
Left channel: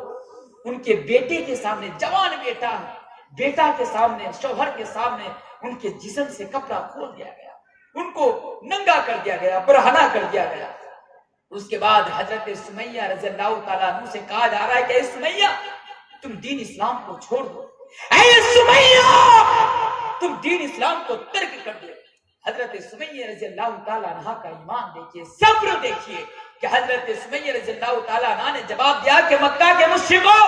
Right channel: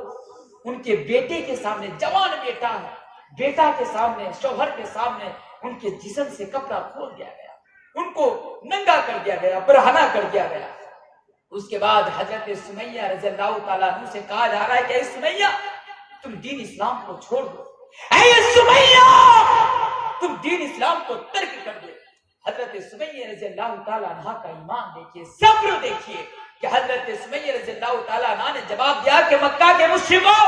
ان کے بیٹے کے سامنے, جوان بیٹا ہے, بیٹا کے سامنے, شوہر کے سامنے ان کے جسم سے کپڑا کھول دیا گیا, ان کو ننگا کر دیا گیا, برہنہ کر دیا گیا. اس کے بعد حضرت سمیہ رضی اللہ تعالیٰ عنہ سے کہا جا رہا ہے کہ اے سمیہ تم دین اسلام کو چھوڑ دو, اے سمیہ تم دین اسلام کو ترک کر دو. حضرت سمیہ رضی اللہ تعالیٰ عنہ کا ایمان دیکھیے, صبر دیکھیے کہ حضرت سمیہ رضی اللہ تعالیٰ عنہ نے جواب دیا کہ مکہ کے مشرکوں,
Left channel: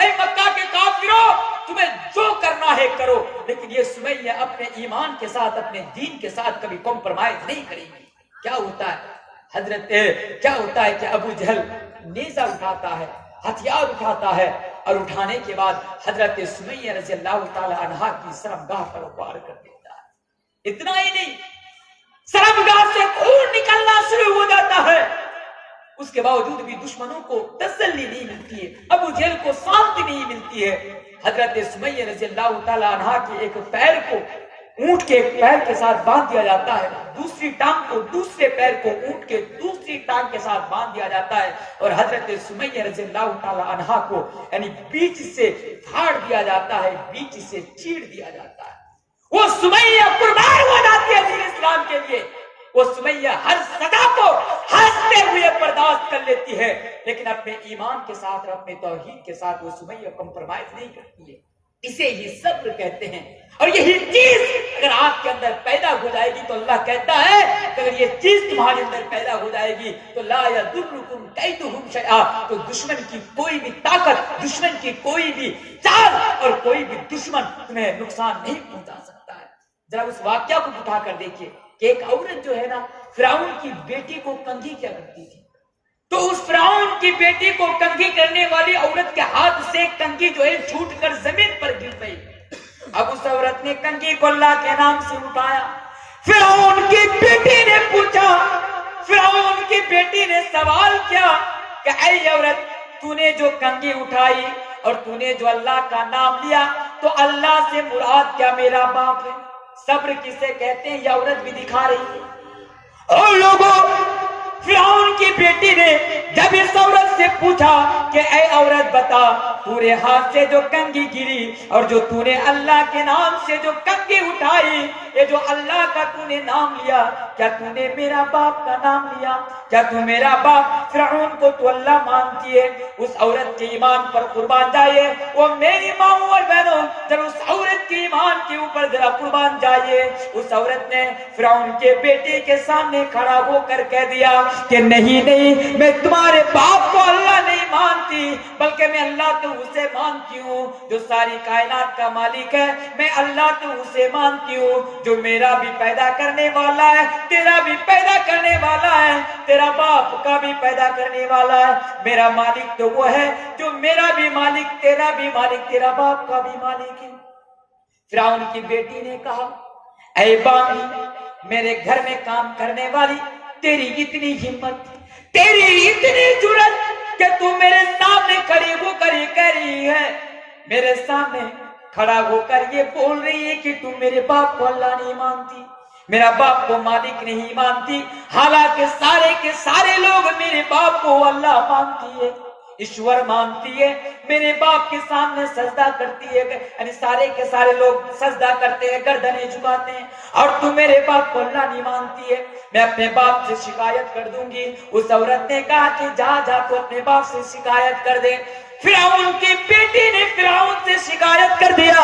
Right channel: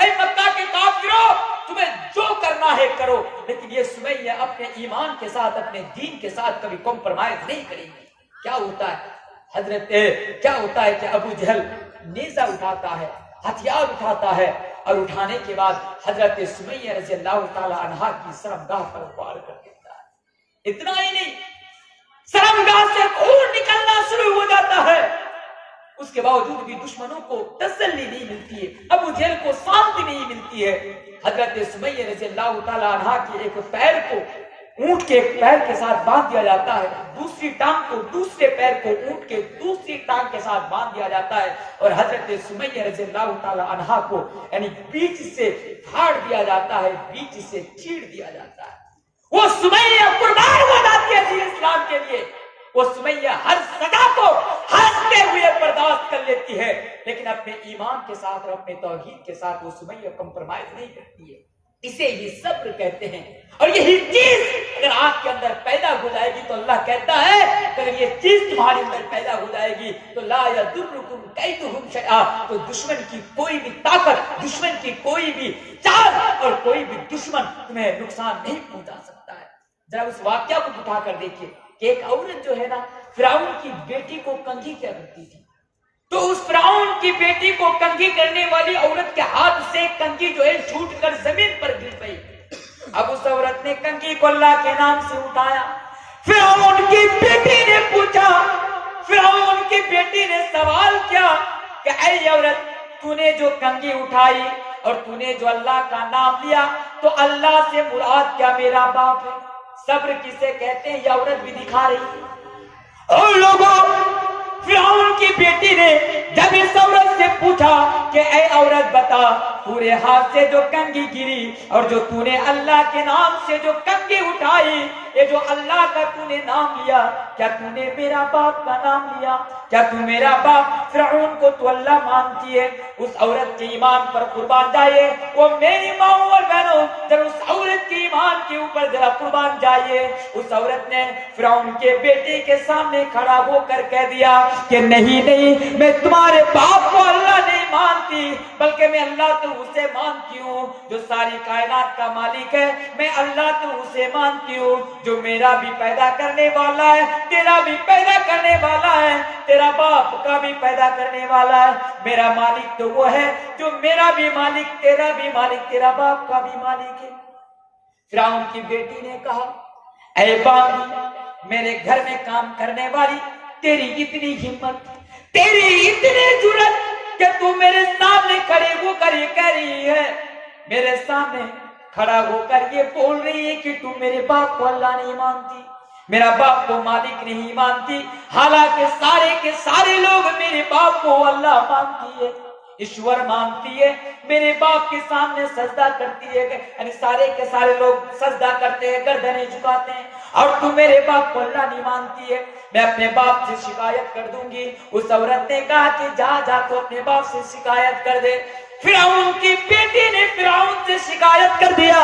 اے مکہ کے کافروں, تمہیں جو کرنا ہے کرو، لیکن یہ سمیہ اپنے ایمان کے ساتھ، اپنے دین کے ساتھ کبھی کمپرومائز نہیں کرے گی۔ کیا ہوتا ہے کہ ابو جہل نیزہ اٹھاتا ہے، ہتھیار اٹھاتا ہے، اور اٹھانے کے بعد حضرت سمیہ رضی اللہ تعالی عنہا کی شرمگاہ پر وار کر دیتا ہے۔ اتنا ہی نہیں، شرمگاہ سے خون نکلنا شروع ہو جاتا ہے۔ اس کے باوجود بھی دشمنوں کو تسلی نہیں ملتی ہے، ابو جہل کو شانتی نہیں ملتی ہے۔ حضرت سمیہ رضی اللہ تعالی عنہا کے ایک پیر کو اونٹ کے ایک پیر کے ساتھ باندھ دیا جاتا ہے، دوسری ٹانگ کو دوسرے پیر کو اونٹ کے دوسری ٹانگ کے ساتھ باندھ دیا جاتا ہے، اور حضرت سمیہ رضی اللہ تعالی عنہا کو یعنی بیچ سے پھاڑ دیا جاتا ہے، بیچ سے چیڑ دیا جاتا ہے۔ وہ سمیہ قربان ہو جاتی ہے دین اسلام کے لیے۔ وہ سمیہ ہر سزا کو ہنستے ہوئے برداشت کر لیتی ہے، لیکن اپنے ایمان کے ساتھ اور اپنے توحید کے ساتھ وہ سمیہ کمپرومائز نہیں کرتی ہے۔ اسے ہی صبر کہتے ہیں۔ اور یہی چیز اگر آپ کے اندر پیدا ہو جائے گی تو اللہ کہتا ہے کہ اگر یہ چیز تمہارے اندر پیدا ہو جائے گی تو لا یضرکم کیدہم شیئا، تو دشمن کی کوئی بھی طاقت، دشمن کی کوئی بھی چال اور کوئی بھی دشمن تمہیں نقصان نہیں پہنچا سکتا ہے۔ ذرا اس واقعہ کو اٹھا کر دیکھیے کہ ایک عورت جو ہے نا فرعون کی بیٹی کو کنگھی کیا کرتی تھی، تو اس فرعون کی بیٹی کو کنگھی کرنے والی عورت کے ہاتھ سے کنگھی جو ہے چھوٹ کر زمین پر گر گئی۔ اب اس عورت نے کنگھی کو اللہ کے نام سے اٹھایا، فرعون کی بیٹی نے پوچھا، فرعون کی بیٹی نے سوال کیا کہ اے عورت، تو نے جو کنگھی اٹھائی اور تو نے جو اللہ کا نام لیا، تو اللہ سے مراد کیا میرا باپ ہے؟ صبر کسے کہتے ہیں یہ عورت بھی دکھا رہی ہے۔ اور لوگوں، فرعون کی بیٹی نے جب اس عورت سے پوچھا کہ اے عورت بتا، پورے ہاتھ سے جو کنگھی گری اور جو تو نے اللہ کے نام سے جو کنگھی اٹھائی، یہ جو اللہ کا تو نے نام لیا، کیا تو نے میرا باپ کا نام لیا؟ کیا تو میرا باپ فرعون کو تو اللہ مانتی ہے؟ اس عورت کے ایمان پر قربان جائیے، وہ میری ماں اور بہنوں، ذرا اس عورت کے ایمان کے اوپر ذرا قربان جائیے۔ اس عورت نے فرعون کے بیٹے کے سامنے کھڑا ہو کر کہہ دیا کہ نہیں نہیں، میں تمہارے باپ کو اللہ نہیں مانتی، بلکہ میں اللہ تو اسے مانتی ہوں جو ساری کائنات کا مالک ہے، میں اللہ تو اسے مانتی ہوں جو میرا بھی پیدا کرنے والا ہے، تیرا بھی پیدا کرنے والا ہے، تیرا باپ کا بھی پیدا کرنے والا ہے۔ میرا مالک تو وہ ہے جو میرا بھی مالک، تیرا بھی مالک، تیرا باپ کا بھی مالک ہے۔ فرعون کی بیٹی نے کہا اے بامی، میرے گھر میں کام کرنے والی، تیری اتنی ہمت، تیری اتنی جرت کہ تو میرے سامنے کھڑی ہو کر یہ کہہ رہی ہے، میرے سامنے کھڑا ہو کر یہ بول رہی ہے کہ تو میرے باپ کو اللہ نہیں مانتی، میرا باپ کو مالک نہیں مانتی، حالانکہ سارے کے سارے لوگ میرے باپ کو اللہ مانتی ہے، ایشور مانتی ہے، میرے باپ کے سامنے سجدہ کرتی ہے، یعنی سارے کے سارے لوگ سجدہ کرتے ہیں، گردنیں جھکاتے ہیں، اور تو میرے باپ کو اللہ نہیں مانتی ہے، میں اپنے باپ سے شکایت کر دوں گی۔ اس عورت نے کہا کہ جا تو اپنے باپ سے شکایت کر دے۔ فرعون کی بیٹی نے فرعون سے شکایت کر دیا،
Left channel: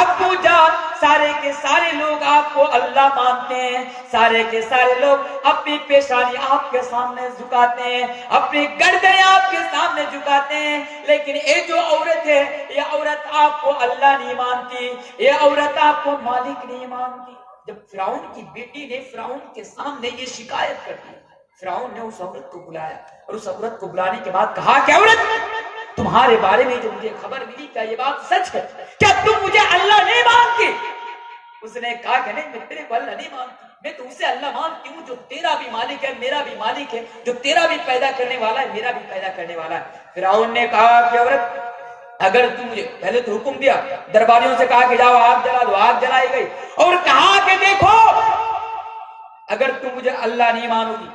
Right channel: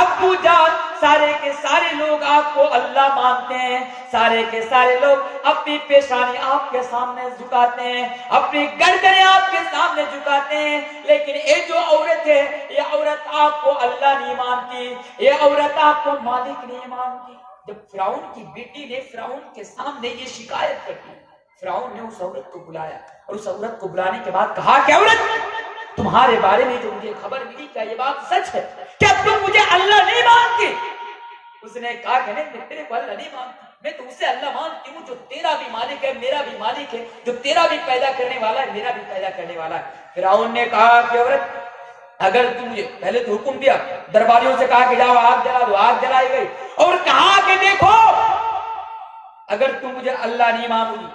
ابو جان، سارے کے سارے لوگ آپ کو اللہ مانتے ہیں، سارے کے سارے لوگ اپنی پیشانی آپ کے سامنے جھکاتے ہیں، اپنی گردنیں آپ کے سامنے جھکاتے ہیں، لیکن یہ جو عورت ہے، یہ عورت آپ کو اللہ نہیں مانتی، یہ عورت آپ کو مالک نہیں مانتی۔ جب فرعون کی بیٹی نے فرعون کے سامنے یہ شکایت کر دی، فرعون نے اس عورت کو بلایا، اور اس عورت کو بلانے کے بعد کہا کہ عورت، تمہارے بارے میں جو مجھے خبر ملی، کیا یہ بات سچ ہے؟ کیا تم مجھے اللہ نہیں مانتی؟ اس نے کہا کہ نہیں، میں تیرے کو اللہ نہیں مانتی، میں تو اسے اللہ مانتی ہوں جو تیرا بھی مالک ہے، میرا بھی مالک ہے، جو تیرا بھی پیدا کرنے والا ہے، میرا بھی پیدا کرنے والا ہے۔ فرعون نے کہا کہ عورت، اگر تم مجھے پہلے تو حکم دیا، درباریوں سے کہا کہ جاؤ آگ جلا دو، آگ جلائی گئی، اور کہا کہ دیکھو اگر تم مجھے اللہ نہیں مانو گی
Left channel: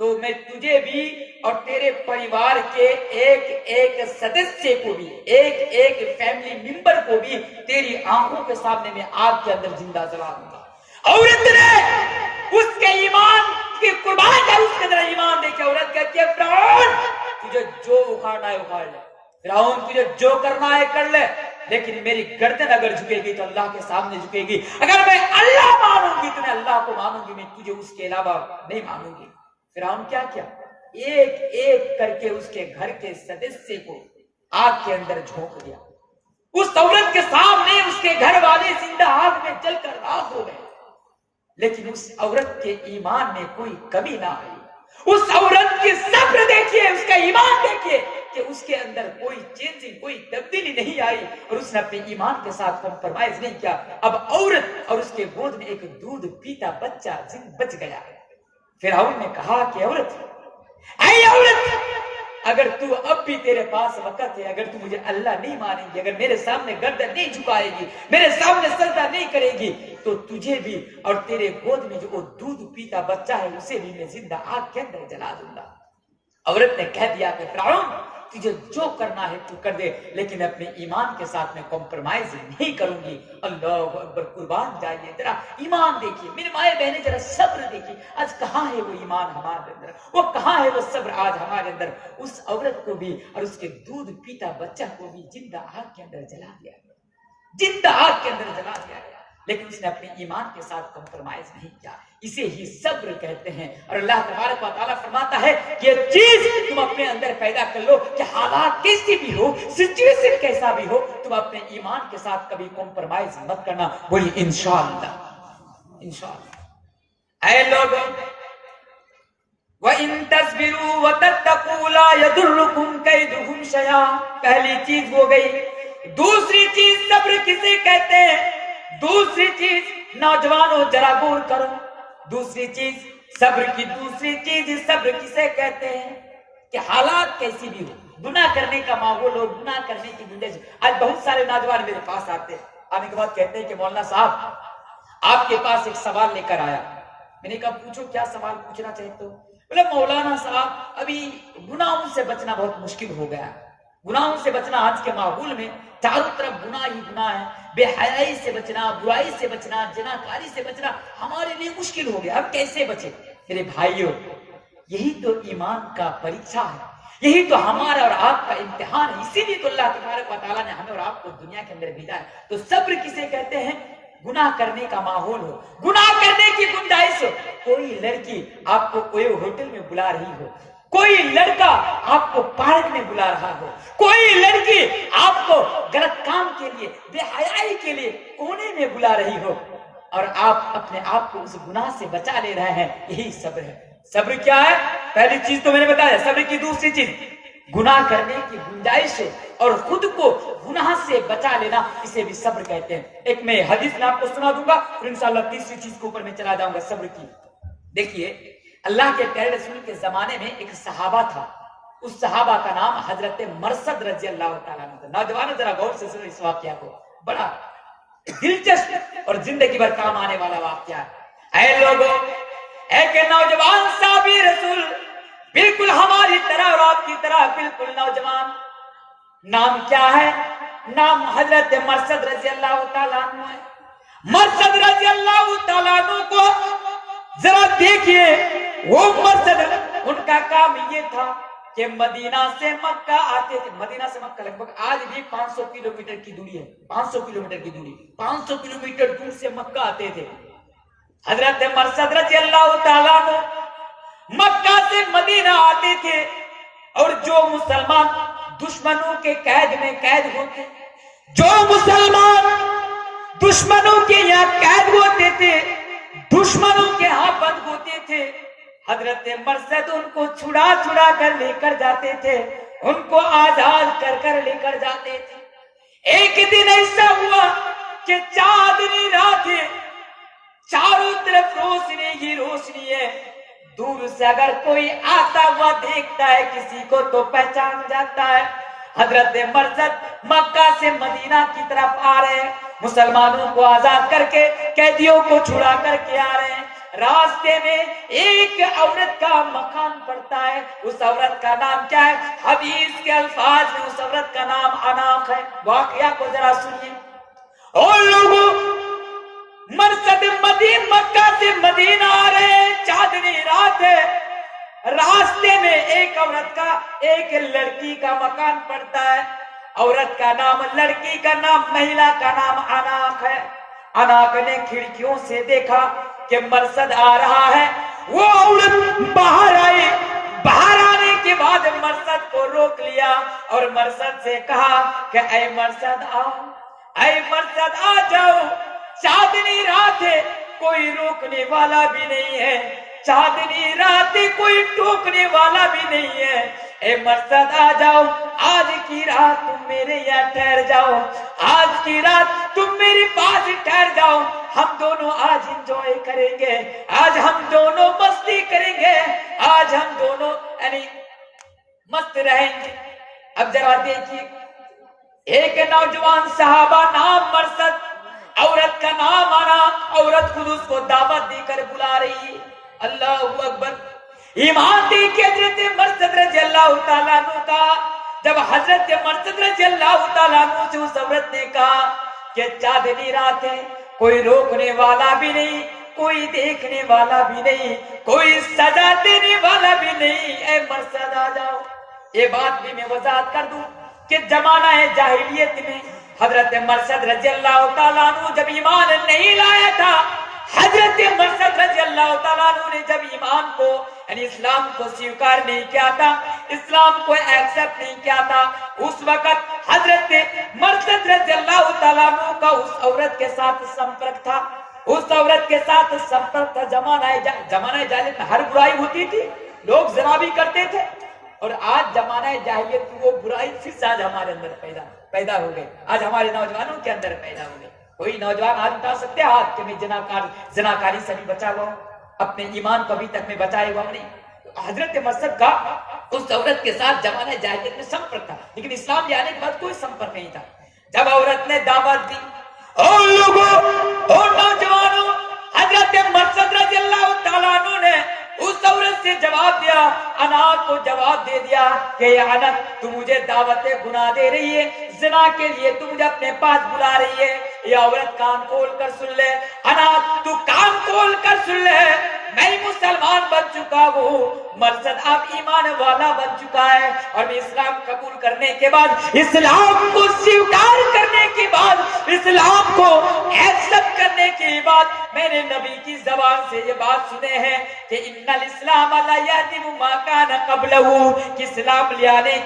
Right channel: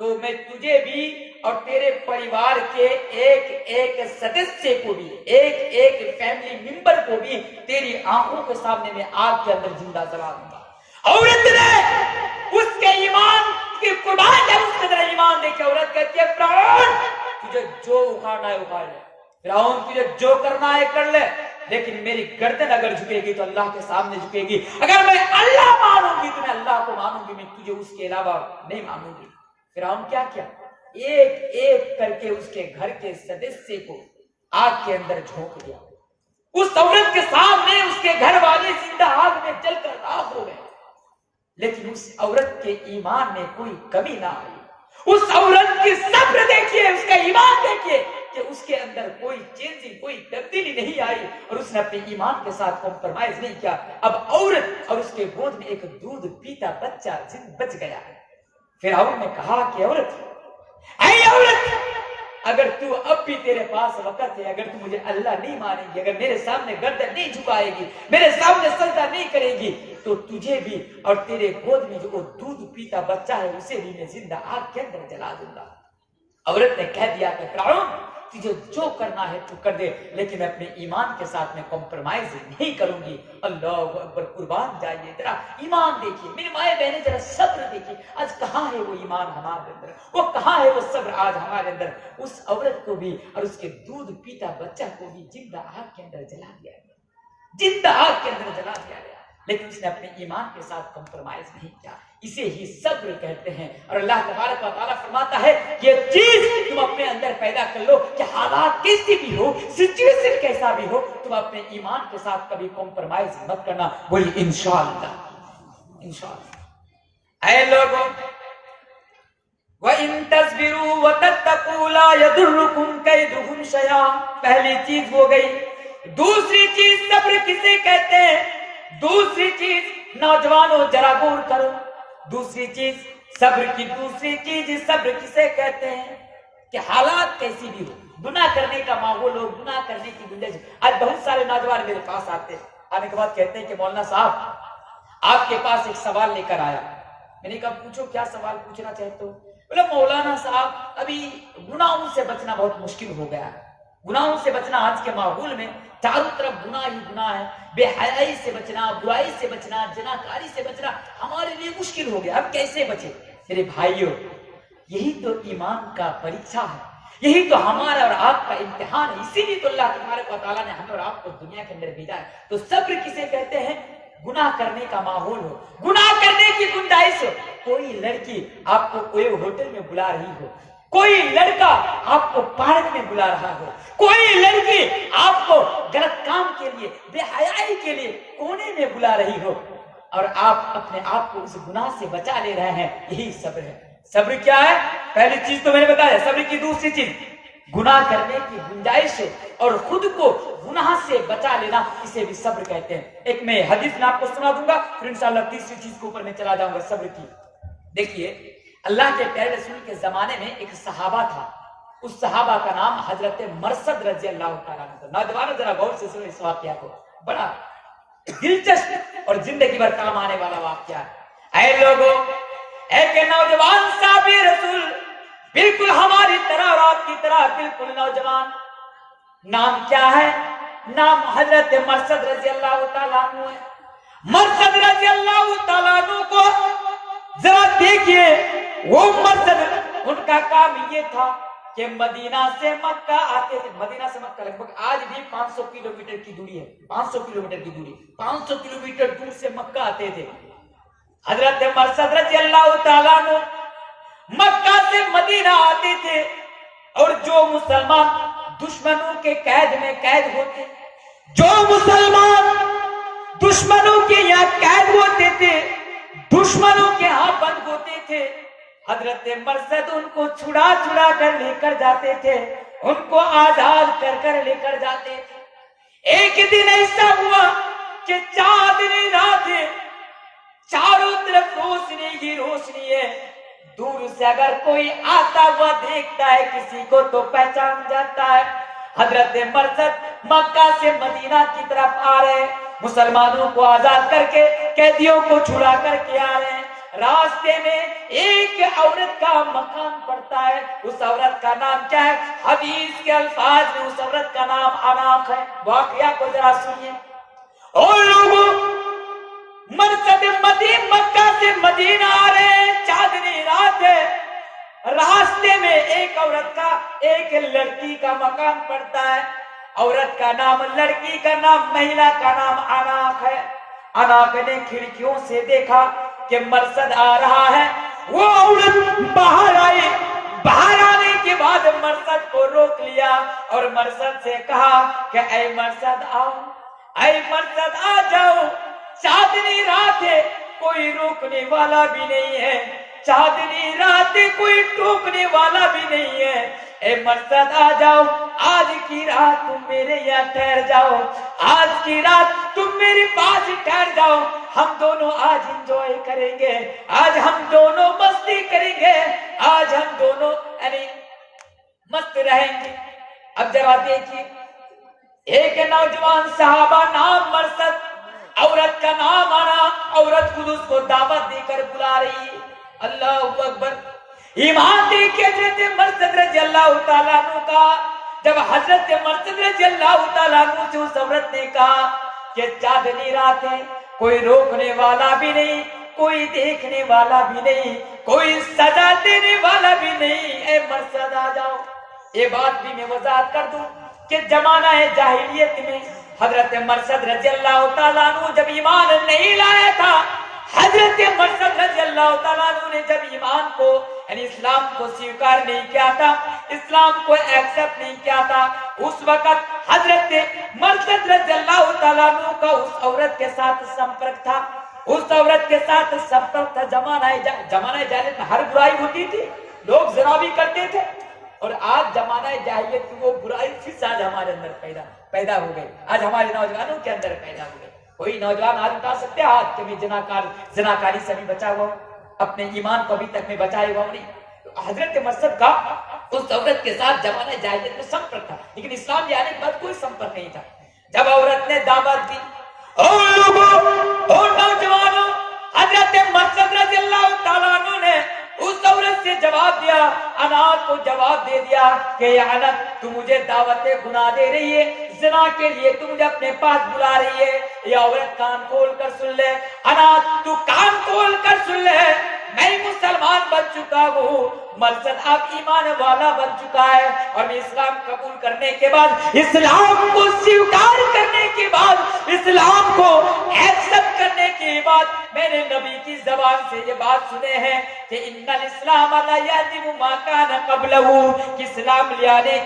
تو میں تجھے بھی اور تیرے پریوار کے ایک ایک سدسیہ کو بھی، ایک ایک فیملی ممبر کو بھی تیری آنکھوں کے سامنے میں آگ کے اندر زندہ جلا دوں گا۔ عورت نے اس کے ایمان کی قربان ہے، اس کے اندر ایمان دے کے عورت کہتی ہے فرعون، تجھے جو اکھاڑنا ہے اکھاڑ لے، فرعون تجھے جو کرنا ہے کر لے، لیکن میری گردن اگر جھکے گی تو اللہ کے سامنے جھکے گی، اگر میں اللہ مانوں گی تو میں اللہ کو مانوں گی، میں تجھے اس کے علاوہ نہیں مانوں گی۔ فرعون کیا کیا؟ ایک ایک کر کے اس کے گھر کے سدسیہ کو آگ کے اندر جھونک دیا، اس عورت کے سامنے اس کے گھر والے زندہ آگ میں جل کر راکھ ہو گئے، لیکن اس عورت کے ایمان میں کوئی کمی نہ آئی۔ اس عورت کی صبر دیکھیے، اس کا ایمان دیکھیے کہ اس کے اندر کوئی چینجنگ، کوئی تبدیلی نہیں آئی، اور اس نے اپنے ایمان کے ساتھ کمپرمائز نہیں کیا۔ اب عورت اور اس کے گود میں ایک دودھ پیتا بچہ بچ گیا۔ فرعون نے کہا کہ عورت، اے عورت، اگر تو اب بھی تیرے پاس وقت ہے، اگر تو مجھے اللہ نہیں مانے گی، اگر میرے سامنے گردن نہیں جھکائے گی، میرے سامنے سجدہ نہیں کرے گی، تو تجھے بھی اور تیرے گود میں جو وہ دودھ پیتا بچہ ہے اسے بھی میں زندہ آگ کے اندر جلا دوں گا۔ عورت نے کہہ دیا کہ فرعون، تجھے جو کرنا ہے تو کر دے، لیکن اپنے ایمان کے ساتھ میں کمپرمائز نہیں کروں گی۔ اللہ اکبر، قربان جائیے، ذرا ایمان دیکھیے میرے مائیں بہنیں، ذرا صبر دیکھیے، آج کہاں ہے وہ ایمان ہمارے اندر، وہ کہاں ہے وہ صبر آج ہمارے اندر۔ اس عورت کو بھی اور اس کے دودھ پیتا بچہ کو بھی زندہ آگ کے اندر جلا دیا گیا، زندہ آگ کے اندر جلا دیا گیا، لیکن اس نے اپنے ایمان کے ساتھ کمپرمائز نہیں کیا۔ اسے ہی صبر کہتے ہیں۔ اور اللہ تبارک و تعالیٰ فرماتا ہے یہ چیز تم اپنے اندر پیدا کر لو کہ حالات کیسی بھی ہو، سچویشن کیسا بھی ہو، تم اپنے ایمان کے ساتھ کبھی کمپرمائز مت کرنا۔ بولی انشاءاللہ، انشاءاللہ۔ اے لوگوں، وَإِن تَصْبِرُوا وَتَتَّقُوا لَا يَضُرُّكُمْ كَيْدُهُمْ شَيْئًا، پہلی چیز ہو گئی۔ دوسری چیز صبر کسے کہتے ہیں؟ دوسری چیز نوجوانوں ذرا غور کرو، دوسری چیز صبر کی دوسری چیز صبر کسے کہتے ہیں کہ حالات کیسی بھی ہو، گناہ کرنے کا ماحول ہو، گناہ کرنے کی گنجائش۔ آج بہت سارے نوجوان میرے پاس آتے ہیں، آنے کے بعد کہتے ہیں کہ مولانا صاحب آپ کے پاس ایک سوال لے کر آیا۔ میں نے کہا پوچھو، کیا سوال پوچھنا چاہتے ہو؟ بولے مولانا صاحب ابھی گناہوں سے بچنا بہت مشکل ہو گیا ہے، گناہوں سے بچنا آج کے ماحول میں چاروں طرف گناہ ہی گناہ ہے، بے حیائی سے بچنا، برائی سے بچنا، جناکاری سے بچنا ہمارے لیے مشکل ہو گیا، اب کیسے بچے؟ میرے بھائیوں، یہی تو ایمان کا پریکشا ہے، یہی تو ہمارا اور آپ کا امتحان ہے، اسی لیے تو اللہ تبارک و تعالیٰ نے ہمیں اور آپ کو دنیا کے اندر بھیجا ہے۔ تو صبر کسے کہتے ہیں؟ گناہ کرنے کا ماحول ہو، گناہ کرنے کی گنجائش ہو، کوئی لڑکی آپ کو کوئی ہوٹل میں بلا رہی ہو، کوئی لڑکا آپ کو پارک میں بلا رہا ہو، کوئی لڑکی آپ کو غلط کام کے لیے، بے حیائی کے لیے کونے میں بلا رہی ہو، اور آپ اپنے آپ کو اس گناہ سے بچا لے رہے ہیں، یہی صبر ہے۔ صبر کیا ہے؟ پہلی چیز تو میں نے بتایا، صبر کی دوسری چیز گناہ کرنے کی گنجائش اور خود کو گناہ سے بچا لینا، اسے بھی صبر کہتے ہیں۔ ایک میں حدیث میں آپ کو سنا دوں گا، پھر انشاءاللہ تیسری چیز کے اوپر میں چلا جاؤں گا صبر کی۔ دیکھیے، اللہ کے پیارے رسول کے زمانے میں ایک صحابہ تھا، اس صحابہ کا نام حضرت مرثد رضی اللہ تعالیٰ عنہ تھا۔ نوجوانوں ذرا غور سے سنو اس واقعہ کو، بڑا دلچسپ اور زندگی بھر کام آنے والا واقعہ ہے۔ اے لوگوں، ایک نوجوان صحابی رسول، بالکل ہماری طرح اور آپ کی طرح بالکل نوجوان، نام کیا ہے؟ نام حضرت مرثد رضی اللہ تعالیٰ عنہ ہے۔ مرثد رضی اللہ تعالیٰ عنہ کو ذرا دیکھیے، وہ مرثد، ان کا کام یہ تھا کہ مدینہ سے مکہ آتے تھے۔ مدینہ سے مکہ لگ بھگ آج بھی 500 کلومیٹر کی دوری ہے، 500 کلومیٹر کی دوری، 500 کلومیٹر دور سے مکہ آتے تھے۔ حضرت مرثد رضی اللہ تعالیٰ عنہ مکہ سے مدینہ آتے تھے، اور جو مسلمان دشمنوں کے قید میں قید ہوتے، جو مسلمان دشمنوں کے یہاں قید ہوتے تھے، دشمنوں کے ہاں بند ہوتے تھے، حضرت مرثد ان کو چھڑا چھڑا کر لے کر جاتے تھے، ان کو آزاد کر کر لے کر جاتے تھے۔ ایک دن ایسا ہوا کہ چاندنی رات ہے، چاروں طرف روشنی ہی روشنی ہے، دور سے اگر کوئی آتا ہوا دیکھتا ہے کسی کو تو پہچان جاتا ہے۔ حضرت مرثد مکہ سے مدینہ کی طرف آ رہے ہیں، مسلمانوں کو آزاد کر کے، قیدیوں کو چھڑا کر کے آ رہے ہیں۔ راستے میں ایک عورت کا مکان پڑتا ہے، اس عورت کا نام کیا ہے؟ حدیث کے الفاظ میں اس عورت کا نام اناق ہے۔ واقعہ کو ذرا سنیے۔ اور لوگوں، مرثد مکہ سے مدینہ آ رہے ہیں، چاندنی رات ہے، راستے میں ایک عورت کا، ایک لڑکی کا مکان پڑتا ہے، عورت کا نام، لڑکی کا نام، مہیلا کا نام اناق ہے۔ اناق نے کھڑکیوں سے دیکھا کہ مرثد آ رہا ہے، وہ عورت باہر آئی، باہر آنے کے بعد بعد مرثد کو روک لیا اور مرثد سے کہا کہ اے مرثد آؤ، اے مرثد آ جاؤ، چاندنی رات ہے، کوئی روکنے والا بھی نہیں ہے، چاندنی رات ہے، کوئی ٹوکنے والا بھی نہیں ہے، اے مرثد آ جاؤ، آج کی رات تم میرے یہاں ٹھہر جاؤ، آج کی رات تم میرے پاس ٹھہر جاؤ، ہم دونوں آج انجوائے کریں گے، آج ہم دونوں مستی کریں گے، آج ہم دونوں یعنی مست رہیں گے۔ اب ذرا دیکھیے، ایک نوجوان صحابہ نام مرثد، عورت کا نام آرام، عورت خود اس کو دعوت دے کر بلا رہی ہے۔ اللہ اکبر، ایمان دیکھیں حضرت مرثد رضی اللہ تعالیٰ عنہ کا، جب حضرت مرثد رضی اللہ تعالیٰ عنہ سے اس عورت نے کہا کہ چاندنی رات ہے، کوئی روکنے والا بھی نہیں، کوئی دیکھنے والا بھی نہیں، کوئی سزا دینے والا بھی نہیں، اے مرثد آ جاؤ۔ یہ بات بھی میں وضاحت کر دوں کہ زمانہ جاہلیت میں حضرت مرثد رضی اللہ تعالیٰ عنہ جب ایمان نہیں لایا تھا، حضرت مرثد رضی اللہ تعالیٰ عنہ نے جب ایمان کو یعنی اسلام کو سویکار نہیں کیا تھا، اسلام کو ایکسپٹ نہیں کیا تھا، اس وقت حضرت مرثد رضی اللہ تعالیٰ عنہ کا اس عورت کے ساتھ سمپرک تھا، اس عورت کے ساتھ سمپرک تھا۔ زمانہ جاہلیت میں ہر برائی ہوتی تھی، لوگ زنا بھی کرتے تھے، اور آج زمانہ جاہلیت کی وہ برائی پھر آج ہمارے اندر پیدا ہو گئی، آج ہمارے نوجوانوں کے اندر پیدا ہو گئی۔ کوئی نوجوان آج اٹھا سکتے ہیں آج کہ میں زناکاری سے بھی بچا ہوا ہوں، اپنے ایمان کو ابھی تک میں بچائے ہوا نہیں۔ تو حضرت مرثد کا اس عورت کے ساتھ زمانہ جاہلیت میں سمپرک تھا، لیکن اسلام لے آنے کے بعد کوئی سمپرک نہیں تھا۔ جب عورت نے دعوت دی، اور لوگوں اور نوجوانوں، حضرت مرثد رضی اللہ تعالیٰ عنہ نے اس عورت سے جواب دیا، انات کو جواب دے دیا کہ یہ انت تو مجھے دعوت گناہ دے رہی ہے، زنا کے لیے تو مجھے اپنے پاس بلا رہی ہے۔ یہ عورت کان کھول کر سن لے، انات تو کان کھول کر سن لے، میں مسلمان بن چکا ہوں، مرثد اب ایمان والا بن چکا ہے، اور میں اسلام قبول کرنے کے بعد، اسلام کو سویکار کرنے کے بعد، اسلام کو ایکسپٹ کرنے کے بعد میں نے نبی کی زبان سے یہ بات سنے ہیں کہ ان الاسلام لا یہدم ما کان قبلہ، کہ اسلام لے آنے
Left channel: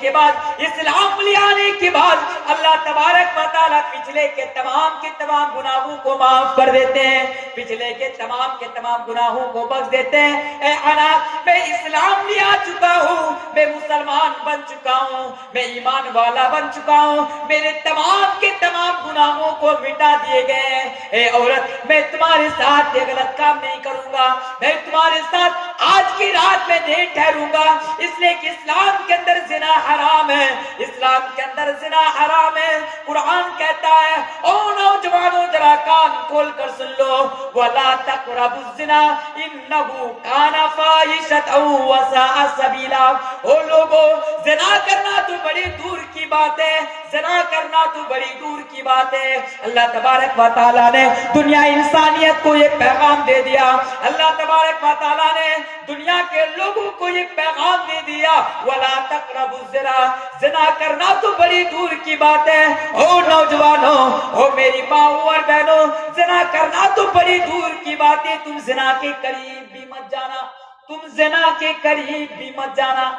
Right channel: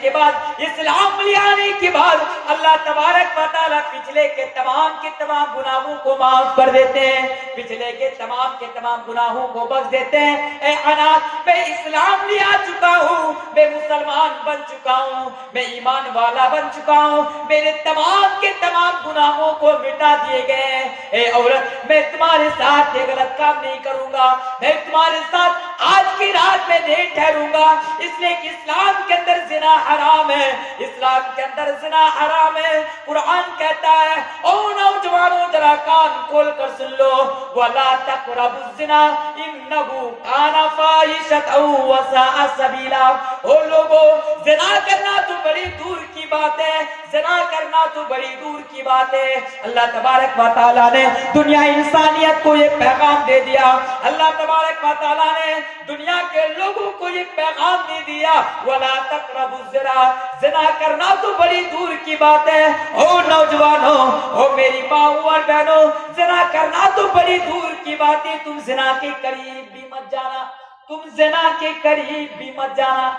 کے بعد اللہ تبارک و تعالیٰ پچھلے کے تمام گناہوں کو معاف کر دیتے ہیں، پچھلے کے تمام گناہوں کو بخش دیتے ہیں۔ اے اناس، میں اسلام لے آ چکا ہوں، میں مسلمان بن چکا ہوں، میں ایمان والا بن چکا ہوں، میرے تمام گناہوں کو مٹا دیے گئے ہیں۔ اے عورت، میں تمہارے ساتھ یہ غلط کام نہیں کروں گا، میں تمہارے ساتھ آج کی رات میں نہیں ٹھہروں گا، اس لیے کہ اسلام کے اندر زنا حرام ہے، اسلام کے اندر زنا حرام ہے۔ قرآن کہتا ہے، او نوجوانوں ذرا کان کھول کر سن لو، وَلَا تَقْرَبُوا الزِّنَا إِنَّهُ كَانَ فَاحِشَةً وَسَاءَ سَبِيلًا۔ او لوگو، زنا کرنا تو بڑی دور کی بات ہے، زنا کرنا تو بڑی دور کی بات ہے۔ اللہ تبارک و تعالیٰ نے دنیا انسانیت کو یہ پیغام دے دیا، اللہ تبارک و تعالیٰ نے دنیا کے لوگوں کو یہ پیغام دے دیا، وَلَا تَقْرَبُوا الزِّنَا، زنا کرنا تو بڑی دور کی بات ہے۔ او نوجوانوں، او میری ماں اور بہنوں، زنا کرنا تو بڑی دور کی بات ہے، تم زنا کے قریب بھی مت جانا، تم زنا کے قریب بھی مت جانا۔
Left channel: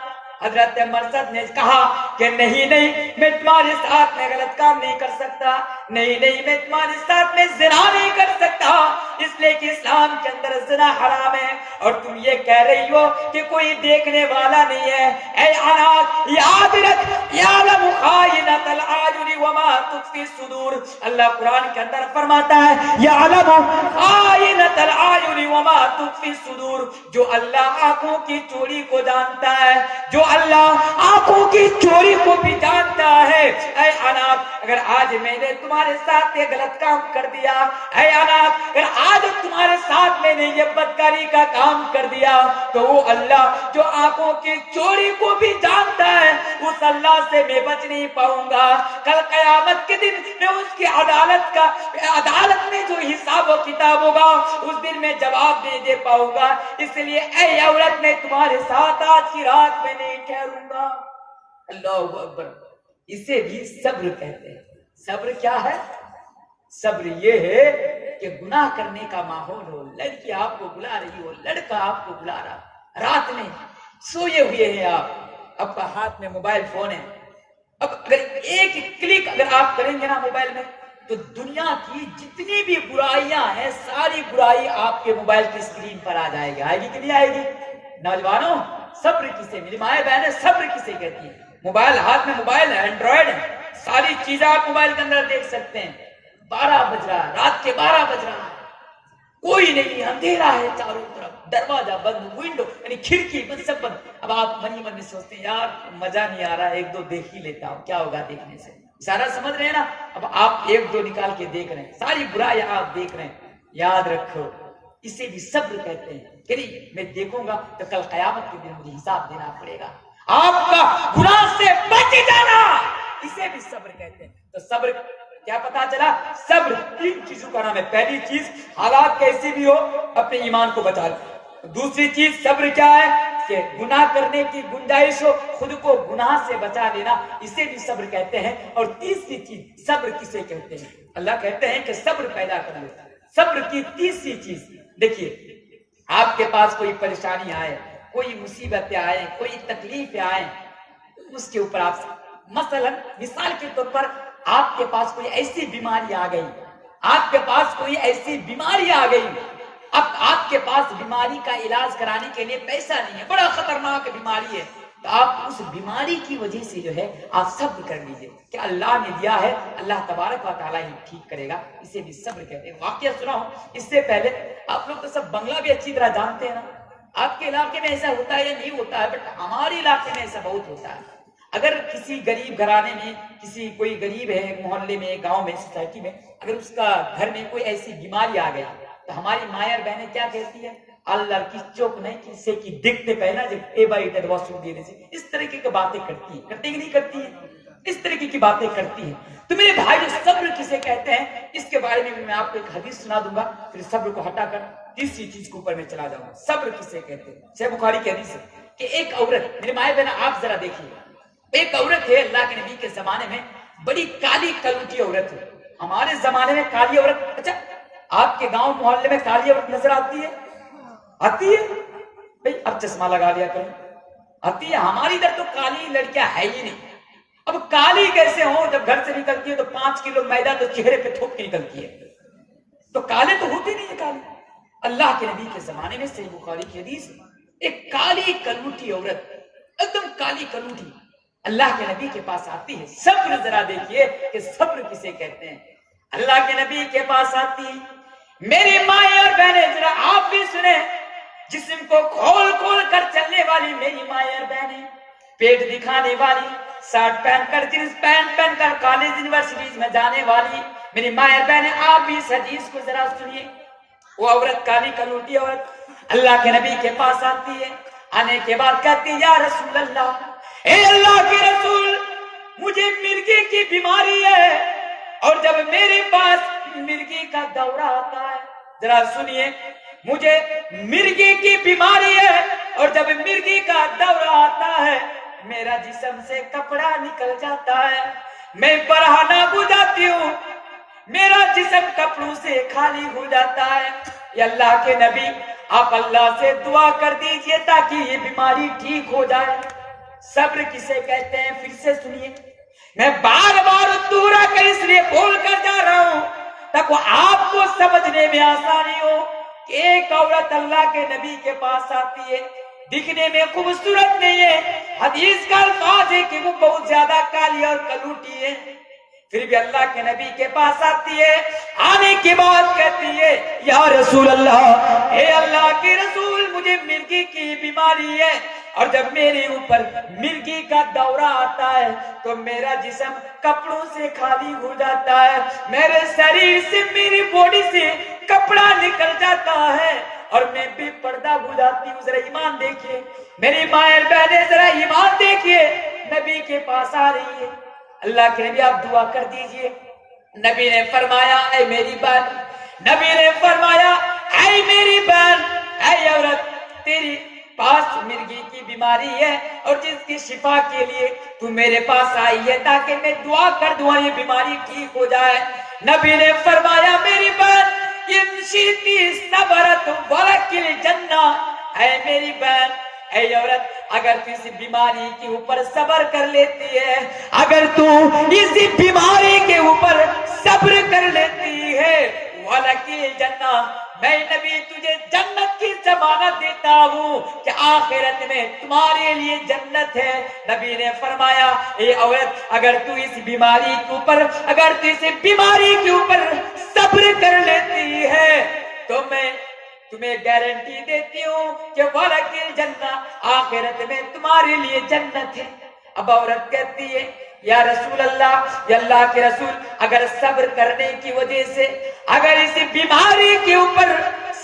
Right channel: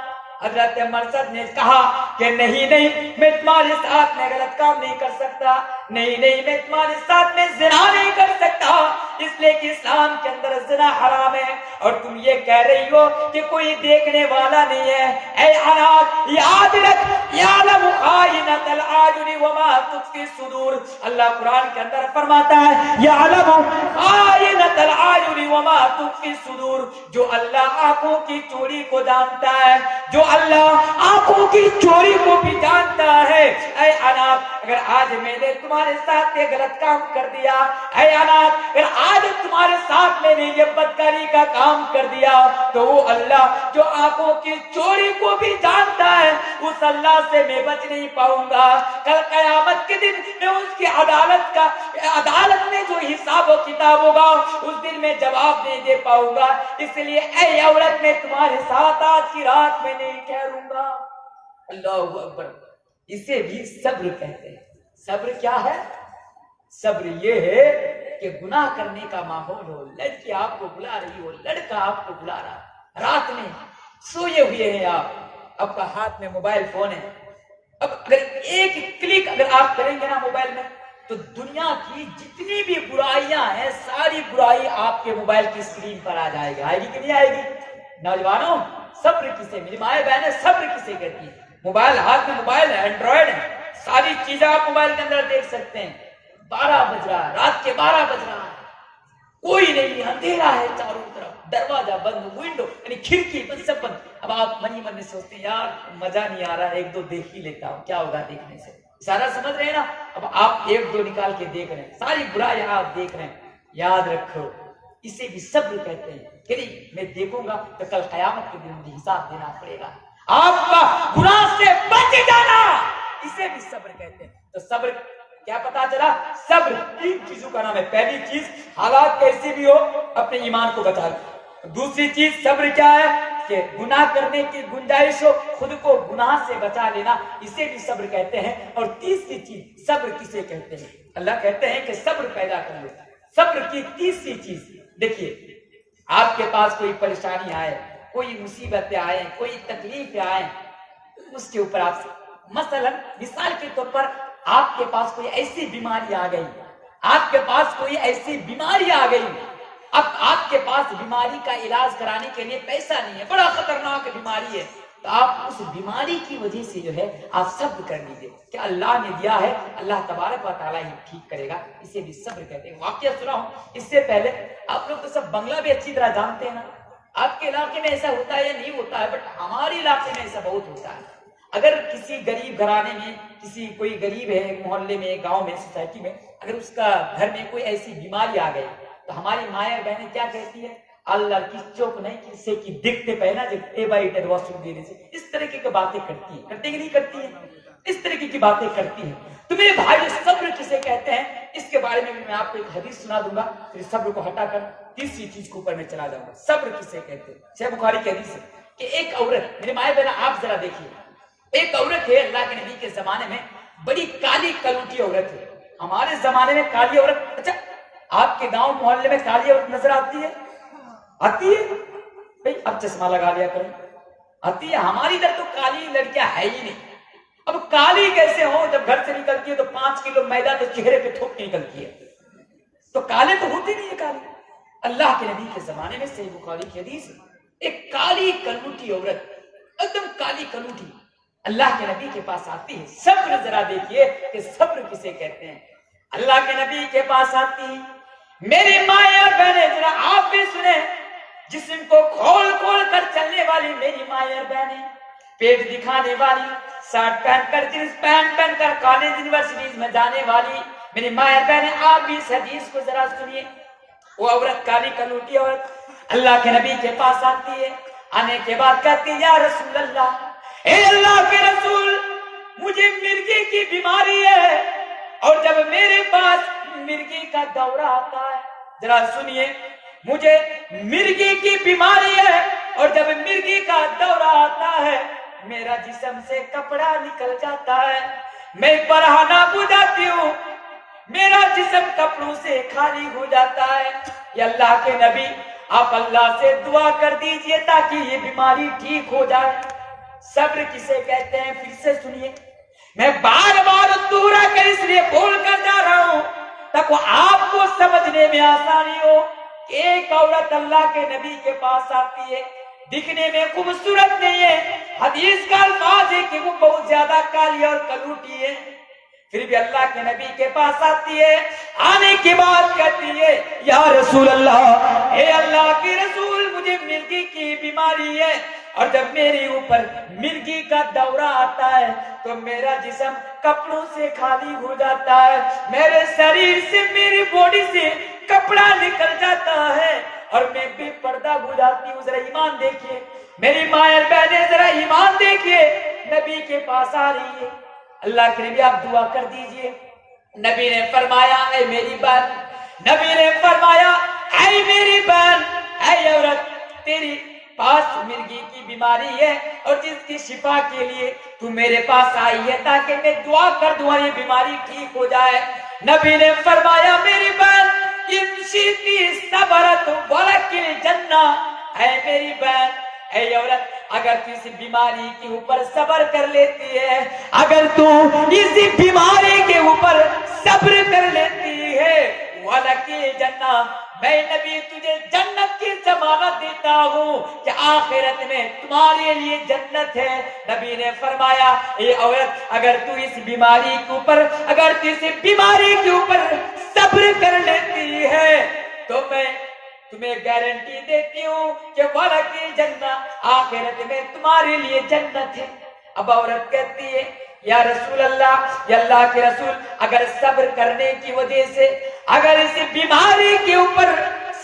حضرت مرثد نے کہا کہ نہیں، میں تمہارے ساتھ میں غلط کام نہیں کر سکتا، نہیں، میں تمہارے ساتھ میں زنا نہیں کر سکتا، اس لیے کہ اسلام کے اندر زنا حرام ہے، اور تم یہ کہہ رہی ہو کہ کوئی دیکھنے والا نہیں ہے۔ اے اناس، یاد رکھ، یعلم خائنۃ الاعین وما تخفی الصدور، اللہ قرآن کے اندر فرماتا ہے، یعلم خائنۃ الاعین وما تخفی الصدور، جو اللہ آنکھوں کی چوری کو جانتا ہے، جو اللہ آنکھوں کی چوری کو بھی جانتا ہے۔ اے اناس، اگر آج میں نے تمہارے ساتھ یہ غلط کام کر دیا، اے اناس، اگر آج تمہارے ساتھ میں نے یہ بدکاری کا کام کر دیا، تو وہ اللہ جو آنکھوں کی چوری کو بھی جانتا ہے، اس اللہ سے میں بچ نہیں پاؤں گا۔ کل قیامت کے دن میں اس کی عدالت میں جو حساب و کتاب ہوگا، اس دن میں جواب نہیں دے پاؤں گا، اس لیے اے عورت، میں تمہارے ساتھ آج کی رات میں نہیں ٹھہروں گا۔ اللہ اکبر، اسے بھی صبر کہتے ہیں۔ صبر کیا ہے؟ صبر یہ ہے کہ گناہ کرنے کا ماحول ہو، لڑکی آپ کو بلا رہی ہو، لڑکا آپ کو بلا رہا، رات میں سوئے ہوئے ہیں آپ، آپ کا ہاتھ میں موبائل فون ہے. اب اگر ایک کلک اگر آپ کریں گے نا موبائل میں تو دنیا کی جتنی بھی برائیاں ہیں ساری برائی آپ کے موبائل کی اسکرین پر آ جائے گی. آئے گی کہ نہیں آئے گی؟ نوجوانوں صبر کسے، میری مائیں بہنیں صبر کسے کہتی ہیں؟ موبائل ہاتھ میں موبائل ہے، اینڈرائڈ ہے، ساری چیزیں آپ موبائل کے اندر دیکھ سکتے ہیں. 12 بج رہا ہے، رات کے 12 بج رہا ہے، کوئی نہیں، اندھیرا ہے چاروں طرف، دروازہ بند، ونڈو یعنی کھڑکی بند، سب بند. اب آپ من ہی من میں سوچتے ہیں یار مزہ نہیں آ رہا، ایک دو دیکھ ہی لیتا ہوں، کیا ہوگا دیکھنے سے؟ اشارہ سمجھ رہے ہیں نا؟ اب آپ ایک دو نکال کے دیکھ رہے ہیں، ساری برائی آپ دیکھ رہے ہیں. یاد رکھو اسے بھی صبر کہتے ہیں کہ نہیں میں دیکھوں گا تو کل قیامت کے دن مجھے حساب دینا پڑے گا. آپ کا گناہ سے بچ جانا اسے بھی صبر کہتے ہیں. تو صبر کیا پتا چلا؟ صبر 3 چیزوں کا نام ہے. پہلی چیز حالات کیسی بھی ہو اپنے ایمان کو بچا لو. دوسری چیز صبر کیا ہے کہ گناہ کرنے کی گنجائش ہو خود کو گناہ سے بچا لینا، اسے بھی صبر کہتے ہیں. اور تیسری چیز صبر کسے کہتے ہیں؟ اللہ کہتے ہیں کہ صبر پیدا کر لو. صبر کی تیسری چیز دیکھیے، آپ کے پاس کوئی پریشانی آئے، کوئی مصیبتیں آئے، کوئی تکلیفیں آئے، اس کے اوپر آپ مثلا مثال کے طور پر آپ کے پاس کوئی ایسی بیماری آ گئی، آپ کے پاس کوئی ایسی بیماری آ گئی، اب آپ کے پاس بیماری کا علاج کرانے کے لیے پیسہ نہیں ہے، بڑا خطرناک بیماری ہے، تو آپ اس بیماری کی وجہ سے جو ہے آپ صبر کر لیجئے کہ اللہ نے دیا ہے، اللہ تبارک و تعالیٰ ہی ٹھیک کرے گا. اسے بھی صبر کہتے ہیں. واقعہ سنا ہوں اس سے پہلے، آپ لوگ تو سب بنگلہ بھی اچھی طرح جانتے ہیں نا. آپ کے علاقے میں ایسا ہوتا ہے یا نہیں ہوتا ہے، بٹ ہمارے علاقے میں ایسا بہت ہوتا ہے. اگر کسی غریب گھرانے میں کسی کوئی غریب ہے، محلے میں، گاؤں میں، سوسائٹی میں، اگر اس کا گھر میں کوئی ایسی بیماری آ گئی تو ہماری مائیں اور بہنیں کیا کہتی ہے؟ اللہ کی چوک نہیں کسے کی دکھتے پہنا جب اے بائی ٹیڈ واشروم دینے سے، اس طرح کی باتیں کرتی ہیں. کرتے کہ نہیں کرتی ہیں؟ اس طرح کی باتیں کرتی ہیں. تو میرے بھائی صبر کسے کہتے ہیں اس کے بارے میں بھی میں آپ کو ایک حدیث سنا دوں گا، پھر صبر کو ہٹا کر تیسری چیز کے اوپر میں چلا جاؤں گا. صبر کسے کہتے ہیں؟ صحیح بخاری کی حدیث ہے کہ ایک عورت، میرے مائیں بہن آپ ذرا دیکھیے، ایک عورت ہے اللہ کے نبی کے زمانے میں، بڑی کالی کلوٹی عورت ہے. ہمارے زمانے میں کالی عورت، اچھا آپ کے گاؤں محلے میں کالی عورت نظر آتی ہے؟ آتی ہے بھائی، اب چشمہ لگا لیا کریں، آتی ہے. ہماری ادھر تو کالی لڑکیاں ہے ہی نہیں. اب کالی کیسے ہو؟ جب گھر سے نکلتی ہے تو 5 کلو میدا تو چہرے پہ تھوک کے نکلتی ہے، تو کالے تو ہوتی نہیں ہے کالے. اللہ کے نبی کے زمانے میں صحیح بخاری کی حدیث، ایک کالی کلوٹی عورت، ایک دم کالی کلوٹی، اللہ کے نبی کے پاس آتی ہے. صبر ذرا دیکھیے کہ صبر کسے کہتے ہیں. اللہ کے نبی کے پاس آتی ہے. میری مائیں اور بہنیں ذرا آپ بھی سنیں، جسم کو کھول کھول کر چلنے والی میری مائیں اور بہنیں، پیٹ دکھانے والی، شرٹ پہن کر جینس پینٹ پہن کر کالج یونیورسٹیز میں جانے والی میری مائیں اور بہنیں، آپ بھی اس حدیث کو ذرا سنیے. وہ عورت کالی کلوٹی عورت اللہ کے نبی کے پاس آتی ہے. آنے کے بعد کہتی ہے یا رسول اللہ، اے اللہ کے رسول، مجھے مرگی کی بیماری ہے اور جب میرے پاس مرگی کا دورہ آتا ہے، ذرا سنیے، مجھے مرگی کی بیماری ہے اور جب مرگی کا دورہ آتا ہے میرا جسم سے کپڑا نکل جاتا ہے، میں پرہانا بجھاتی ہوں، میرا جسم کپڑوں سے خالی ہو جاتا ہے. یا اللہ کے نبی، آپ اللہ سے دعا کر دیجئے تاکہ یہ بیماری ٹھیک ہو جائے. صبر کسے کہتے ہیں؟ پھر سے سنیے، میں بار بار دورہ کر اس لیے بول کر جا رہا ہوں تاکہ آپ کو سمجھنے میں آسانی ہو کہ ایک عورت اللہ کے نبی کے پاس آتی ہے، دکھنے میں خوبصورت نہیں ہے، حدیث کا الفاظ ہے کہ وہ بہت زیادہ کالی اور کلوٹی ہے، پھر بھی اللہ کے نبی کے پاس آتی ہے. آنے کے بعد کہتی ہے یا رسول اللہ، اے اللہ کے رسول، مجھے مرگی کی بیماری ہے اور جب میرے اوپر مرگی کا دورہ آتا ہے تو میرا جسم کپڑوں سے خالی ہو جاتا ہے، میرے شریر سے، میری باڈی سے کپڑا نکل جاتا ہے اور میں بے پردہ ہو جاتی ہوں. ذرا ایمان دیکھیے میری مائیں بہنیں، ذرا ایمان دیکھیے. نبی کے پاس آ رہی ہے، اللہ کے نبی آپ دعا کر دیجئے. نبی نے فرمایا اے میری بہن، نبی نے فرمایا اے میری بہن، اے عورت، تیری پاس مرگی کی بیماری ہے اور جس کی شفا کے لیے تو میرے پاس آئی ہے تاکہ میں دعا کر دوں یہ بیماری ٹھیک ہو جائے. نبی نے فرمایا میری بہن، ان شیتی صبرت ولکل جنہ، اے میری بہن، اے عورت اگر تو اس بیماری کے اوپر صبر کر لیتی ہے، اگر تو اس بیماری کے اوپر صبر کر لیتی ہے، وَلَكِ جَنَّةٌ، میں نبی تجھے جنت کی ضمانت دیتا ہوں کہ آخرت میں تمہارے لیے جنت ہے۔ نبی نے فرمایا اے عورت اگر تو اس بیماری کے اوپر، اگر تو اس بیماری کے اوپر صبر کر لیتی ہے تو میں تمہیں گارنٹی دیتی ہوں کہ وَلَكِ الْجَنَّةُ، آخرت میں تمہارے لیے جنت ہے۔ اب عورت کہتی ہے یا رسول اللہ، یا اللہ کے رسول، اگر صبر کرنے کی وجہ سے، اگر اس بیماری کے اوپر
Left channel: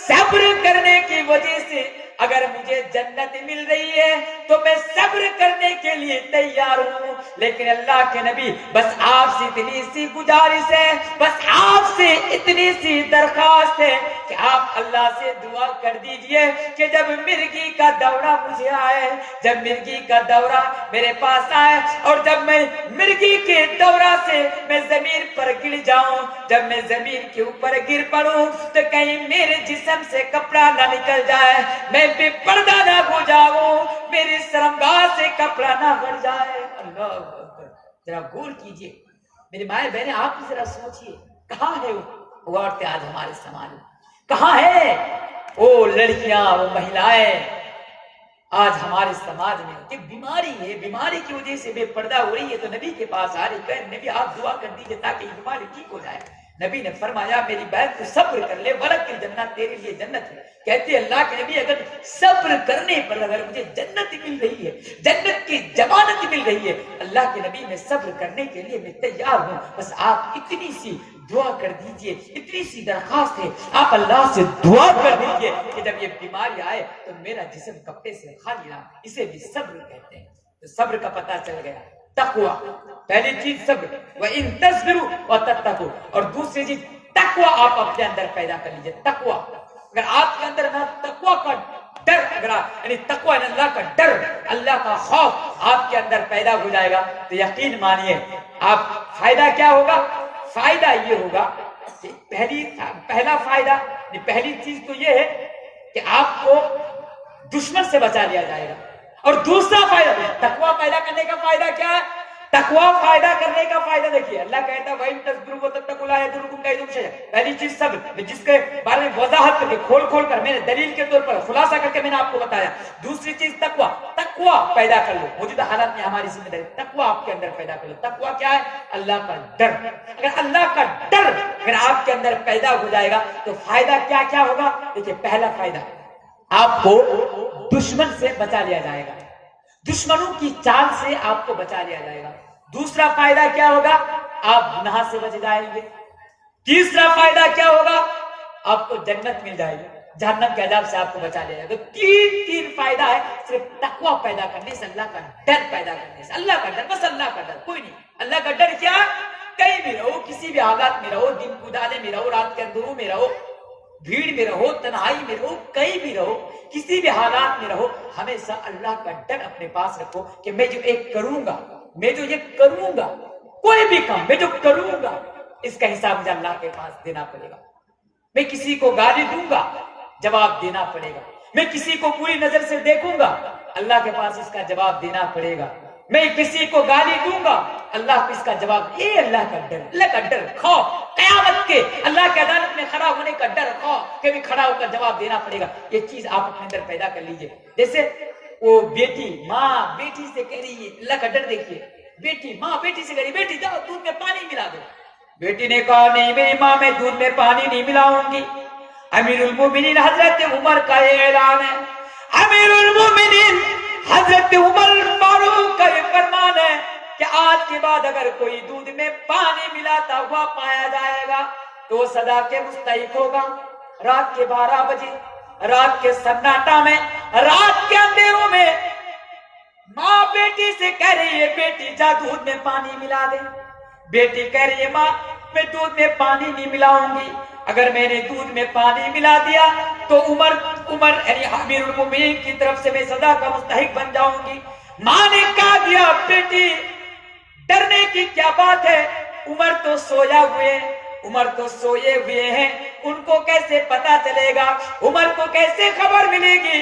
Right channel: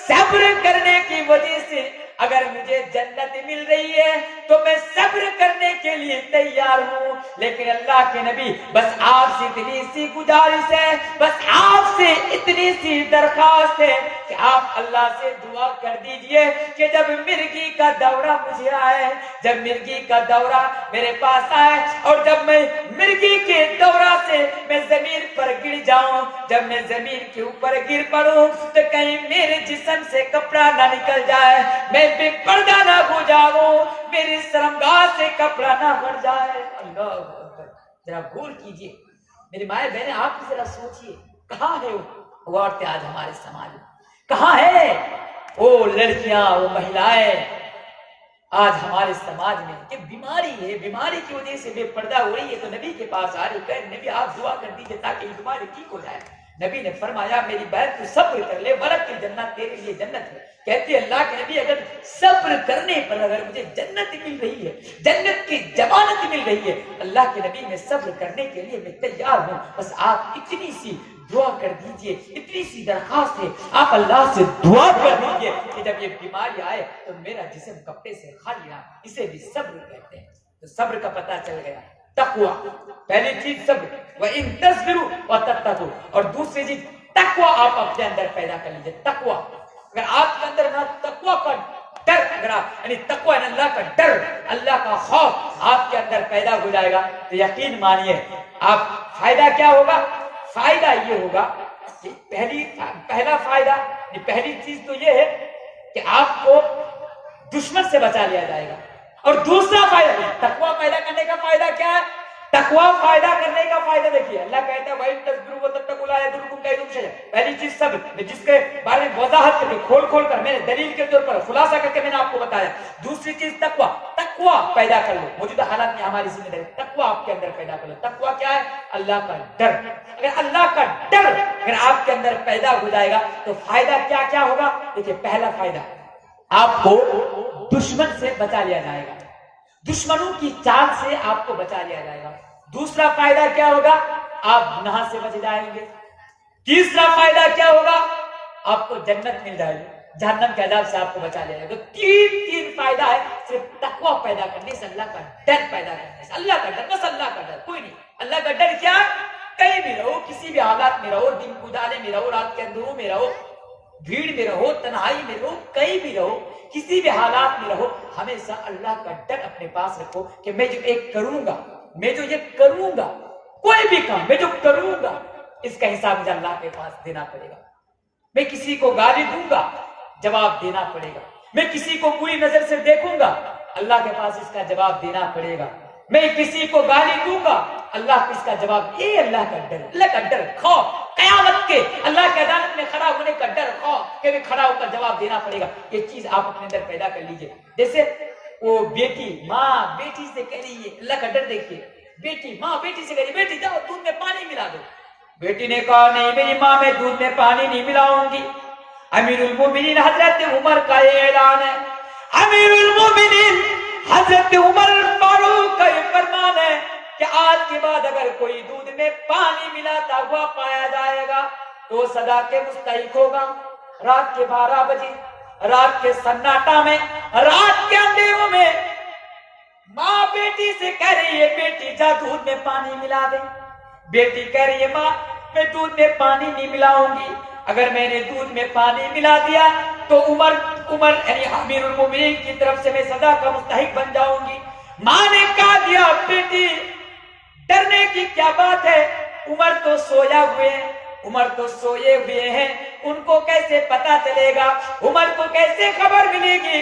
صبر کرنے کی وجہ سے اگر مجھے جنت مل رہی ہے تو میں صبر کرنے کے لیے تیار ہوں، لیکن اللہ کے نبی بس آپ سے اتنی سی گزارش ہے، بس آپ سے اتنی سی درخواست ہے کہ آپ اللہ سے دعا کر دیجئے کہ جب مرگی کا دورہ مجھے آئے، جب مرگی کا دورہ میرے پاس آئے اور جب میں مرگی کے دورہ سے میں زمین پر گر جاؤں، جب میں زمین کے اوپر گر پڑوں تو کہیں میرے جسم سے کپڑا نہ نکل جائے، میں بے پردہ نہ ہو جاؤں، میری شرمگاہ سے کپڑا نہ بڑھ جائے۔ اللہ اکبر، ذرا غور کیجئے میری مائیں بہنیں، آپ بھی ذرا سوچئے کہاں ہے وہ عورتیں آج ہمارے سماج میں، کہاں ہے وہ لڑکیاں، وہ مہلائیں آج ہمارے سماج میں کہ بیماری ہے، بیماری کی وجہ سے بے پردہ ہو رہی ہے تو نبی کے پاس آ رہی کہ نبی آپ دعا کر دیجئے تاکہ یہ بیماری ٹھیک ہو جائے۔ نبی نے فرمایا میری بہن تو صبر کر لے، وَلَكِ الْجَنَّةُ، تیرے لیے جنت ہے۔ کہتے اللہ کے نبی اگر صبر کرنے پر اگر مجھے جنت مل رہی ہے، جنت کی ضمانت مل رہی ہے، اللہ کے نبی میں صبر کرنے کے لیے میں تیار ہوں، بس آپ اتنی سی دعا کر دیجئے، اتنی سی درخواست ہے، آپ اللہ سے دعا کر دیجئے کہ جب یہ بیماری آئے تو میرا جسم کپڑے سے خالی نہ، اسے بھی صبر کہتے ہیں۔ تو صبر کا پتہ چل گیا، تقوی، پہلی چیز صبر، وَإِن تَصْبِرُوا وَتَتَّقُوا، اور دوسری چیز تقوی آپ اپنے اندر پیدا کر لیجئے۔ تقوی، اگر آپ کے اندر نہ تقوی کا ڈر، اگر آپ یعنی تقوی یعنی اللہ کا ڈر، اللہ کا خوف آپ کے اندر پیدا ہو جائے گا تو یقین مانیے آپ فائدہ کیا ہوگا؟ فائدہ یہ ہوگا کہ پہلا فائدہ، پہلی چیز تو یہ ہے کہ آپ کو دشمن سے بچا لیا جائے گا، اور دوسرا فائدہ تقوی پیدا کرنے کا فائدہ کیا ہے؟ تقوی پیدا کرنے کا فائدہ دیکھیے، اللہ کہتا ہے وَإِن تَصْبِرُوا وَتَتَّقُوا لَا يَضُرُّكُمْ كَيْدُهُمْ شَيْئًا۔ پہلی چیز صبر، میں جس کے بارے میں وضاحت کر کے کھول کر میں نے دلیل کے طور پر خلاصہ کر کے میں نے آپ کو بتایا۔ دوسری چیز تقوی، تقوی پیدا کر لو، موجودہ حالات میں ہماری ذمہ داری تقوی آپ کے اندر پیدا کر لو۔ تقوی کیا ہے؟ اللہ کا ڈر۔ اگر اللہ کا ڈر اگر آپ کے اندر پیدا ہو جائے گا تو فائدہ کیا کیا ہوگا؟ دیکھیے پہلا فائدہ آپ کو دشمن سے بچا لیا جائے گا، دشمنوں کی چال سے آپ کو بچا لیا جائے گا۔ دوسرا فائدہ کیا ہوگا؟ آپ گناہ سے بچ جائیں گے۔ تیسرا فائدہ کیا ہوگا؟ آپ کو جنت مل جائے گی، جہنم کے عذاب سے آپ کو بچا لیا جائے گا۔ تو تین فائدہ ہے صرف تقوی پیدا کرنے سے، اللہ کا ڈر پیدا کرنے سے۔ اللہ کا ڈر، بس اللہ کا ڈر، کوئی نہیں۔ اللہ کا ڈر کیا؟ کہیں بھی رہو، کسی بھی حالات میں رہو، دن اجالے میں رہو، رات کے اندروں میں رہو، بھیڑ میں رہو، تنہائی میں رہو، کہیں بھی رہو، کسی بھی حالات میں رہو، ہمیشہ اللہ کا ڈر اپنے پاس رکھو کہ میں جو ایک کروں گا، میں جو یہ کروں گا، کوئی بھی کام میں جو کروں گا اس کا حساب مجھے اللہ کے پاس دینا پڑے گا۔ میں کسی کو گالی دوں گا، جواب دینا پڑے گا۔ میں کسی کو بری نظر سے دیکھوں گا، اللہ کے پاس اس کا جواب دینا پڑے گا۔ میں کسی کو گالی دوں گا، اللہ کو اس کا جواب، یہ اللہ کا ڈر، اللہ کا ڈر، خوف قیامت کے، اللہ کے عدالت میں کھڑا ہونے کا ڈر، خوف کہ بھی کھڑا ہو کر جواب دینا پڑے گا۔ یہ چیز آپ اپنے اندر پیدا کر لیجئے۔ جیسے وہ بیٹی، ماں بیٹی سے کہہ رہی ہے، اللہ کا ڈر دیکھیے، بیٹی ماں بیٹی سے کہہ رہی، بیٹی جاؤ دودھ میں پانی ملا دو۔ بیٹی نے کہا نہیں میری ماں، میں دودھ میں پانی نہیں ملاؤں گی۔ امیر المومنین حضرت عمر کا یہ اعلان ہے، امیر المومنین حضرت عمر فاروق کا یہ فرمان ہے کہ آج کے بعد اگر کوئی دودھ میں پانی ملاتا ہوا پایا جائے گا تو سزا کے مستحق ہوگا۔ رات کے 12 بجے، رات کے سناٹا میں، رات کے اندھیروں میں ماں بیٹی سے کہہ رہی ہے بیٹی جا دودھ میں پانی ملا دے۔ بیٹی کہہ رہی ہے ماں میں دودھ میں پانی نہیں ملاؤں گی، اگر میں نے دودھ میں پانی ملا دیا تو عمر یعنی امیر المومنین کی طرف سے میں سزا کا مستحق بن جاؤں گی۔ ماں نے کہا دیا بیٹی ڈرنے کی کیا بات ہے، عمر تو سویا ہوئے ہیں، عمر تو سوئے ہوئے ہیں، ان کو کیسے پتا چلے گا، عمر کو کیسے خبر ملے گی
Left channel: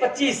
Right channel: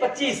25,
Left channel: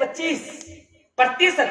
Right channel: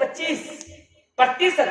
25%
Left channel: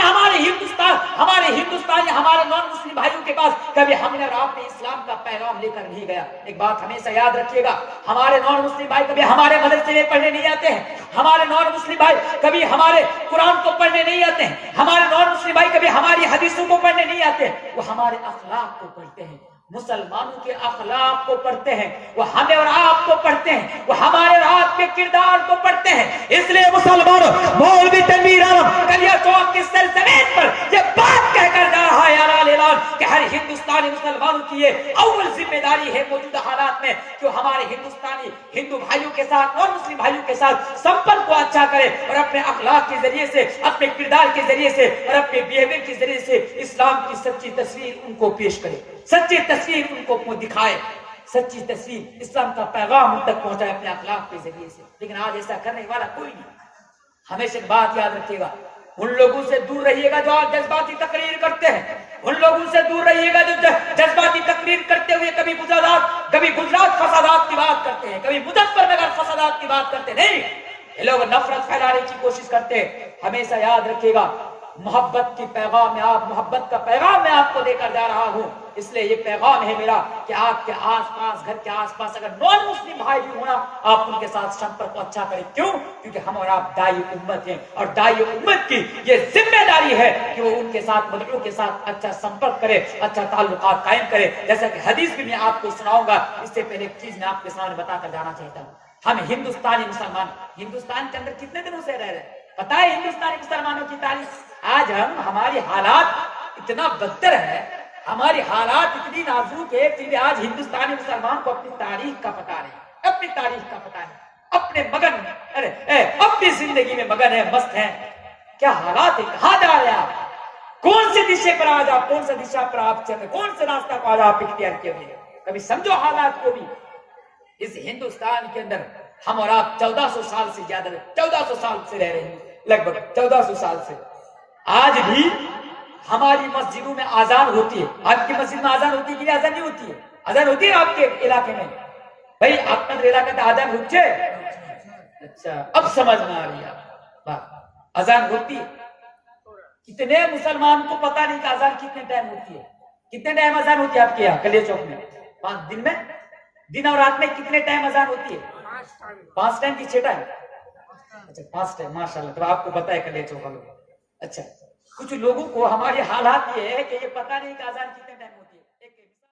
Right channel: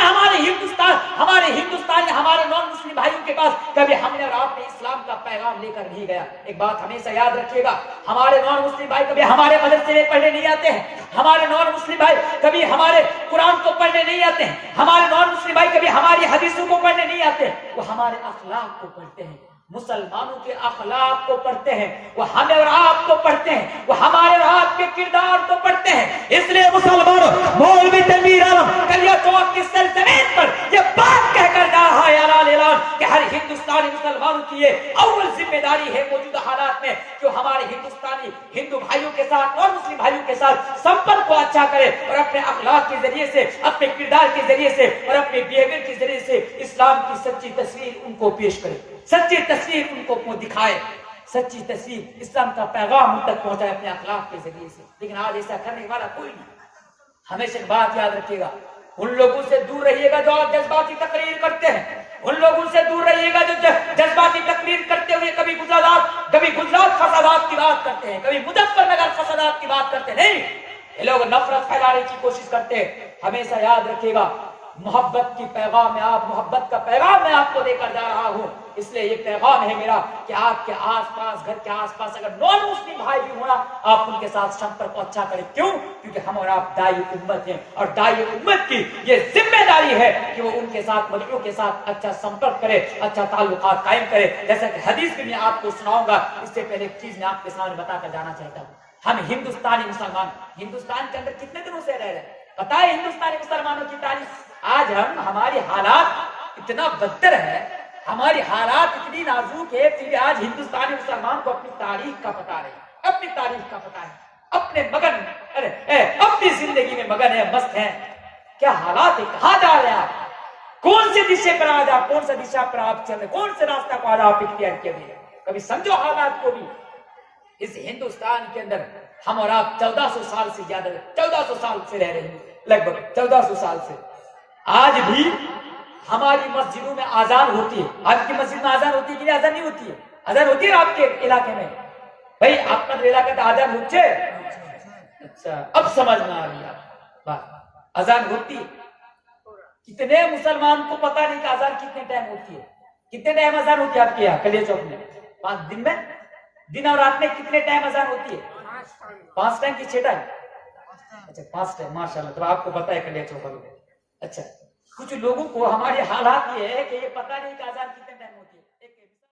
نے ہمارے ہندوستانی ہمارے نان مسلم بھائیوں کے پاس کبھی ہم نے اور آپ نے اسلام کا پیغام لے کر نہیں گیا. ایک بات ہمیشہ یاد رکھیے گا, ہمارے نان مسلم بھائی کبھی ہمارے مدرسے میں پڑھنے نہیں آتے ہیں, ہمارے نان مسلم بھائی کبھی ہمارے قرآن کو پڑھنے نہیں آتے ہیں, ہمارے نان مسلم بھائی کبھی ہماری حدیثوں کو پڑھنے نہیں آتے ہیں, وہ ہمارے اخلاق کو پڑھتے ہیں, مسلمانوں کے اخلاق کو پڑھتے ہیں, وہ ہمیں اور آپ کو پڑھتے ہیں, وہ ہمارے اور آپ کے کردار کو پڑھتے ہیں. اس لیے مسلمانوں, مولوی تنویر عالم کلیا چوک کی سرزمین پر یہ بات کہہ کر جا رہا ہے اعلان کہ ہر ہندوستانی مسلمانوں کی یہ اول ذمہ داری ہے موجودہ حالات میں کہ وہ ہمارے ہندوستانی ہندو بھائیوں کے ساتھ اور مسلم بھائیوں کے ساتھ سمپرک کو اچھا کرے اور اپنے اخلاق کے ذریعے سے, اپنے کردار کے ذریعے سے اور اپنے بیہیویئر کے ذریعے سے اسلام کی سچی تصویر ان کو پیش کرے, سچی تصویر ان کو دکھائے, سچی تصویر اسلام کا پیغام ان تک پہنچائے اپنے اخلاق کے ذریعے سے. لیکن آج ایسا کرنے والا کوئی نہیں. ہمیشہ بات یاد رکھیے گا, ان لوگوں سے دور رہیے گا جو جذباتی تقریر کرتے ہیں, ان لوگوں سے دور رہیے گا جو جذباتی تقریر کرتے ہوئے کبھی گجرات فسادات کی بات کرتے ہیں, کبھی مظفر نگر فسادات کی بات کرتے ہیں. نہیں, یہ لوگ نفرت پھیلانے کی کوشش کرتے ہیں. ہمیشہ یاد رکھیے گا, محبت کا پیغام میں آپ کو دے کر جا رہا ہوں. اس لیے یہ پیغام ہے میرا کہ آپ کے آس پاس, گھر کے آس پاس اگر نان مسلم بھائی بھی ہونا, آپ ان کے ساتھ سمپرک کو اچھا کریں. کیوں؟ کیونکہ ہم اور آپ داعی امت ہیں, اور داعی امت کی یہ ذمہ داری ہے کہ وہ ان کے ساتھ, مدعو کے ساتھ اچھا سمپرک کرے, اچھا تعلقات قائم کرے. جیسا کہ حدیث بھی میں آپ کو سناؤں گا, اس سے پہلے ایک چیز میں آپ کے سامنے بتا کر جانا چاہتا ہوں. ہم ہندوستانی مسلمان ہندوستان کے اندر کتنے دنوں سے رہ رہے ہیں؟ پتا ہے ہندوستانی مسلمانوں کی تاریخ؟ آج ہماری حالات اتنا بدتر ہے, ہماری حالات اتنی نازک ہے, پھر بھی آج ہندوستانی مسلمان کو اپنی تاریخ کا پتہ نہیں, اپنی تاریخ کا پتہ نہیں, اپنے اپنی زندگی میں مگن ہے, مست ہیں. کیا حالات ہے, کہاں جا رہے ہیں آپ, کون سے دشے پر آج آپ, کون سے دشا پر آپ چل رہے, کون سے راستہ کو آج آپ اختیار کیے ہوئے. کبھی سمجھو حالات کو بھی. اس ہندوستان کے اندر ہم اور آپ 1400 سال سے زیادہ, 1400 سال سے رہ رہے ہیں, لگ بھگ 1400 سال سے. آج بھی ہماری مسجدوں میں آزان ہوتی ہے. آپ کی مسجد میں آزان ہوتی ہے کہ نہیں؟ آزان نہیں ہوتی ہے. آزان ہوتی ہے آپ کے علاقے میں؟ بھائی آپ کا علاقے میں آزان ہوتی ہے. اچھا, اب سمجھ میں آ رہی ہے بات. آزان ہوتی ہے. کتنے مسلمان کو پتا نہیں کہ آزان کتنے ٹائم ہوتی ہے. کتنے ٹائم آزان ہوتی ہے آپ کے یہاں کلیا چوک میں؟ 5 دن میں, دن اور رات میں کتنے ٹائم آزان ہوتی ہے؟ 5 ٹائم کی 6 ٹائم؟ اچھا 5 ٹائم, ماشاءاللہ. تو آپ کو بتائے کلیا چوک. اچھا, کچھ لوگوں کو ہمارے حالات یہ ہے کہ یہ پتہ نہیں کہ آزان کتنے